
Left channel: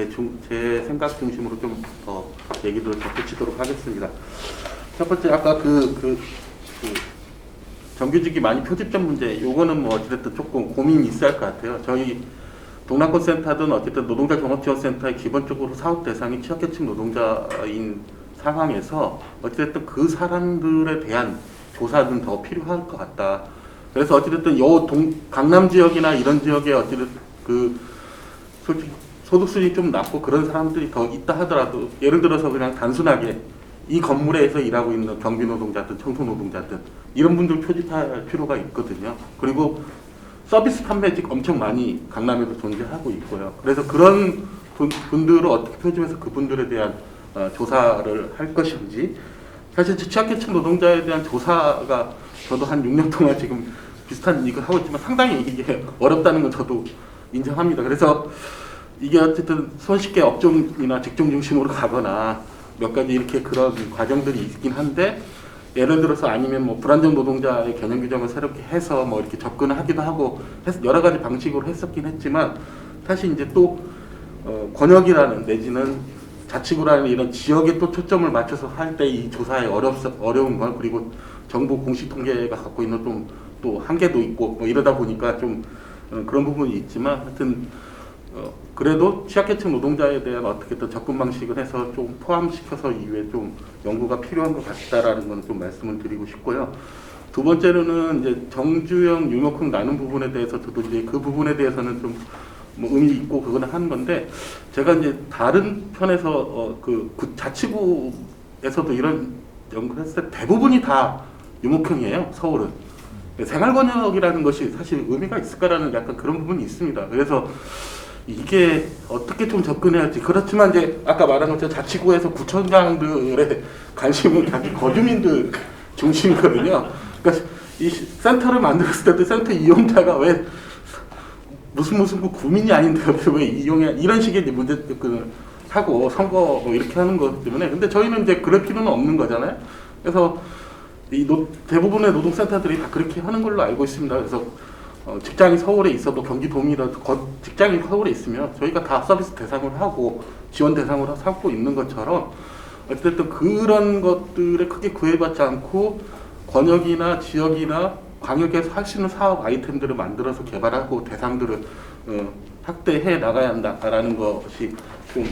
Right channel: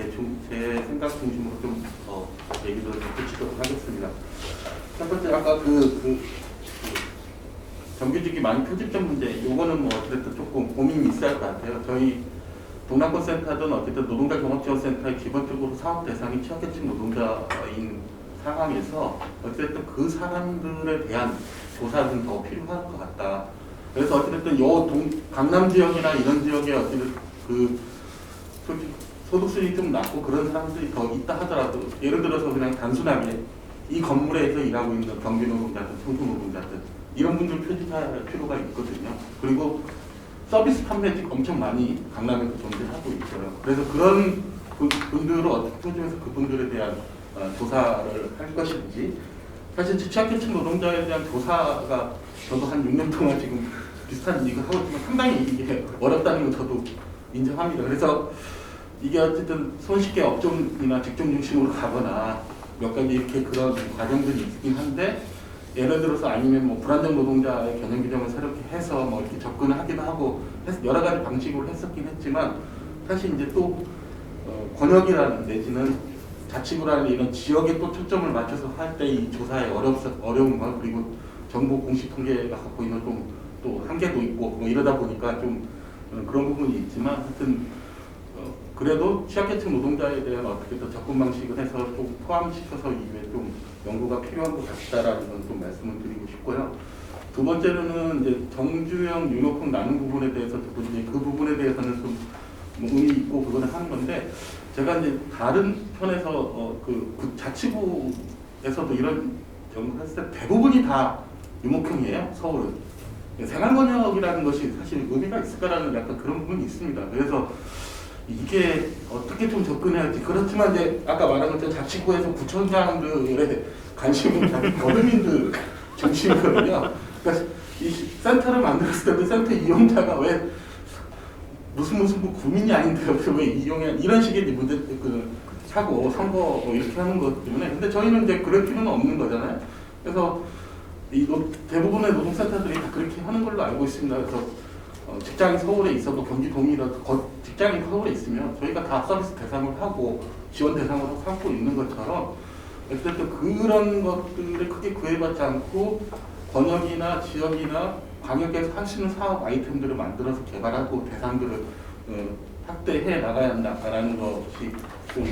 제 생각 중심으로 좀 얘기를 덧붙이도록 하겠습니다. 첫 번째 아까 정규직이 많이 표집된 문제, 이거는 뭐 어쨌든 조금 고민이 있어야 할 것 같아요. 저희 동남권 센터든 어쨌든 노동자 종합지원센터의 기본적으로 사업 대상이 취약계층 노동자인 상황에서 어쨌든 그 사람들에 대한 조사는 더 필요할 것 같다. 그래서 어쨌든 강남 지역이나 이런 지역에 어쨌든 그 소득 수준이 좀 낮고 그런 사람들이 더 있다 하더라도 예를 들어서 그냥 단순하게 이 건물에서 일하고 있는 경비 노동자들, 청소 노동자들 이런 분들 표집할 필요가 있거든요. 그리고 서비스 판매직 엄청 많이 강남에도 존재하고 있고요. 그래서 그런 분들을 어떻게 표집해서 그분들에 대한 조사를 할 것인지 사실 취약계층 노동자에 대한 조사가 저도 한 6년 동안 지금 비슷한 일을 하고 있지만 상당히 이게 어렵다는 거 저도 인정합니다. 그래서 이게 어쨌든 손쉽게 업종이나 직종 중심으로 가거나 몇 가지 이렇게 그런 과정들이 있긴 한데, 예를 들어서 아니면 뭐 불안정 노동자의 개념 규정을 새롭게 해서 뭐 이렇게 접근을 하기도 하고 여러 가지 방식으로 했었긴 했지만, 사실 이제 또 권역이라는 내지는 자치구라는 이런 지역에 또 초점을 맞춰서 할 때 이 조사의 어려운 건, 그리고 정부 공식 통계가 갖고 있는 또 한계도 있고 뭐 이러다 보니까 좀 그런 부분이 있지만, 하여튼 그래도 취약계층 노동자에 대한 어떻게 또 접근 방식을 해서 좀 포함시켜서 이후에 좀 연구가 필요한 것 같다라는 건 좀 말씀을 드리고 싶고요. 두 번째로는 이제 정주영 유목형 나눈 부분에 대해서도 이제 그 부분에 대해서는 좀 뭐 의미 있고 그거는 하는 건데, 제가 이제 다른 편에서 그 자치구에서도 이런 연구를 했을 때 대부분이 다 유목형이에요. 서울은. 생활번역이라는 것이 사실 의미가 있을까라는 약간 그런 부분이 있습니다. 그래서 이게 어떻게 좀 접근해야지. 그렇지만 이제 아까 말한 것처럼 자치구에서 구청장들의 관심은 다 거주민들 중심이거든요. 그러니까 이 센터를 만들었을 때도 센터 이용자가 왜 무슨 뭐 구민이 아닌데 왜 이용해, 이런 식의 문제 사고 선거 이렇게 하는 것 때문에. 근데 저희는 이제 그럴 필요는 없는 거잖아요. 그래서 대부분의 노동센터들이 다 그렇게 하는 걸로 알고 있습니다. 그래서 직장이 서울에 있어도 경기도민이라도 직장이 서울에 있으면 저희가 다 서비스 대상을 하고 지원 대상으로 삼고 있는 것처럼, 어쨌든 그런 것들을 크게 구애받지 않고 권역이나 지역이나 광역에서 할 수 있는 사업 아이템들을 만들어서 개발하고 대상들을 확대해 나가야 한다라는 것이 좀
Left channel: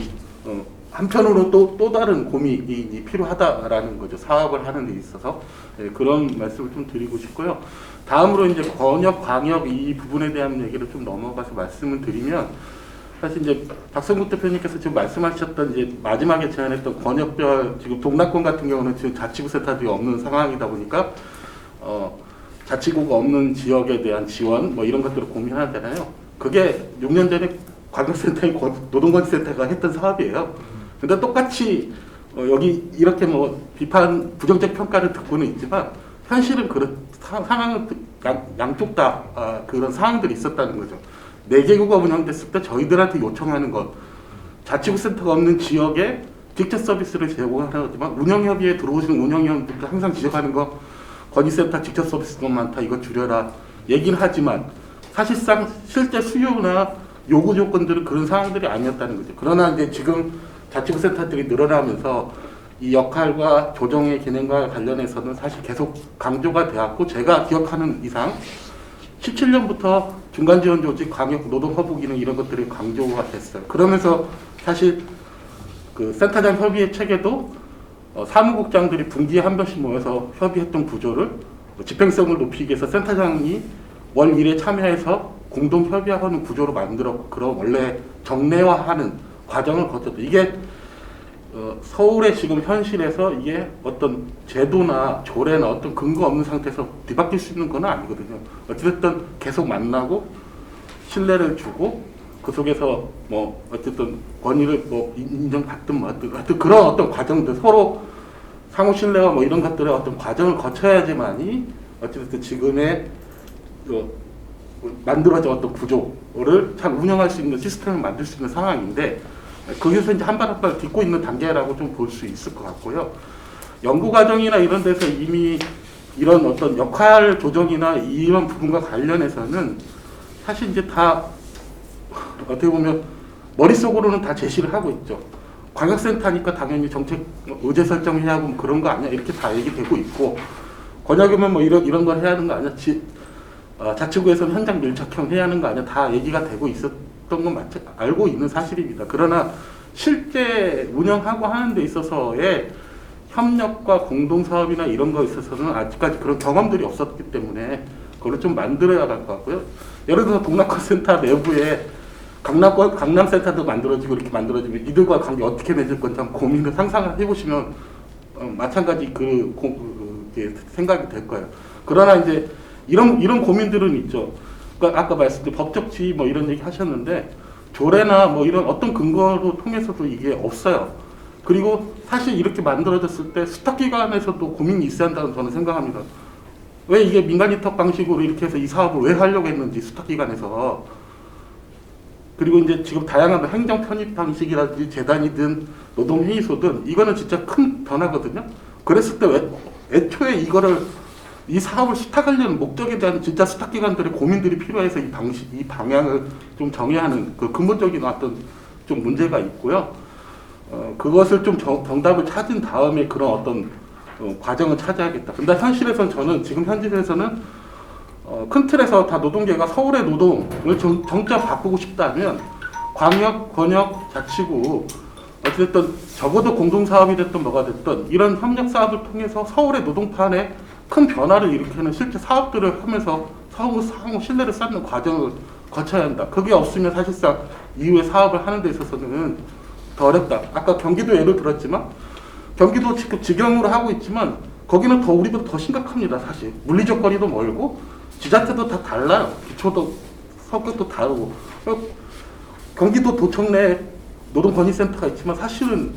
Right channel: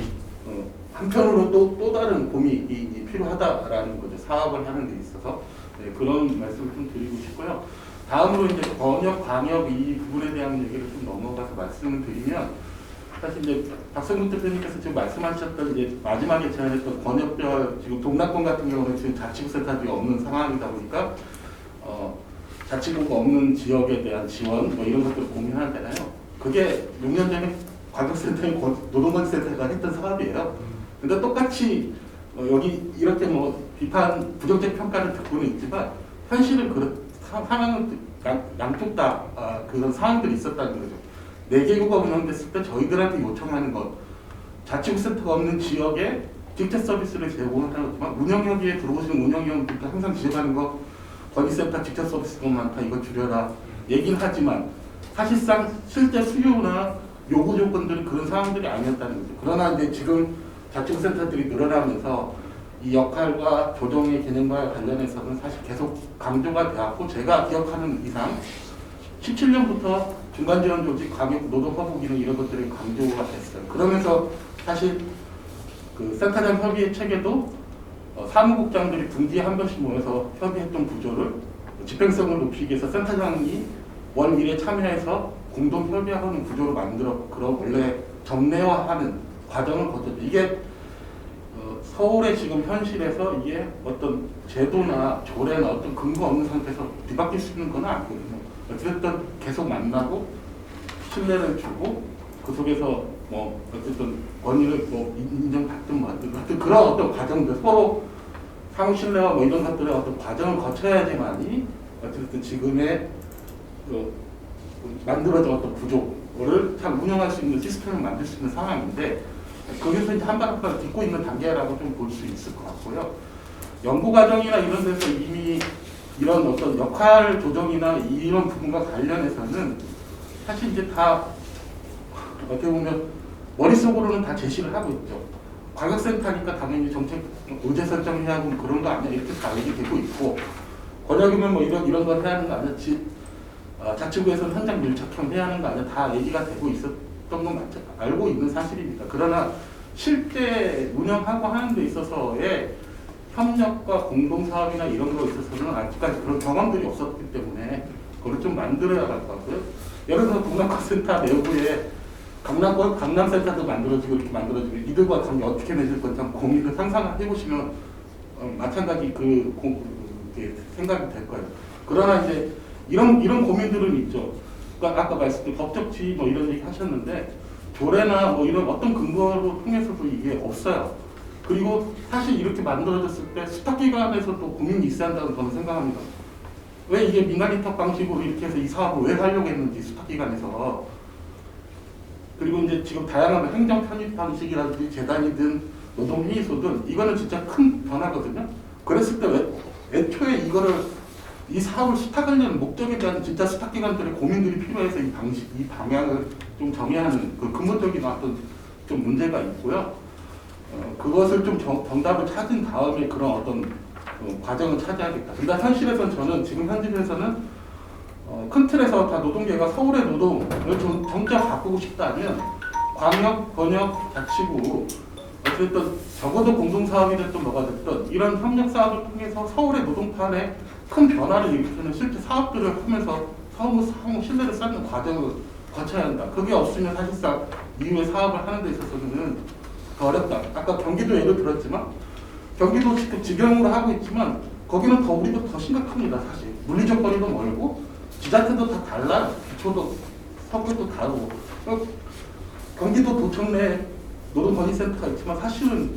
한편으로 또 다른 고민이 필요하다라는 거죠. 사업을 하는 데 있어서. 네, 그런 말씀을 좀 드리고 싶고요. 다음으로 이제 권역, 광역 이 부분에 대한 얘기를 좀 넘어가서 말씀을 드리면, 사실 이제 박성국 대표님께서 지금 말씀하셨던 이제 마지막에 제안했던 권역별, 지금 동남권 같은 경우는 지금 자치구 센터들이 없는 상황이다 보니까 자치구가 없는 지역에 대한 지원 뭐 이런 것들을 고민하잖아요. 그게 6년 전에 관광센터인 노동건센터가 했던 사업이에요. 근데 똑같이 여기 이렇게 뭐 비판, 부정적 평가를 듣고는 있지만 현실은 그런 상황은 양쪽 다 그런 상황들이 있었다는 거죠. 4개구가 운영됐을 때 저희들한테 요청하는 것, 자치구 센터가 없는 지역에 직접 서비스를 제공한다고 하지만 운영협의회에 들어오시는 운영위원들도 항상 지적하는 거, 건의센터 직접 서비스가 많다, 이거 줄여라 얘기를 하지만 사실상 실제 수요나 요구 조건들은 그런 상황들이 아니었다는 거죠. 그러나 이제 지금 자치구 센터들이 늘어나면서 이 역할과 조정의 기능과 관련해서는 사실 계속 강조가 되었고, 제가 기억하는 이상 17년부터 중간지원 조직, 광역 노동허브 기능 이런 것들이 강조가 됐어요. 그러면서 사실 그 센터장 협의회 체계도 사무국장들이 분기에 한 번씩 모여서 협의했던 구조를 집행성을 높이기 위해서 센터장이 월 1회 참여해서 공동 협의하는 구조로 만들어 그런 원래 정례화하는 과정을 거쳤죠. 이게 서울의 지금 현실에서 이게 어떤 제도나 조례나 어떤 근거 없는 상태에서 뒤바뀔 수 있는 건 아니거든요. 어쨌든 계속 만나고 신뢰를 주고 그 속에서 뭐 어쨌든 권위를 뭐 인정받든 뭐 하여튼 그런 어떤 과정들, 서로 상호 신뢰와 뭐 이런 것들의 어떤 과정을 거쳐야지만이 어쨌든 지금의 그 만들어진 어떤 구조를 잘 운영할 수 있는 시스템을 만들 수 있는 상황인데, 거기서 이제 한 발 한 발 딛고 있는 단계라고 좀 볼 수 있을 것 같고요. 연구 과정이나 이런 데서 이미 이런 어떤 역할 조정이나 이런 부분과 관련해서는 사실 이제 다 어떻게 보면 머릿속으로는 다 제시를 하고 있죠. 광역센터니까 당연히 정책 의제 설정해야 하고 그런 거 아니야, 이렇게 다 얘기되고 있고, 권역이면 뭐 이런 걸 해야 하는 거 아니야, 자치구에서는 현장 밀착형 해야 하는 거 아니야, 다 얘기가 되고 있었던 건 알고 있는 사실입니다. 그러나 실제 운영하고 하는 데 있어서의 협력과 공동사업이나 이런 거에 있어서는 아직까지 그런 경험들이 없었기 때문에 그걸 좀 만들어야 할 것 같고요. 예를 들어서 동남권센터 내부에 강남센터도 만들어지고 이렇게 만들어지고 이들과 관계 어떻게 맺을 건지 고민을 상상을 해보시면 마찬가지 생각이 될 거예요. 그러나 이제 이런 고민들은 있죠. 그러니까 아까 말씀드린 법적 지위 뭐 이런 얘기 하셨는데 조례나 뭐 이런 어떤 근거로 통해서도 이게 없어요. 그리고 사실 이렇게 만들어졌을 때 수탁기관에서도 고민이 있어야 한다고 저는 생각합니다. 왜 이게 민간인탁 방식으로 이렇게 해서 이 사업을 왜 하려고 했는지, 수탁기관에서 그리고 이제 지금 다양한 행정 편입 방식이라든지 재단이든 노동회의소든 이거는 진짜 큰 변화거든요. 그랬을 때 애초에 이 사업을 시작하려는 목적에 대한 진짜 스타기관들의 고민들이 필요해서 이 방향을 좀 정해야 하는 그 근본적인 어떤 좀 문제가 있고요. 그것을 좀 정답을 찾은 다음에 그런 어떤 과정을 찾아야겠다. 근데 현실에서는 저는 지금 현실에서는 큰 틀에서 다 노동계가 서울의 노동을 정자 바꾸고 싶다면 광역, 권역, 자치구 어쨌든 적어도 공동사업이 됐든 뭐가 됐든 이런 협력사업을 통해서 서울의 노동판에 큰 변화를 일으키는 실제 사업들을 하면서 상호 신뢰를 쌓는 과정을 거쳐야 한다. 그게 없으면 사실상 이후에 사업을 하는 데 있어서는 더 어렵다. 아까 경기도 예를 들었지만 경기도 지금 직영으로 하고 있지만 거기는 우리보다 더 심각합니다. 사실 물리적 거리도 멀고 지자체도 다 달라요. 기초도 성격도 다르고 경기도 도청 내 노동건의센터가 있지만 사실은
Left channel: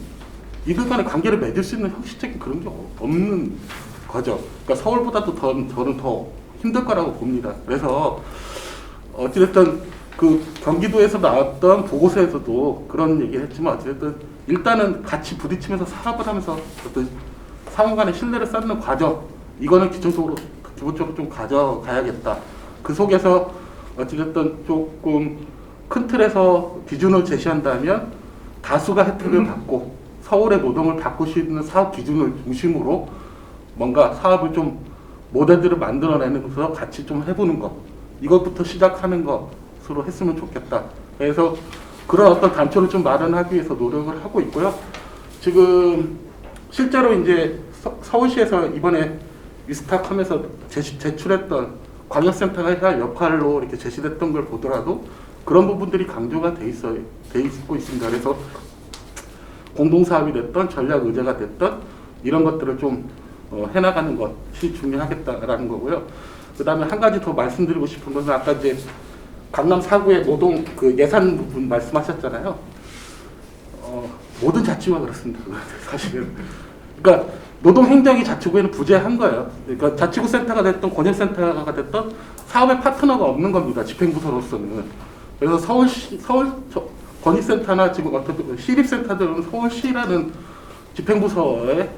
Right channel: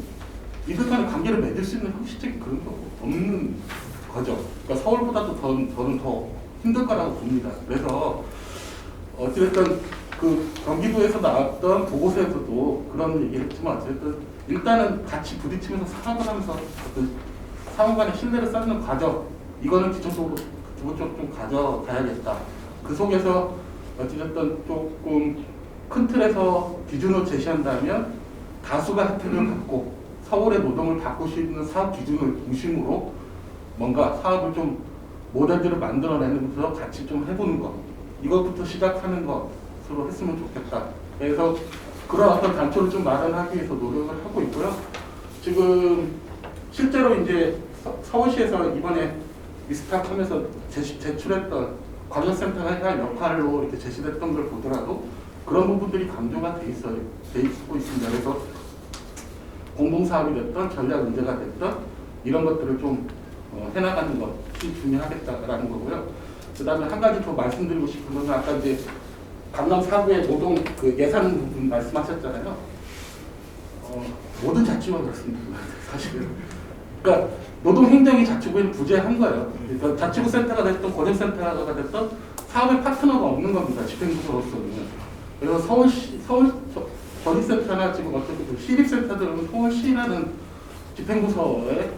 이들 간의 관계를 맺을 수 있는 형식적인 그런 게 없는 거죠. 그러니까 서울보다도 저는 더 힘들 거라고 봅니다. 그래서 어찌됐든 그 경기도에서 나왔던 보고서에서도 그런 얘기를 했지만 어쨌든 일단은 같이 부딪히면서 사업을 하면서 어떤 상호 간의 신뢰를 쌓는 과정 이거는 기본적으로 좀 가져가야겠다. 그 속에서 어찌됐든 조금 큰 틀에서 기준을 제시한다면 다수가 혜택을 받고 서울의 노동을 바꿀 수 있는 사업 기준을 중심으로 뭔가 사업을 좀 모델들을 만들어내면서 같이 좀 해보는 것 이것부터 시작하는 것으로 했으면 좋겠다. 그래서 그런 어떤 단초를 좀 마련하기 위해서 노력을 하고 있고요. 지금 실제로 이제 서울시에서 이번에 위스탁하면서 제출했던 광역센터가 해야 할 역할로 이렇게 제시됐던 걸 보더라도 그런 부분들이 강조가 돼 있고 있습니다. 그래서 공동사업이 됐던 전략 의제가 됐던 이런 것들을 좀 해나가는 것이 중요하겠다라는 거고요. 그다음에 한 가지 더 말씀드리고 싶은 건 아까 이제 강남 4구의 노동 그 예산 부분 말씀하셨잖아요. 모든 자치구가 그렇습니다. 사실은. 그러니까 노동행정이 자치구에는 부재한 거예요. 그러니까 자치구 센터가 됐던 권역센터가 됐던 사업의 파트너가 없는 겁니다. 집행부서로서는. 그래서 서울 권익센터나 지금 어떤 시립센터들은 서울시라는 집행부서에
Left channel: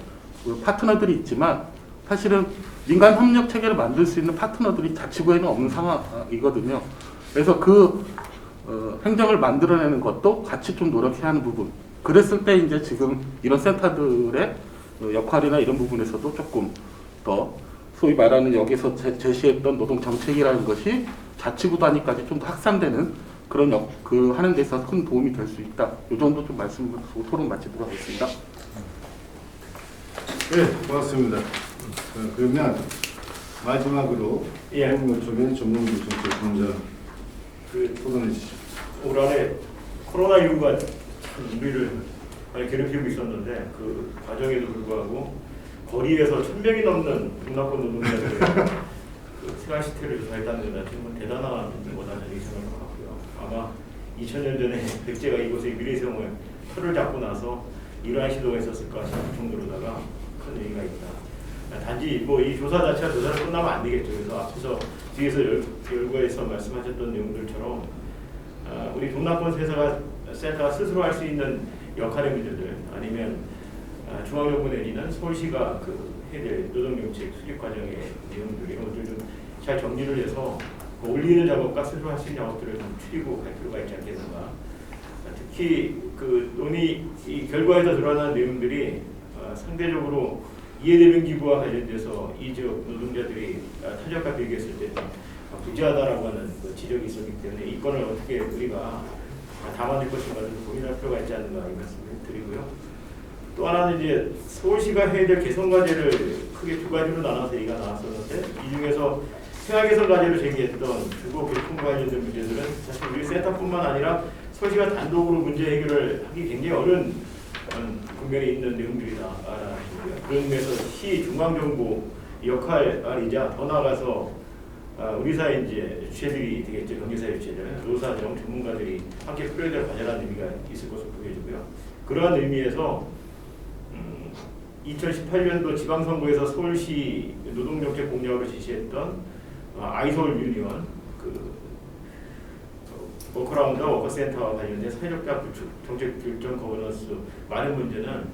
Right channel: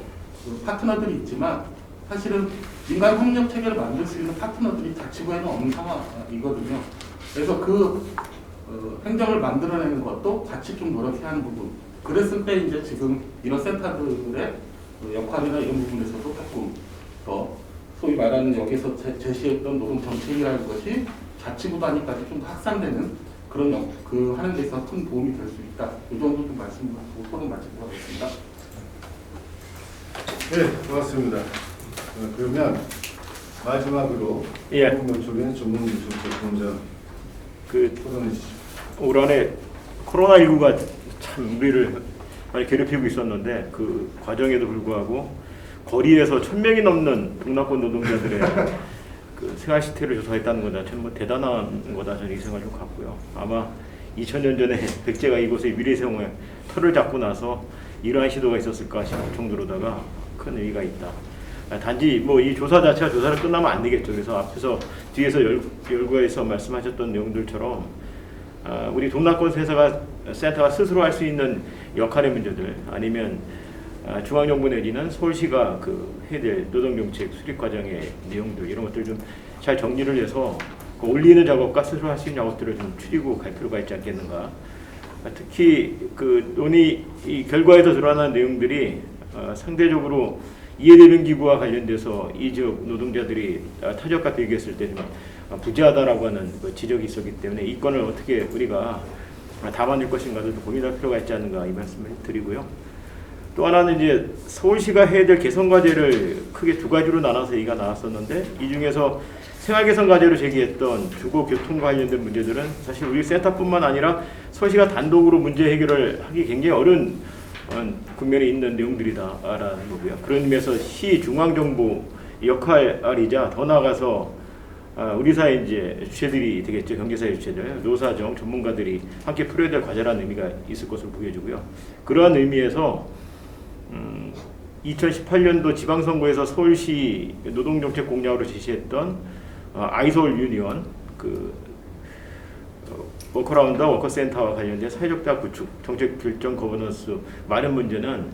파트너들이 있지만 사실은 민간 협력 체계를 만들 수 있는 파트너들이 자치구에는 없는 상황이거든요. 그래서 그 행정을 만들어내는 것도 같이 좀 노력해야 하는 부분. 그랬을 때 이제 지금 이런 센터들의 역할이나 이런 부분에서도 조금 더 소위 말하는 여기서 제시했던 노동 정책이라는 것이 자치구 단위까지 좀 확산되는 그런 하는 데 있어서 큰 도움이 될 수 있다. 이 정도 좀 말씀드리고 토론 마치도록 하겠습니다. 네, 고맙습니다. 그러면 마지막으로 노동노총의 전문기 정책본부장 토론해 주시죠. 올 한해 코로나19가 참 우리를 많이 괴롭히고 있었는데 그 과정에도 불구하고 거리에서 1000명이 넘는 동남권 노동자들의 그 생활 실태를 조사했다는 것 자체는 뭐 대단한 거다 저는 생각을 갖고요. 아마 2000년 전에 백제가 이곳의 미래생활 터를 잡고 나서 이러한 시도가 있었을까 싶을 정도로다가 큰 의의가 있다. 단지 뭐 이 조사 자체가 조사를 끝나면 안 되겠죠. 그래서 앞에서 뒤에서 열거에서 말씀하셨던 내용들처럼 우리 동남권 센터가 스스로 할 수 있는 역할의 문제들 아니면 중앙정부 내지는 서울시가 해야 될 노동정책 수립 과정의 내용들 이런 것들 좀 잘 정리를 해서 그 올리는 작업과 스스로 할 수 있는 작업들을 좀 추리고 갈 필요가 있지 않겠는가. 특히 그 논의 이 결과에서 드러난 내용들이 상대적으로 이해되는 기구와 관련돼서 이 지역 노동자들이 타격과 대기했을 때 좀 부재하다라고 하는 지적이 있었기 때문에 이 건을 어떻게 우리가 담아낼 것인가를 고민할 필요가 있지 않는가 이 말씀을 드리고요. 또 하나는 이제 서울시가 해야 될 개선 과제를 크게 두 가지로 나눠서 얘기가 나왔었는데 이 중에서 생활 개선 과제로 제기했던 주거 교통 관련된 문제들은 사실 우리 센터뿐만 아니라 서울시가 단독으로 문제 해결을 하기 굉장히 어려운 국면에 있는 내용들이다라는 거고요. 그런 의미에서 시 중앙정부 역할이자 더 나아가서 우리 사회 이제 주체들이 되겠죠. 경제사회 주체들, 노사정 전문가들이 함께 풀어야 될 과제라는 의미가 있을 것으로 보여지고요. 그러한 의미에서 2018년도 지방선거에서 서울시 노동정책 공약으로 제시했던 아이서울 유니언 워커라운드와 워커센터와 관련된 사회적 대화 구축, 정책 결정 거버넌스 많은 문제는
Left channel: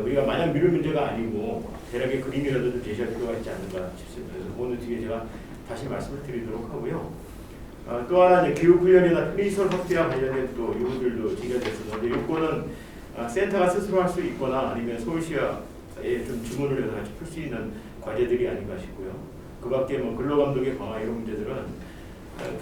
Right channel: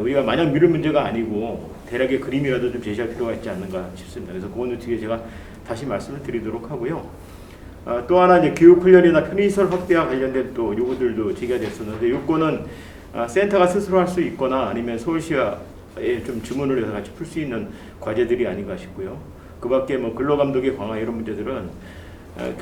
우리가 마냥 미룰 문제가 아니고 대략의 그림이라도 좀 제시할 필요가 있지 않는가 싶습니다. 그래서 그거는 뒤에 제가 다시 말씀을 드리도록 하고요. 또 하나 이제 교육 훈련이나 편의시설 확대와 관련된 또 요구들도 제기가 됐었는데 요거는 센터가 스스로 할 수 있거나 아니면 서울시와의 좀 주문을 해서 같이 풀 수 있는 과제들이 아닌가 싶고요. 그밖에 뭐 근로감독의 강화 이런 문제들은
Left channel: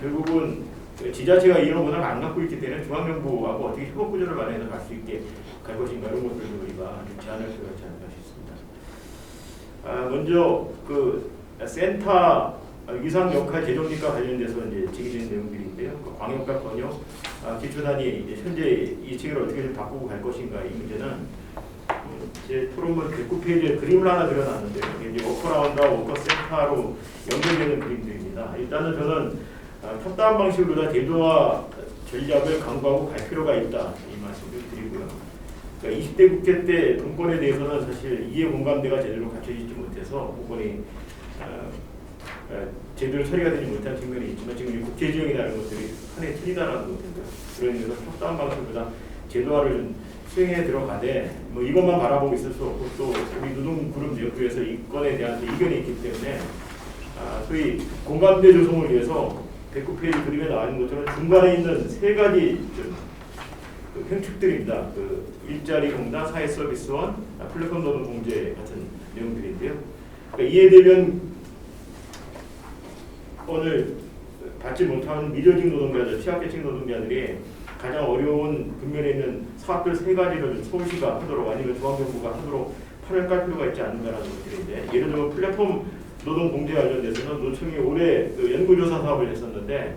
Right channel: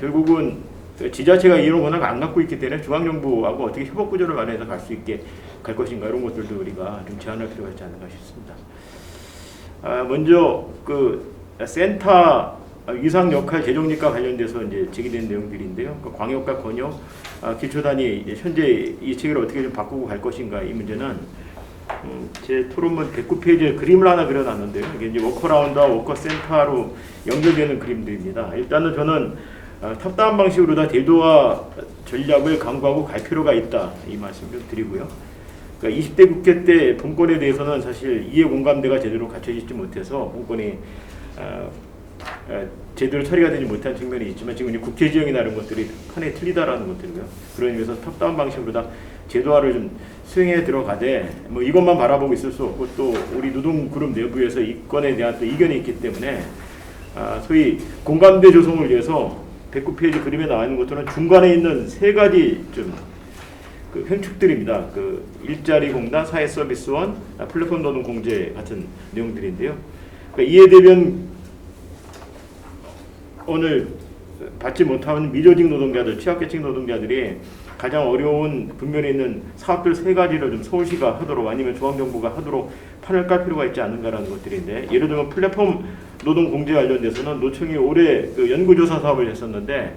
결국은 지자체가 이런 워낙 안 갖고 있기 때문에 중앙정부하고 어떻게 협업 구조를 마련해서 갈 수 있게 갈 것인가 이런 것들도 우리가 좀 제안할 필요가 있지 않는가 싶습니다. 먼저 그 센터 위상 역할 재정립과 관련돼서 이제 제기된 내용들인데요. 그 광역과 번역, 기초단위 이제 현재 이 체계를 어떻게 좀 바꾸고 갈 것인가 이 문제는 제 토론문 109페이지에 그림을 하나 그려놨는데요. 이게 이제 워커라운드와 워커센터로 연결되는 그림들입니다. 일단은 저는 탑다운 방식으로 다 제도와 전략을 강구하고 갈 필요가 있다 이 말씀 좀 드리고요. 그러니까 20대 국회 때 본권에 대해서는 사실 이해 공감대가 제대로 갖춰지지 못해서 본권이 제대로 처리가 되지 못한 측면이 있지만 지금 이제 국회 지형이나 이런 것들이 판에 틀리다라는 것들이고요. 그런 의미에서 탑다운 방식보다 제도화를 좀 수행해 들어가되 뭐 이것만 바라보고 있을 수 없고 또 우리 노동그룹 내부에서 이 건에 대한 또 이견이 있기 때문에 소위 공감대 조성을 위해서 109페이지 그림에 나와 있는 것처럼 중간에 있는 세 가지 좀 그 현축들입니다. 그 일자리 공단, 사회서비스원, 플랫폼 노동 공제 같은 내용들인데요. 그러니까 이에 대면 오늘 받지 못하는 미조직 노동자들, 취약계층 노동자들이 가장 어려운 국면에 있는 사업들 세 가지를 좀 서울시가 하도록 아니면 중앙정부가 하도록 판을 깔 필요가 있지 않는가라는 것들인데 예를 들면 플랫폼 노동 공제 관련돼서는 노총이 올해 그 연구조사 사업을 했었는데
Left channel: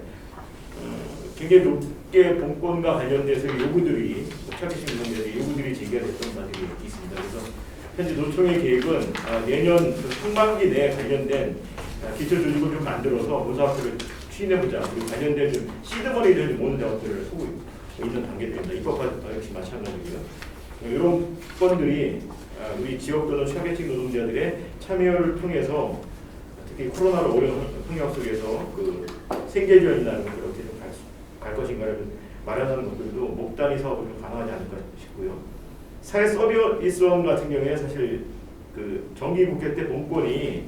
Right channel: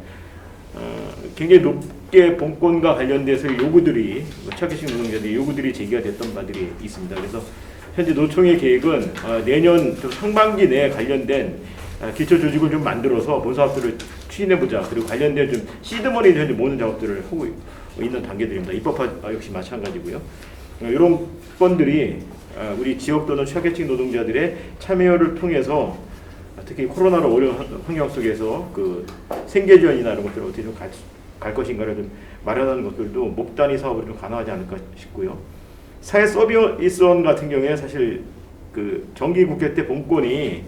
굉장히 높게 본권과 관련돼서 요구들이 취약계층 노동자들의 요구들이 제기가 됐던 바들이 있습니다. 그래서 현재 노총의 계획은 내년 상반기 내에 관련된 기초 조직을 좀 만들어서 본사업들을 추진해보자. 그리고 관련된 좀 시드머니를 현재 모으는 작업들을 하고 있는 단계들입니다. 입법화 역시 마찬가지고요. 이런 건들이 우리 지역 또는 취약계층 노동자들의 참여를 통해서 특히 코로나로 어려운 환경 속에서 그 생계 지원이나 이런 것들을 어떻게 좀 갈 것인가를 좀 마련하는 것들도 목 단위 사업을 좀 가능하지 않을까 싶고요. 사회 서비스원 같은 경우에 사실 그 정기 국회 때 본권이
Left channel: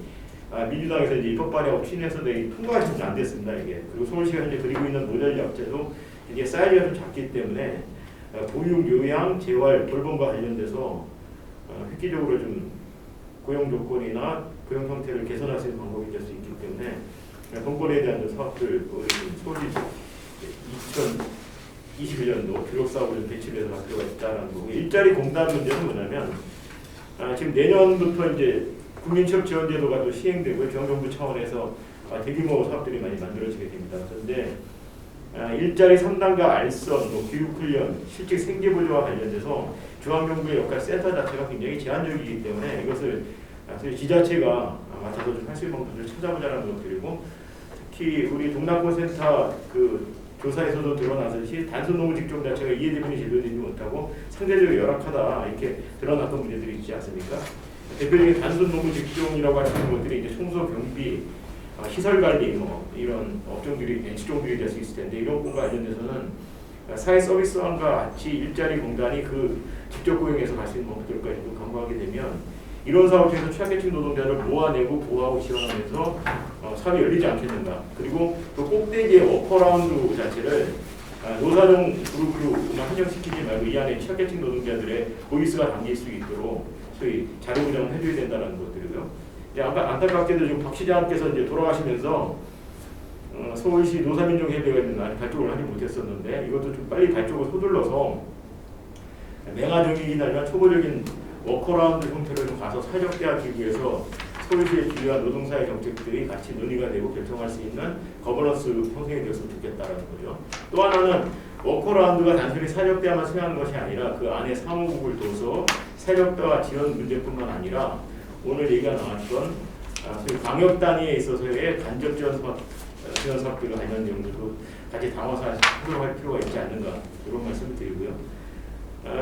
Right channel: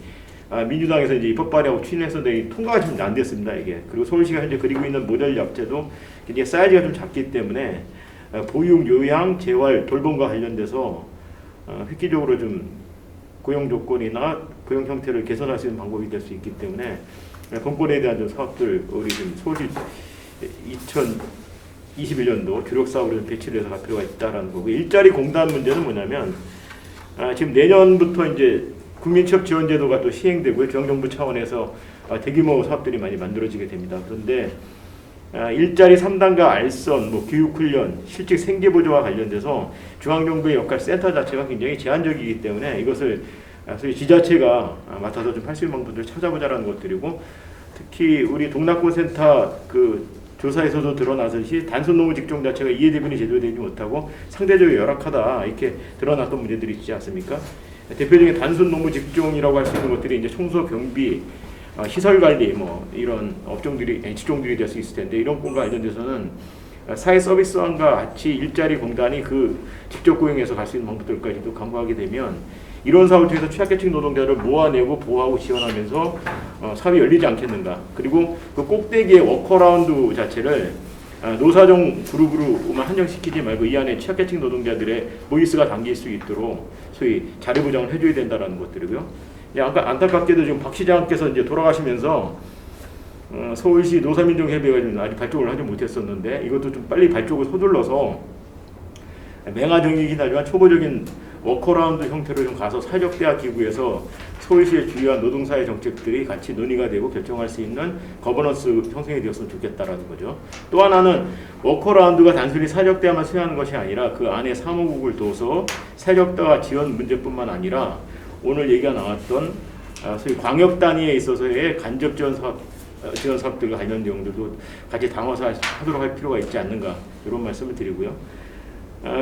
민주당에서 이제 입법 발의하고 추진해서 통과가 좀 안 됐습니다. 이게 그리고 서울시가 현재 그리고 있는 모델 약제도 이게 사이즈가 좀 작기 때문에 보육, 요양, 재활, 돌봄과 관련돼서 획기적으로 좀 고용 조건이나 고용 형태를 개선할 수 있는 방법이 될 수 있기 때문에 본권에 대한 좀 사업들 우리 서울시 2021년도 주력 사업을 배치를 해서 갈 필요가 있다라는 거고 일자리 공단 문제는 뭐냐면 지금 내년부터 이제 국민취업지원제도가 또 시행되고요. 중앙정부 차원에서 대규모 사업들이 많이 만들어지게 됩니다. 그런데 일자리 3단과 알선, 뭐 교육훈련, 실직 생계보조와 관련돼서 중앙정부의 역할 센터 자체가 굉장히 제한적이기 때문에 이것을 소위 지자체가 맡아서 좀 할 수 있는 방법들을 찾아보자라는 것들이고 특히 우리 동남권센터 그 조사에서도 드러나듯이 단순 노무 직종 자체가 이해 대분이 제대로 되지 못하고 상대적으로 열악하다 이렇게 드러났던 문제들이 있지 않습니까? 대표적인 단순 노무 직종이라고 할 수 있는 것들이 이제 청소, 경비, 시설 관리 뭐 이런 업종들이 직종들이 될 수 있을 텐데 이런 것과 관련돼서는 사회 서비스원과 같이 일자리 공단이 그 직접 고용해서 갈 수 있는 방법들까지도 강구하게 되면 이런 사업을 통해서 취약계층 노동자를 모아내고 보호하고 지원하면서 사업이 열리지 않겠는가. 그리고 그 꼭대기의 워커라운드 자체를 노사정 그룹으로만 한정시키지 말고 이 안에 취약계층 노동자들의 보이스가 담길 수 있도록 소위 자료 보장을 해줘야 된다는 것들이고요. 아까 안타깝게도 지금 박 시장께서 이제 돌아가시면서 서울시 노사민정협의회가 아직 발족을 하지 못했었는데 이것도 좀 빨리 발족을 서둘러서 맹하정이긴 하지만 초보적인 워커라운드 형태로 좀 가서 사회적 대화 기구에서 서울시의 주요한 노동사회 정책들이 같이 논의가 되고 결정할 수 있는 거버넌스 형성이 되었으면 좋겠다라는 거죠. 또 하나는 워커라운드가 단순히 사회적 대화만 수행하는 것이 아니라 그 안에 사무국을 둬서 사회적 대화 지원 문제뿐만 아니라 오늘 얘기가 나왔던 소위 광역 단위에 있어서의 간접 지원 사업들과 관련 내용들도 같이 담아서 하도록 할 필요가 있지 않는가 이런 말씀을 드리고요.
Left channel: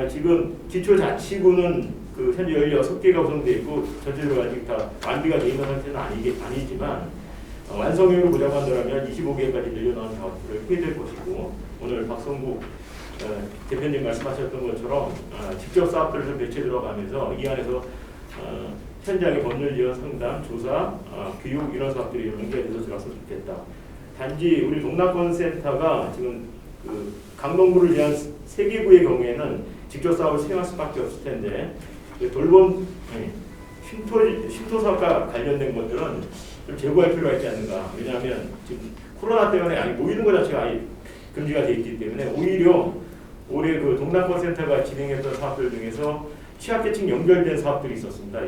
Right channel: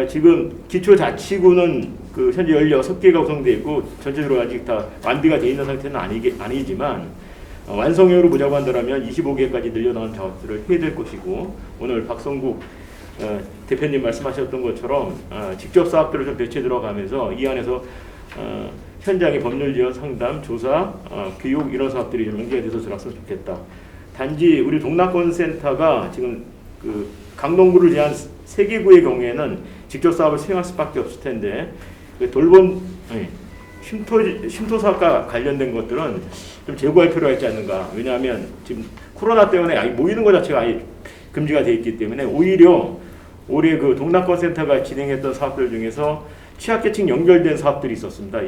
지금 기초자치구는 그 현재 16개가 구성되어 있고 전체적으로 아직 다 완비가 되어 있는 상태는 아니지만 완성형으로 보자고 한다면 25개까지 늘려나온 사업들을 해야 될 것이고 오늘 박성국 대표님 말씀하셨던 것처럼 직접 사업들을 좀 배치해 들어가면서 이 안에서 현장의 법률 지원 상담, 조사, 교육 이런 사업들이 좀 연계돼서 들어갔으면 좋겠다. 단지 우리 동남권 센터가 지금 그 강동구를 위한 3개구의 경우에는 직접 사업을 수행할 수밖에 없을 텐데 그 돌봄 쉼터 사업과 관련된 것들은 좀 제고할 필요가 있지 않는가. 왜냐하면 지금 코로나 때문에 아예 모이는 것 자체가 아예 금지가 되어 있기 때문에 오히려 올해 그 동남권 센터가 진행했던 사업들 중에서 취약계층 연결된 사업들이 있었습니다.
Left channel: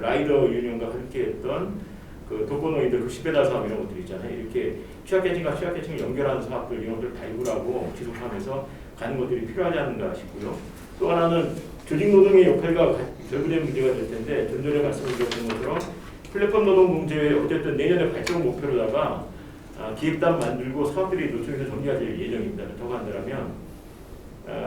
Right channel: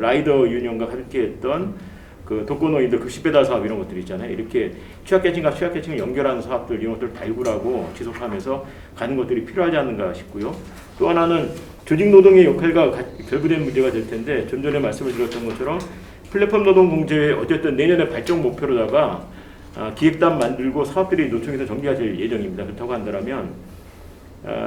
라이더 유니온과 함께했던 그 독거노인들 급식 배달 사업 이런 것들 있잖아요. 이렇게 취약계층과 취약계층을 연결하는 사업들 이런 것들을 발굴하고 지속하면서 가는 것들이 필요하지 않는가 싶고요. 또 하나는 조직노동의 역할과 결부된 문제가 될 텐데 좀 전에 말씀을 드렸던 것처럼 플랫폼 노동 공제에 어쨌든 내년에 발전 목표로다가 기획단 만들고 사업들이 노총에서 전개가 될 예정입니다. 그렇다고 한다면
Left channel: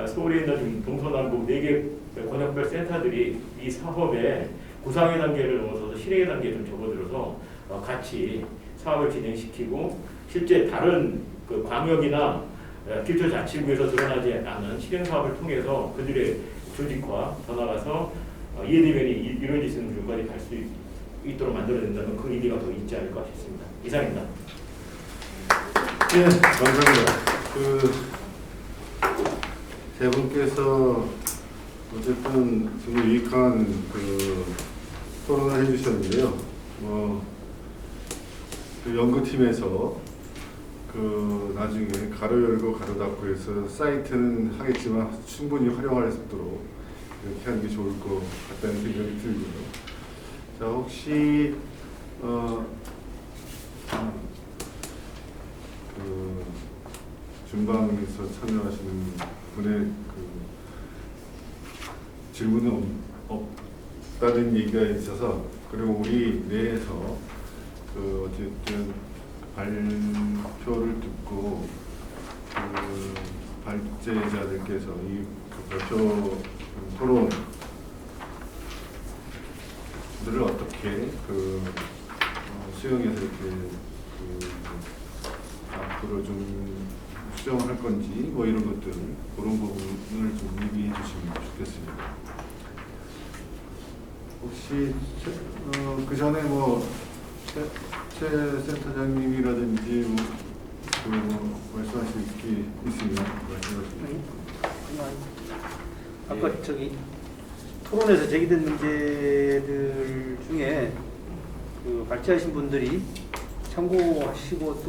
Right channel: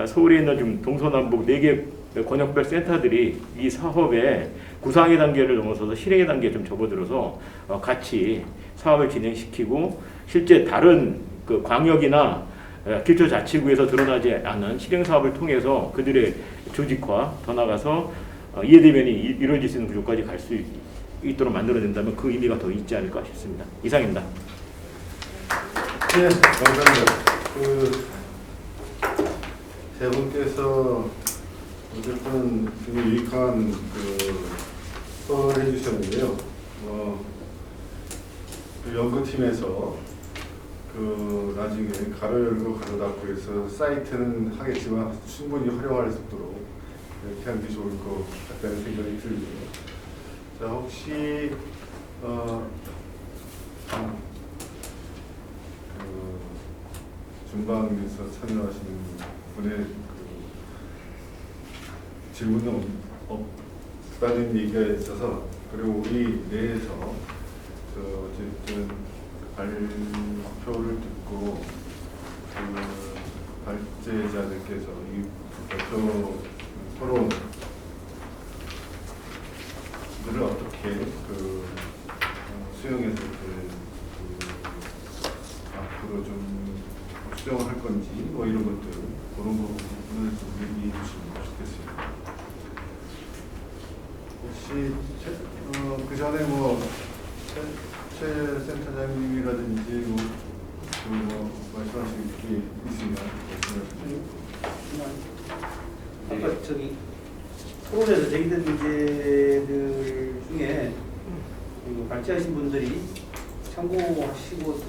서울에 있는 지금 동서남북 4개 권역별 센터들이 이 사업의 구상의 단계를 넘어서서 실행의 단계에 좀 접어들어서 같이 사업을 진행시키고 실제 다른 그 광역이나 기초자치구에서 드러나지 않은 실행 사업을 통해서 그들의 조직화 더 나가서 이해대면이 이루어질 수 있는 구조까지 갈 수 있도록 만들어낸다면 그 의미가 더 있지 않을까 싶습니다. 이상입니다. 네, 감사합니다. 세 분께서 어쨌든 굉장히 유익한 토론을 해주셨는데요. 그 연구팀에서 나중에 가로 열고 가로 닫고 해서 사이트는 하겠지만 충분히 활용할 수 있도록 이렇게 하는 게 좋을 것 같다는 생각이 들고요. 자, 혹시 중방에서 참여하시는 분의 질문은 없다는 얘기가 있어서, 그리고 우리 내에서 어쨌든 발표를 듣고 발제자들께서 이 발표 토론들을 어떻게 수용해서 이렇게 앞으로 좀 수정을 할 건지 이런 것들, 그런 부분을 좀 얘기해 주시면 좋겠습니다. 혹시 그 전에 최 센터장님이라든지 말씀하실 게 있으면 말씀하시면 좋고. 아까 토론에서 제기된 문제들 중에 발제하신 분들이 참고하시고 또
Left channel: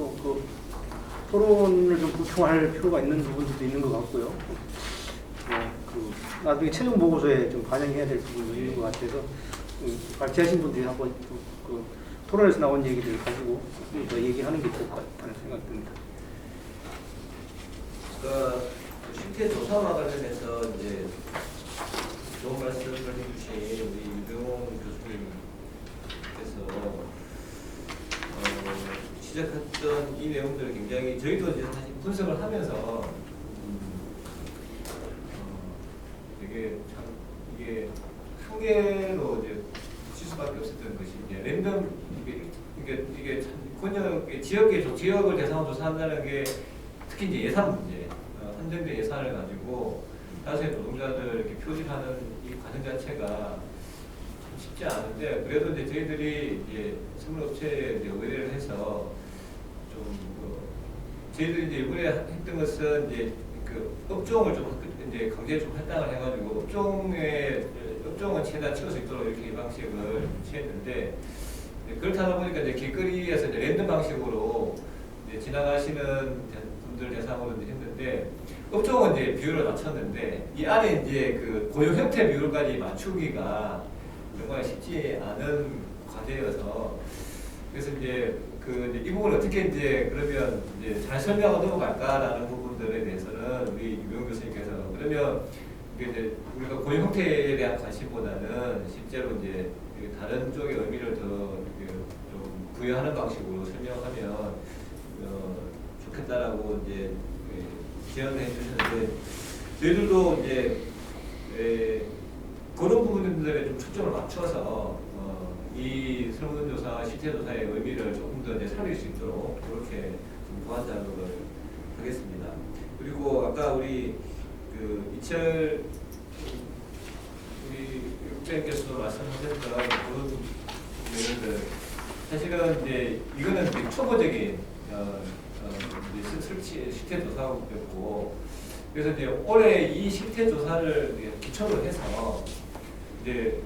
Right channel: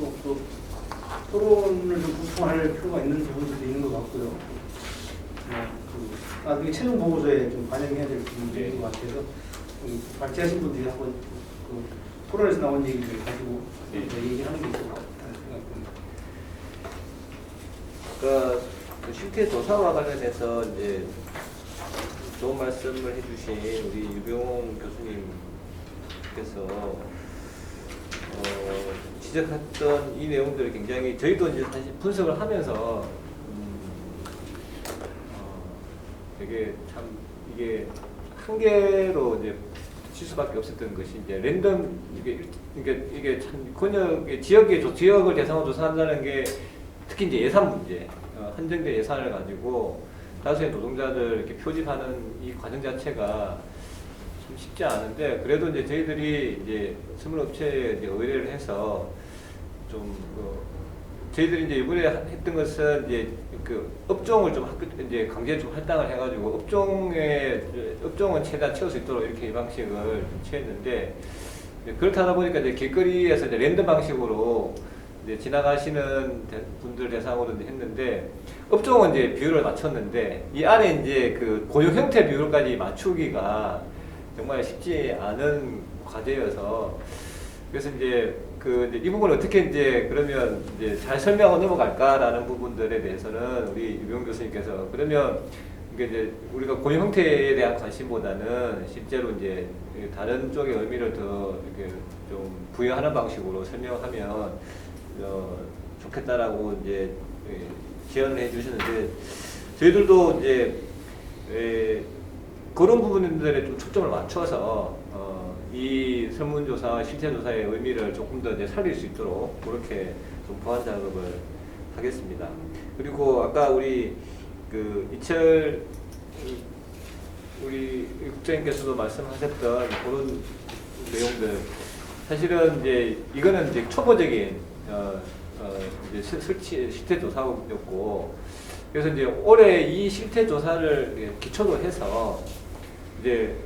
토론을 좀 구성할 필요가 있는 부분들이 있는 것 같고요. 나중에 최종 보고서에 좀 반영해야 될 부분인 것 같아서 발제하신 분들이 한번 토론에서 나온 얘기를 가지고 얘기하는 게 있을 것 같다는 생각입니다. 실태 조사와 관련해서 이제 좋은 말씀을 해주신 우리 유병홍 교수님께서 지적했던 이 내용들을 굉장히 저희도 이제 사실 분석을 하면서 되게 참 이게 한계로 이제 칠 수밖에 없었던 것이 이제 랜덤 이게 참 권역의 지역을 대상으로 조사한다는 게 특히 이제 예산 문제, 한정된 예산을 가지고 다수의 노동자들 이렇게 표집하는 이 과정 자체가 참 쉽지 않은데, 그래도 이제 저희들이 이제 선물업체에 의뢰를 해서 좀 저희들이 이제 이번에 했던 것은 이제 업종을 좀 이제 강제 좀 할당을 해가지고 업종은 최대한 채울 수 있도록 이렇게 이 방식을 취했는데, 그렇다 보니까 이제 길거리에서 이제 랜덤 방식으로 이제 지나가시는 분들 대상으로 했는데, 업종은 이제 비율을 맞췄는데 이 안에 이제 고용 형태 비율까지 맞추기가 정말 쉽지 않은 과제여서, 그래서 이제 이 부분을 어떻게 이제 그러면 이제 잘 설명하고 넘어갈까라는 부분들에 대해서는 우리 유병 교수님께서 그러면 이제 우리가 고용 형태에 대한 관심보다는 실제로 이제 다른 쪽의 의미를 더 이렇게 좀 부여하는 방식으로 설명하면 좋겠다라고 이제 지원을 해주시는데, 저희들도 이제 그런 부분들에 좀 초점을 맞춰서 이 설문조사, 실태조사의 의미를 조금 더 이제 살릴 수 있도록 그렇게 좀 보완 작업을 하겠습니다. 그리고 아까 우리 이철 우리 국장님께서도 말씀하셨던 그런 내용들, 사실은 이제 이거는 이제 초보적인 이제 실태 조사였고, 그래서 이제 올해 이 실태 조사를 이제 기초로 해서 이제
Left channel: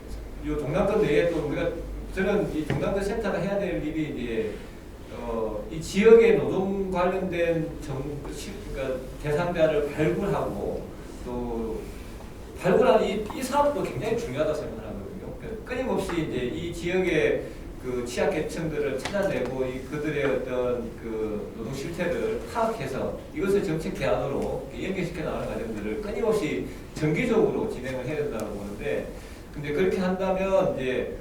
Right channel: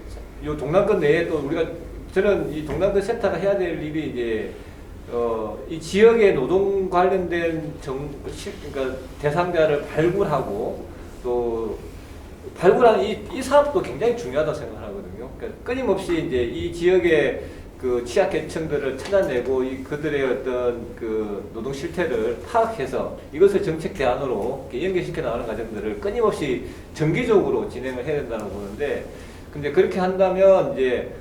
이 동남권 내에도 우리가, 저는 이 동남권 센터가 해야 될 일이 이제 이 지역의 노동 관련된 그러니까 대상자를 발굴하고, 또 발굴하는 이 사업도 굉장히 중요하다고 생각하거든요. 그러니까 끊임없이 이제 이 지역의 그 취약계층들을 찾아내고 그들의 어떤 그 노동 실태를 파악해서 이것을 정책 대안으로 연계시켜 나가는 과정들을 끊임없이 정기적으로 진행을 해야 된다고 보는데, 근데 그렇게 한다면 이제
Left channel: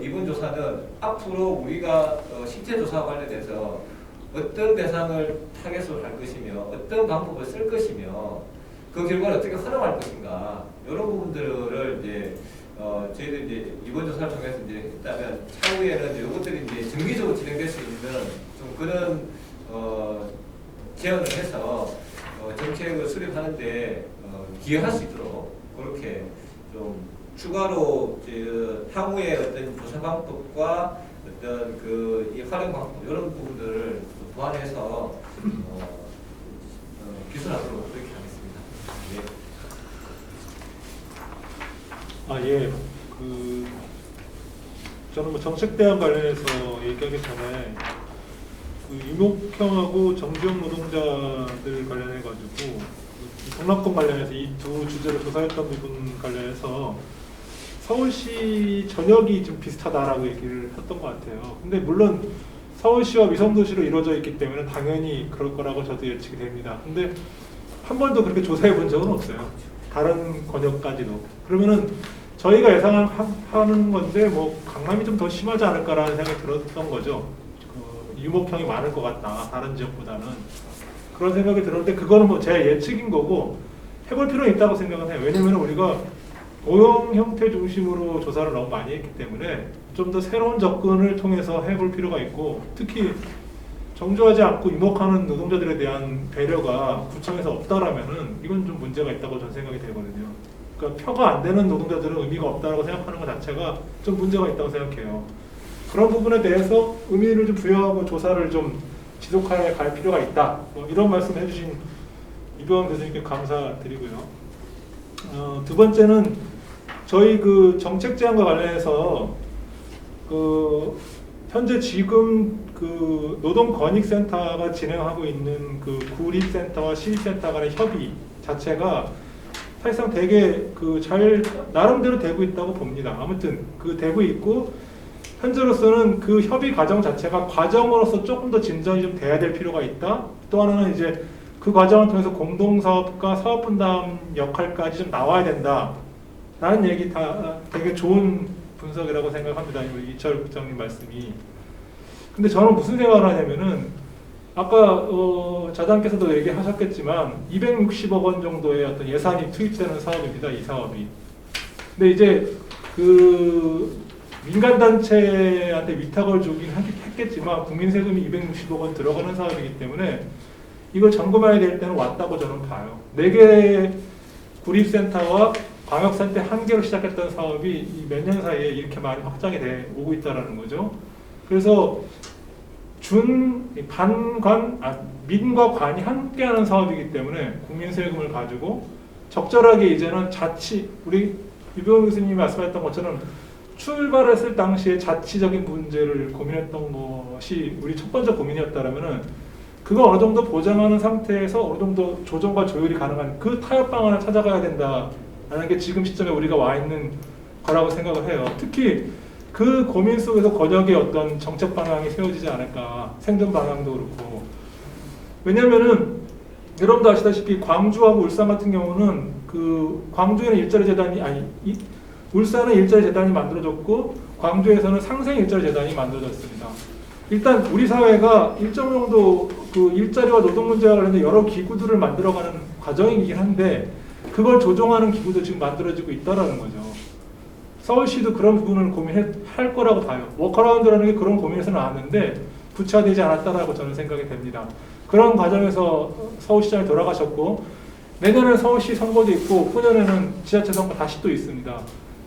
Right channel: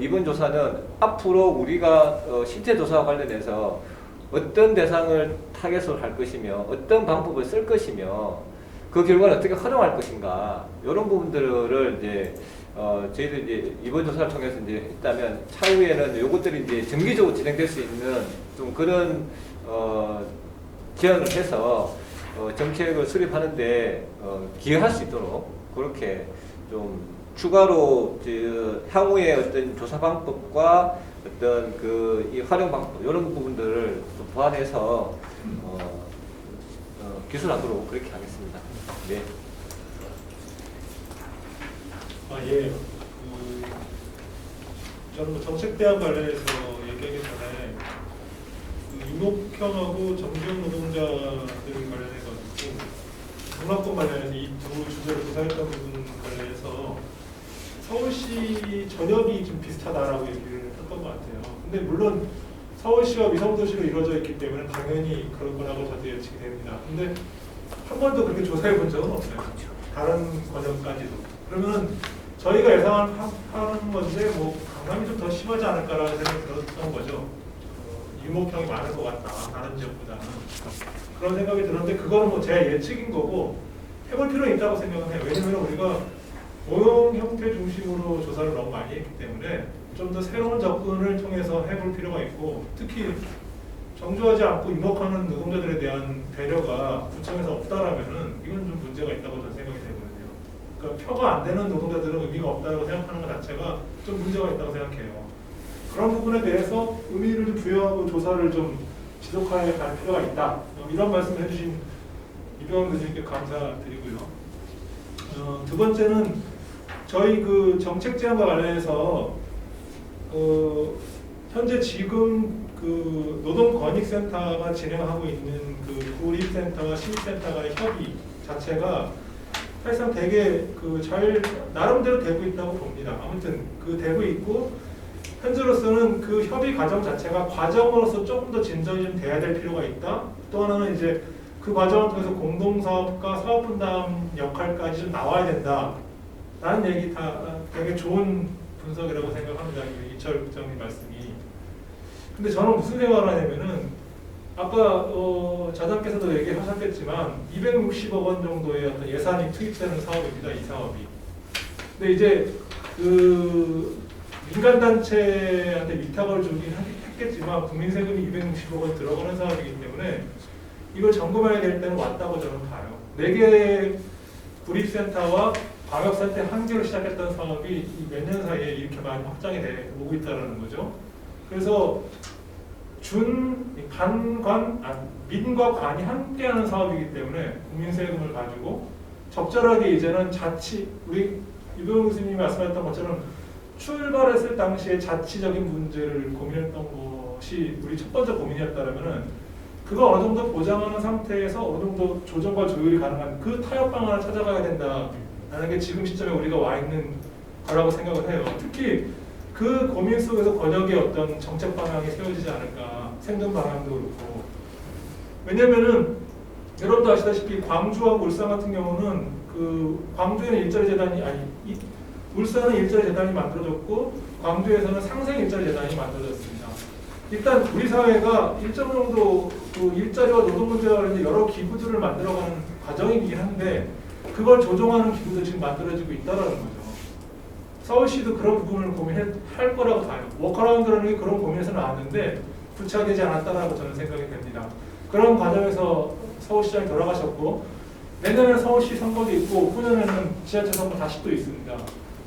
이번 조사는 앞으로 우리가 실태 조사와 관련해서 어떤 대상을 타겟으로 할 것이며 어떤 방법을 쓸 것이며 그 결과를 어떻게 활용할 것인가, 이런 부분들을 이제 저희들이 이제 이번 조사를 통해서 이제 했다면 차후에는 이것들이 이제 정기적으로 진행될 수 있는 좀 그런 제안을 해서 정책을 수립하는데 기여할 수 있도록 그렇게 좀 추가로 향후의 어떤 조사 방법과 어떤 이 활용 방법, 이런 부분들을 보완해서 기술하도록 그렇게 하겠습니다. 네. 예. 저는 뭐 정책 대안 관련해서 얘기하기 전에 유목형하고 정지형 노동자들 관련해가지고 동남권 관련해서 이 두 주제를 조사했던 부분 관련해서 서울시 전역이 좀 비슷하다라고 얘기를 했던 것 같아요. 근데 물론 서울시와 위성도시로 이루어져 있기 때문에 당연히 그럴 거라고 저도 예측이 됩니다. 근데 한 번도 그렇게 조사해 본 적은 없어요. 다른 권역까지도. 그러면은 저희가 예상하는 건데 뭐 강남이 좀 더 심하지 않을까라는 생각이 들었던 거죠. 유목형이 많을 것 같다, 다른 지역보다는. 그런 생각이 들었는데 그거는 뭐 제 예측인 거고 해볼 필요는 있다고 생각은 해요. 왜냐면 우리가 고용 형태 중심으로 조사를 너무 많이 했기 때문에 좀 더 새로운 접근을 통해서 해볼 필요가 있고, 특히 정조하지 않고 유목하는 노동자들에 대한 배려가 구청에서 없다라면은 이건 좀 문제가 있다고 저는 생각이 되거든요. 그러니까 표가 안 되는 노동자들은 의미가 없다고 생각하는 것 자체가 좀 문제가 있다고 생각해요. 그런 부분에 대해서 의미를 좀 부여하고 조사를 좀 지속해 갈 필요가 있다. 이런 말씀을 해주신 이병헌 교수님께 감사드리고요. 두 번째는 저희 정책 제안과 관련해서 현재 지금 노동권익센터가 진행하고 있는 구립센터와 시립센터 간의 협의 자체가 사실상 되게 잘 나름대로 되고 있다고 봅니다. 아무튼 되고 있고, 현재로서는 그 협의 과정 자체가 과정으로서 조금 더 진전이 좀 돼야 될 필요가 있다. 또 하나는 이제 그 과정을 통해서 공동사업과 사업분담 역할까지 좀 나와야 된다. 라는 얘기 다 되게 좋은 분석이라고 생각합니다. 이철 국장님 말씀이. 근데 저는 무슨 생각을 하냐면은 아까 자장께서도 얘기하셨겠지만 260억 원 정도의 어떤 예산이 투입되는 사업입니다. 이 사업이. 근데 이제 민간 단체한테 위탁을 주긴 했겠지만 국민 세금이 260억 원 들어가는 사업이기 때문에 이걸 점검해야 될 때는 왔다고 저는 봐요. 4개의 구립센터와 방역센터 1개로 시작했던 사업이 몇 년 사이에 이렇게 많이 확장이 돼 오고 있다는 거죠. 그래서 민과 관이 함께하는 사업이기 때문에 국민 세금을 가지고 적절하게 이제는 우리 유병헌 교수님이 말씀하셨던 것처럼 출발했을 당시에 자치적인 문제를 고민했던 것이 우리 첫 번째 고민이었다면은 그거 어느 정도 보장하는 상태에서 어느 정도 조정과 조율이 가능한 그 타협 방안을 찾아가야 된다라는 게 지금 시점에 우리가 와 있는 거라고 생각을 해요. 특히 그 고민 속에서 권역의 어떤 정책 방향이 세워지지 않을까, 생존 방향도 그렇고. 왜냐면은 여러분도 아시다시피 광주하고 울산 같은 경우는 광주에는 일자리 재단이 울산은 일자리 재단이 만들어졌고 광주에서는 상생 일자리 재단이 만들어졌습니다. 일단 우리 사회가 일정 정도 일자리와 노동 문제와 관련된 여러 기구들을 만들어가는 과정이긴 한데 그걸 조정하는 기구도 지금 만들어지고 있다라는 거죠. 서울시도 그런 부분을 고민할 거라고 봐요. 워커라운드라는 게 그런 고민에서 나왔는데 구체화되지 않았다라고 저는 생각이 됩니다. 그런 과정에서 서울시장이 돌아가셨고 내년에는 서울시 선거도 있고 후년에는 지자체 선거 다시 또 있습니다.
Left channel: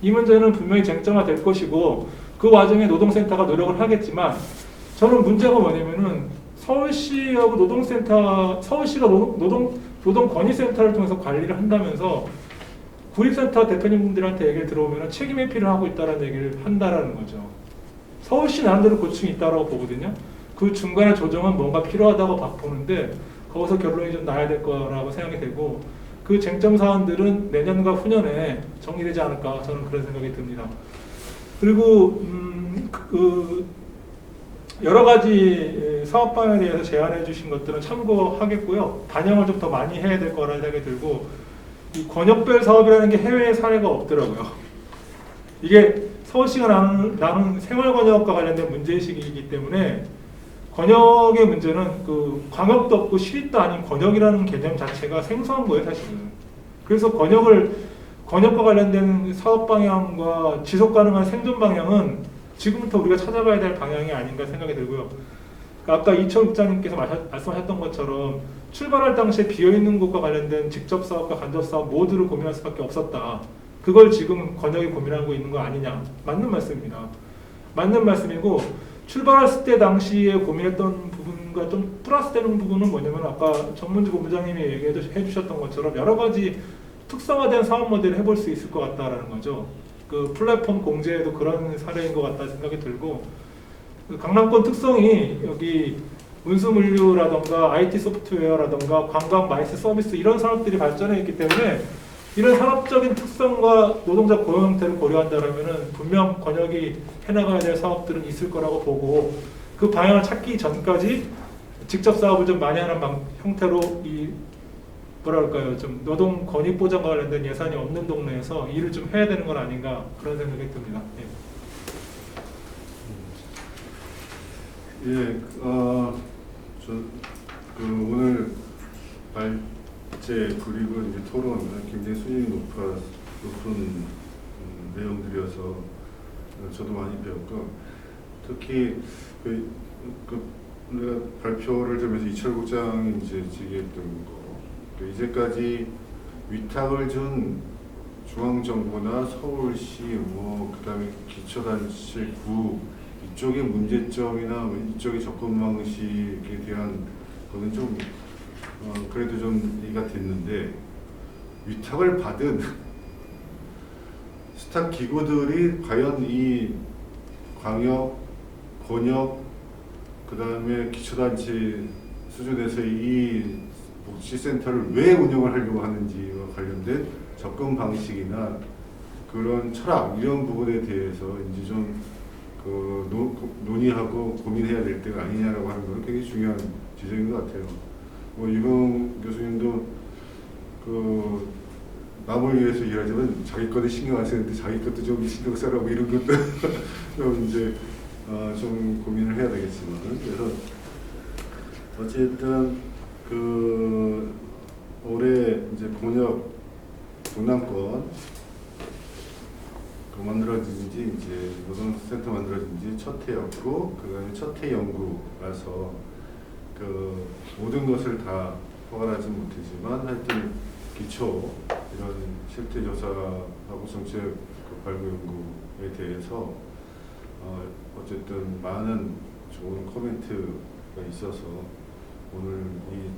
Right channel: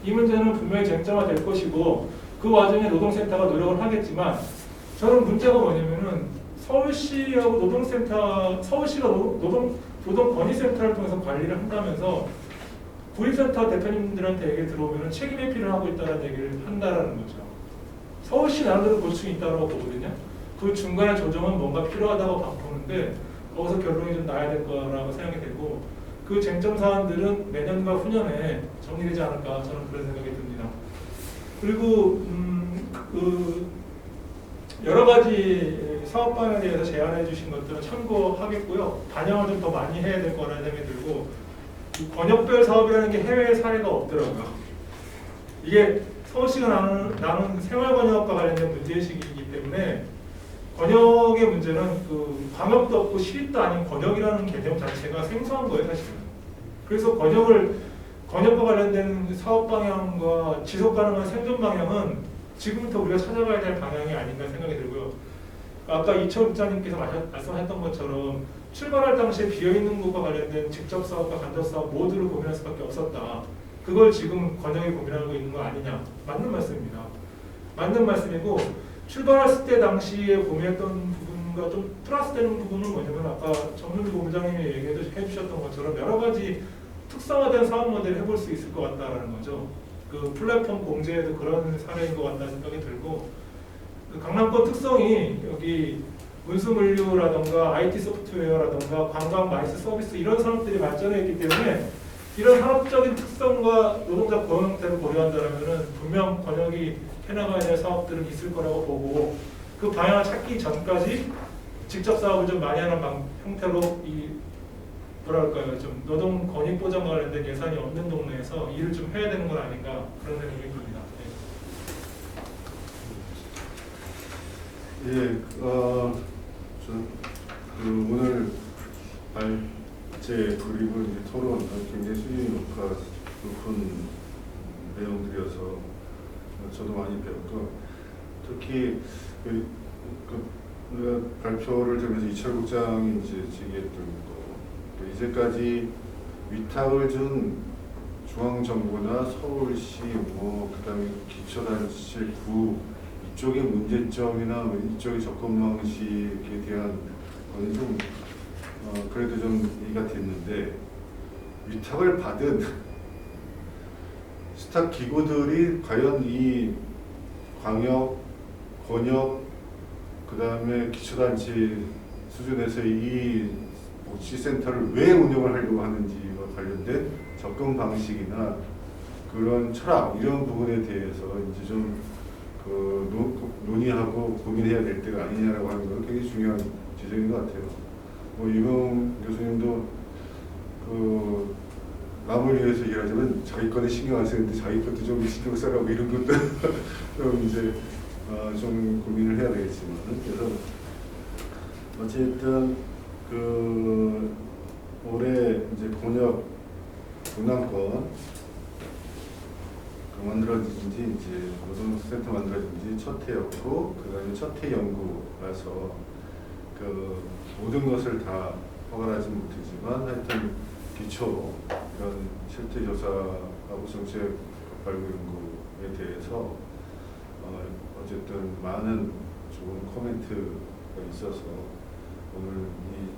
이 문제는 분명히 쟁점화될 것이고 그 와중에 노동센터가 노력을 하겠지만 저는 문제가 뭐냐면은 서울시하고 노동센터, 서울시가 노동건의센터를 통해서 관리를 한다면서 구립센터 대표님들한테 얘기를 들어보면 책임 회피를 하고 있다는 얘기를 한다라는 거죠. 서울시 나름대로 고충이 있다고 보거든요. 그 중간에 조정은 뭔가 필요하다고 보는데 거기서 결론이 좀 나야 될 거라고 생각이 되고 그 쟁점 사안들은 내년과 후년에 정리되지 않을까 저는 그런 생각이 듭니다. 그리고 그 여러 가지 사업 방향에 대해서 제안해 주신 것들은 참고하겠고요. 반영을 좀 더 많이 해야 될 거라는 생각이 들고 이 권역별 사업이라는 게 해외 사례가 없더라고요. 이게 서울시가 나눈 생활권역과 관련된 문제의식이기 때문에 권역의 문제는 그 광역도 없고 시립도 아닌 권역이라는 개념 자체가 생소한 거예요, 사실은. 그래서 권역과 관련된 사업 방향과 지속 가능한 생존 방향은 지금부터 우리가 찾아봐야 될 방향이 아닌가 생각이 들고요. 그러니까 아까 이철 국장님께서 말씀하셨던 것처럼 출발할 당시에 비어있는 곳과 관련된 직접 사업과 간접 사업 모두를 고민할 수밖에 없었다. 그걸 지금 권역이 고민하고 있는 거 아니냐. 맞는 말씀입니다. 맞는 말씀이고 출발했을 때 당시에 고민했던 부분과 좀 플러스되는 부분은 뭐냐면 아까 정문주 본부장님이 얘기해 주셨던 것처럼 여러 가지 특성화된 사업 모델을 해볼 수 있을 것 같다라는 거죠. 그 플랫폼 공제에도 그런 사례인 것 같다는 생각이 들고 그 강남권 특성이 여기 운수물류라던가 IT 소프트웨어라던가 관광 마이스 서비스 이런 산업들이 발전해 있기 때문에 이런 산업적인 특성과 노동자 고용 형태를 고려한다면 분명 권역이 해나가야 될 사업들은 있을 거라고 보고 그 방향을 찾기 전까지 직접 사업을 좀 많이 하는 형태로 이 뭐랄까요 좀 노동 권익 보장과 관련된 예산이 없는 동네에서 일을 좀 해야 되는 건 아닌가 그런 생각이 듭니다. 그 오늘 발제 그리고 이제 토론 굉장히 수준이 높은 내용들이어서 저도 많이 배웠고 특히 내가 발표를 들으면서 이철 국장이 이제 지휘했던 거 이제까지 위탁을 준 중앙정부나 서울시 그다음에 기초단체구 이쪽의 문제점이나 이쪽의 접근 방식에 대한 거는 좀 그래도 좀 이해가 됐는데 위탁을 받은 스탁 기구들이 과연 이 광역, 권역, 그다음에 기초단체 수준에서 이 복지센터를 왜 운영을 하려고 하는지와 관련된 접근 방식이나 그런 철학 이런 부분에 대해서 이제 좀 논의하고 고민해야 될 때가 아니냐라고 하는 건 굉장히 중요한 지적인 것 같아요. 이봉 교수님도 남을 위해서 일하지만 자기 것에 신경 안 쓰는데 자기 것도 좀 신경 써라 이런 것도 좀 이제 좀 고민을 해야 되겠지만 그래서 어쨌든 올해 이제 권역 동남권 만들어진 지 이제 노동센터 만들어진 지 첫 해였고 그다음에 첫 해 연구라서 모든 것을 다 포괄하지 못했지만 하여튼 기초 이런 실태 조사하고 정책 발굴 연구에 대해서 어쨌든 많은 좋은 코멘트가 있어서 오늘 이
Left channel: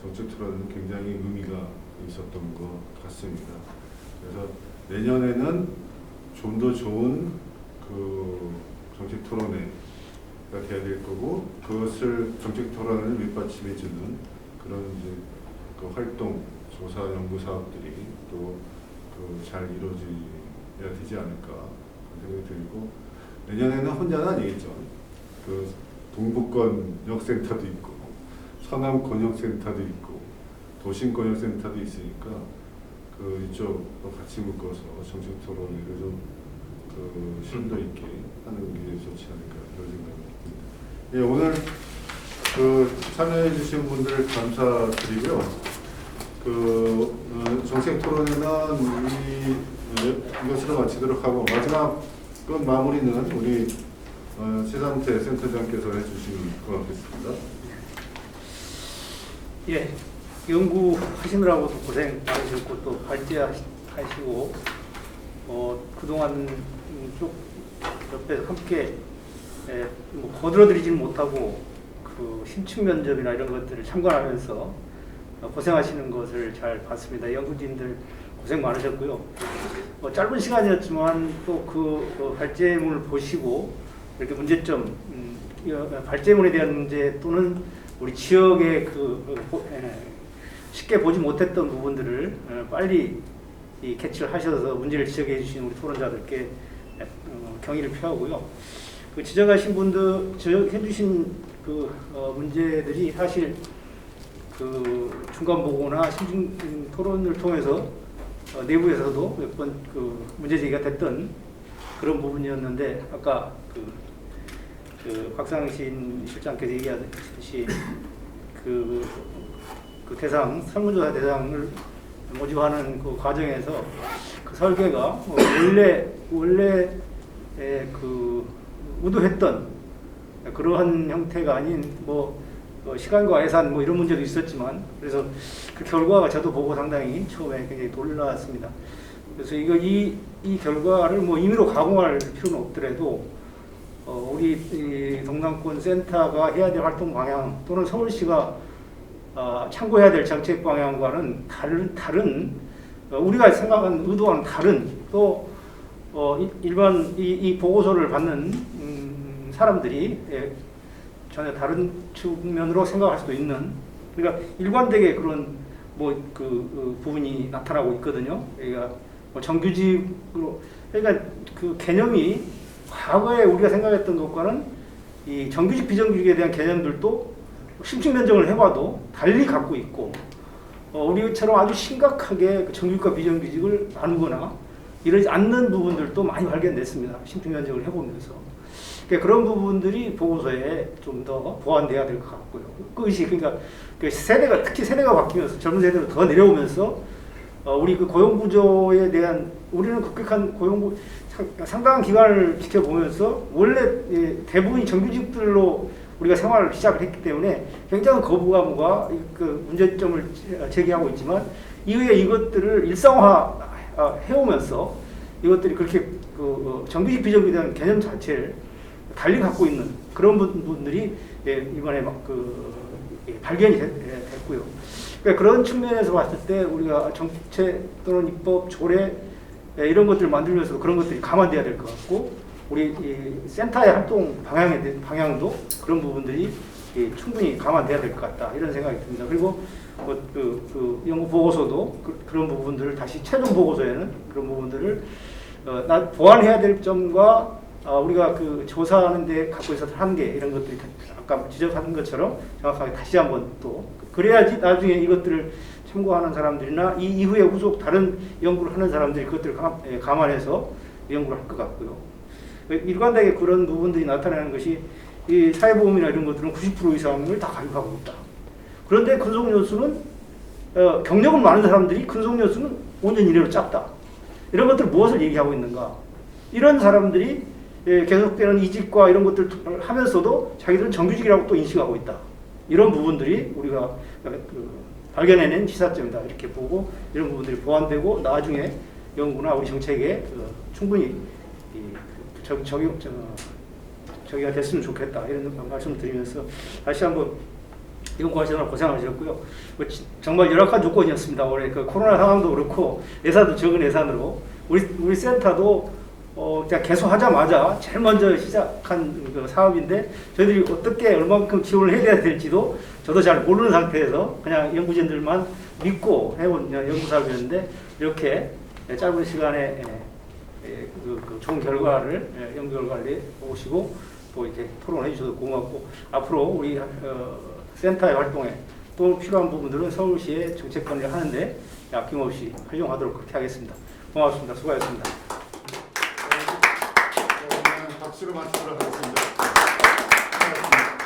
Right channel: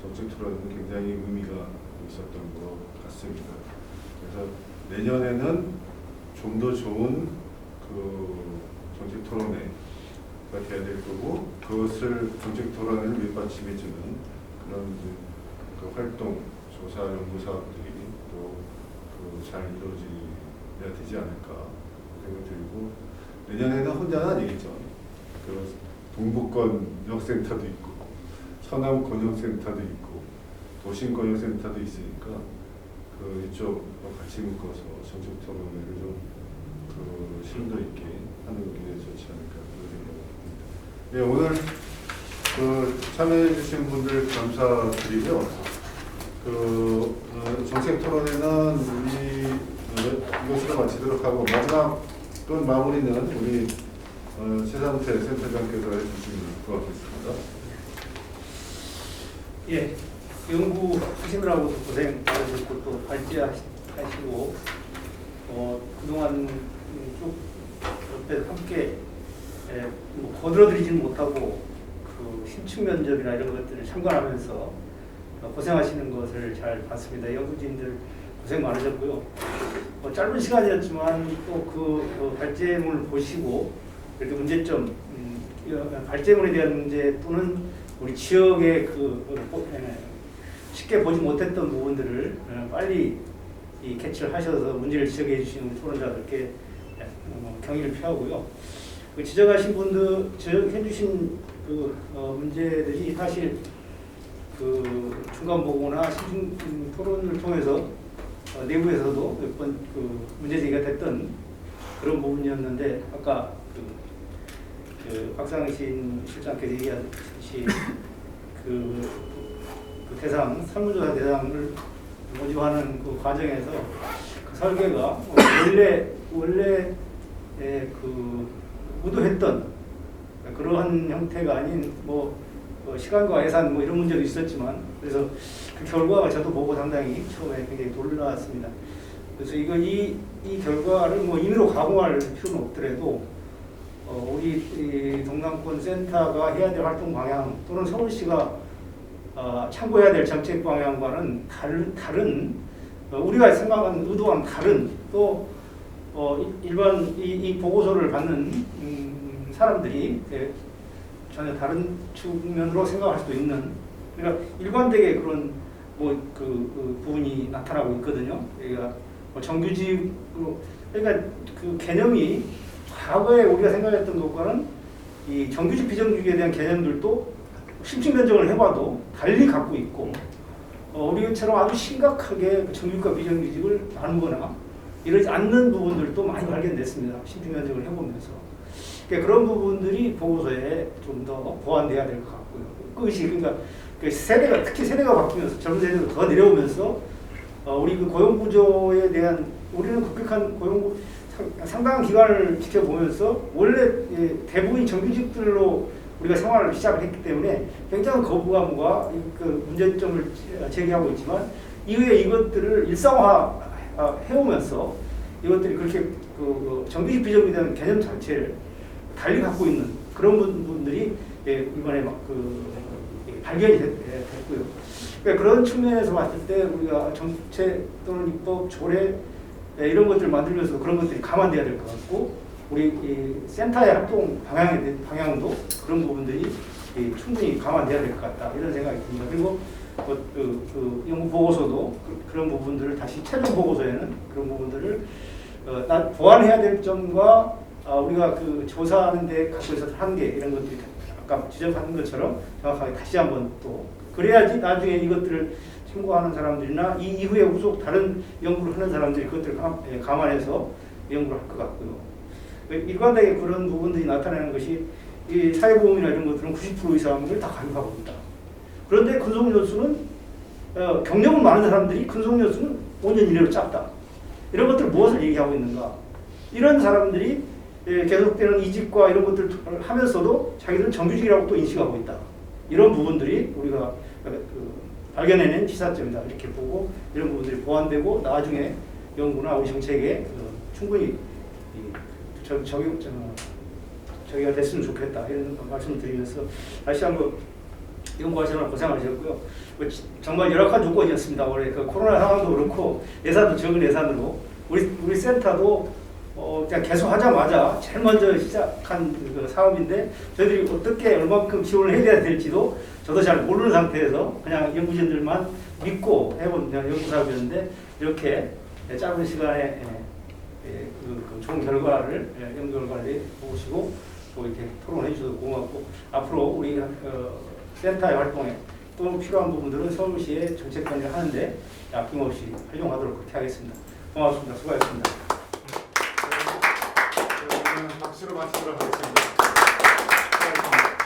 정책 토론은 굉장히 의미가 있었던 것 같습니다. 그래서 내년에는 좀 더 좋은 정책 토론회가 돼야 될 거고 그것을 정책 토론을 밑받침해주는 그런 이제 활동, 조사, 연구 사업들이 또 잘 이루어져야 되지 않을까 생각이 들고 내년에는 혼자는 아니겠죠. 동북권역센터도 있고 서남권역센터도 있고 도심권역센터도 있으니까 이쪽과 같이 묶어서 정책 토론회를 좀 심도 있게 하는 게 좋지 않을까 그런 생각이 듭니다. 예, 오늘 참여해 주신 분들 감사드리고요. 정책 토론회는 이것으로 마치도록 하고 마지막 마무리는 우리 최상태 센터장께서 해주실 것 같겠습니다. 예, 연구 하시느라고도 고생, 그리고 또 발제하시고, 그동안 쭉 옆에서 함께 뭐 거들어드리지 못하고 그 심층 면접이나 이런 것들을 참관하면서 고생하시는 것을 잘 봤습니다. 연구진들 고생 많으셨고요. 짧은 시간이었지만 또 그 발제문을 보시고 이렇게 문제점, 발제문에 대한 문제 또는 우리 지역의 쉽게 보지 못했던 부분들을 빨리 캐치를 하셔서 문제를 지적해 주시는 우리 토론자들께 경의를 표하고요. 지적하신 분들, 지적해 주신 문제들이 사실 중간 보고나 시중 토론을 통해서 내부에서도 몇 번 문제 제기가 됐던 그런 부분이었는데, 아까 박상신 실장께서 얘기하듯이 그 대상, 설문조사 대상을 모집하는 그 과정에서 그 설계가 원래 의도했던 그러한 형태가 아닌 시간과 예산 이런 문제도 있었지만, 그래서 그 결과가 저도 보고 상당히 처음에 굉장히 놀랐습니다. 그래서 이 결과를 임의로 가공할 필요는 없더라도 우리 동남권 센터가 해야 될 활동 방향 또는 서울시가 참고해야 될 정책 방향과는 다른 우리가 생각하는 의도와는 다른 또 일반 이 보고서를 받는 사람들이 전혀 다른 측면으로 생각할 수도 있는, 그러니까 일관되게 그런 그 부분이 나타나고 있거든요. 그러니까 정규직으로, 그러니까 그 개념이 과거에 우리가 생각했던 것과는 이 정규직 비정규직에 대한 개념들도 심층 면접을 해봐도 달리 갖고 있고, 우리처럼 아주 심각하게 정규직과 비정규직을 나누거나 이러지 않는 부분들도 많이 발견됐습니다. 심층 면접을 해보면서. 그러니까 그런 부분들이 보고서에 좀 더 보완돼야 될 것 같고요. 그것이 그러니까 세대가, 특히 세대가 바뀌면서 젊은 세대로 더 내려오면서 우리 그 고용 구조에 대한, 우리는 급격한 고용 상당한 기간을 지켜보면서 원래 대부분 정규직들로 우리가 생활을 시작했기 때문에 굉장한 거부감과 그 문제점을 제기하고 있지만, 이후에 이것들을 일상화 해오면서 이것들이 그렇게 정규직 비정규직에 대한 개념 자체를 달리 갖고 있는 그런 부분들이 우리간에 발견이 됐고요. 그러니까 그런 측면에서 봤을 때 우리가 정책 또는 입법, 조례 이런 것들을 만들면서 그런 것들이 감안돼야 될 것 같고, 우리 이 센터의 활동 방향도 그런 부분들이 충분히 감안돼야 될 것 같다, 이런 생각이 듭니다. 그리고 연구 보고서도 그런 부분들을 다시 최종 보고서에는 그런 부분들을 보완해야 될 점과 우리가 그 조사하는 데 갖고 있어서 한계 이런 것들이 아까 지적한 것처럼 정확하게 다시 한번 또 그래야지 나중에 이것들을 참고하는 사람들이나 이 이후에 후속 다른 연구를 하는 사람들이 그것들을 감안해서 연구를 할 것 같고요. 일관되게 그런 부분들이 나타나는 것이 이 사회보험이나 이런 것들은 90% 이상을 다 가져가고 있다. 그런데 근속연수는 경력은 많은 사람들이 근속연수는 5년 이내로 짧다. 이런 것들 무엇을 얘기하고 있는가? 이런 사람들이 계속되는 이직과 이런 것들을 하면서도 자기들은 정규직이라고 또 인식하고 있다. 이런 부분들이 우리가 발견해낸 시사점이다, 이렇게 보고 이런 부분들이 보완되고 나중에 연구나 우리 정책에 충분히 저기가 됐으면 좋겠다, 이런 말씀을 드리면서 다시 한번 연구하시느라 고생하셨고요. 정말 열악한 조건이었습니다. 올해 그 코로나 상황도 그렇고 예산도 적은 예산으로 우리 센터도 그냥 계속 하자마자 제일 먼저 시작한 그 사업인데 저희들이 어떻게 얼마큼 지원을 해야 될지도 저도 잘 모르는 상태에서 그냥 연구진들만 믿고 해본 연구 사업이었는데, 이렇게 짧은 시간에 좋은 결과를, 연구 결과를 보시고 이렇게 토론해 주셔서 고맙고, 앞으로 우리 센터의 활동에 또 필요한 부분들은 서울시의 정책 관리하는데 아낌없이 활용하도록 그렇게 하겠습니다. 고맙습니다. 수고하셨습니다. 박수로 마치도록 하겠습니다. 수고하셨습니다.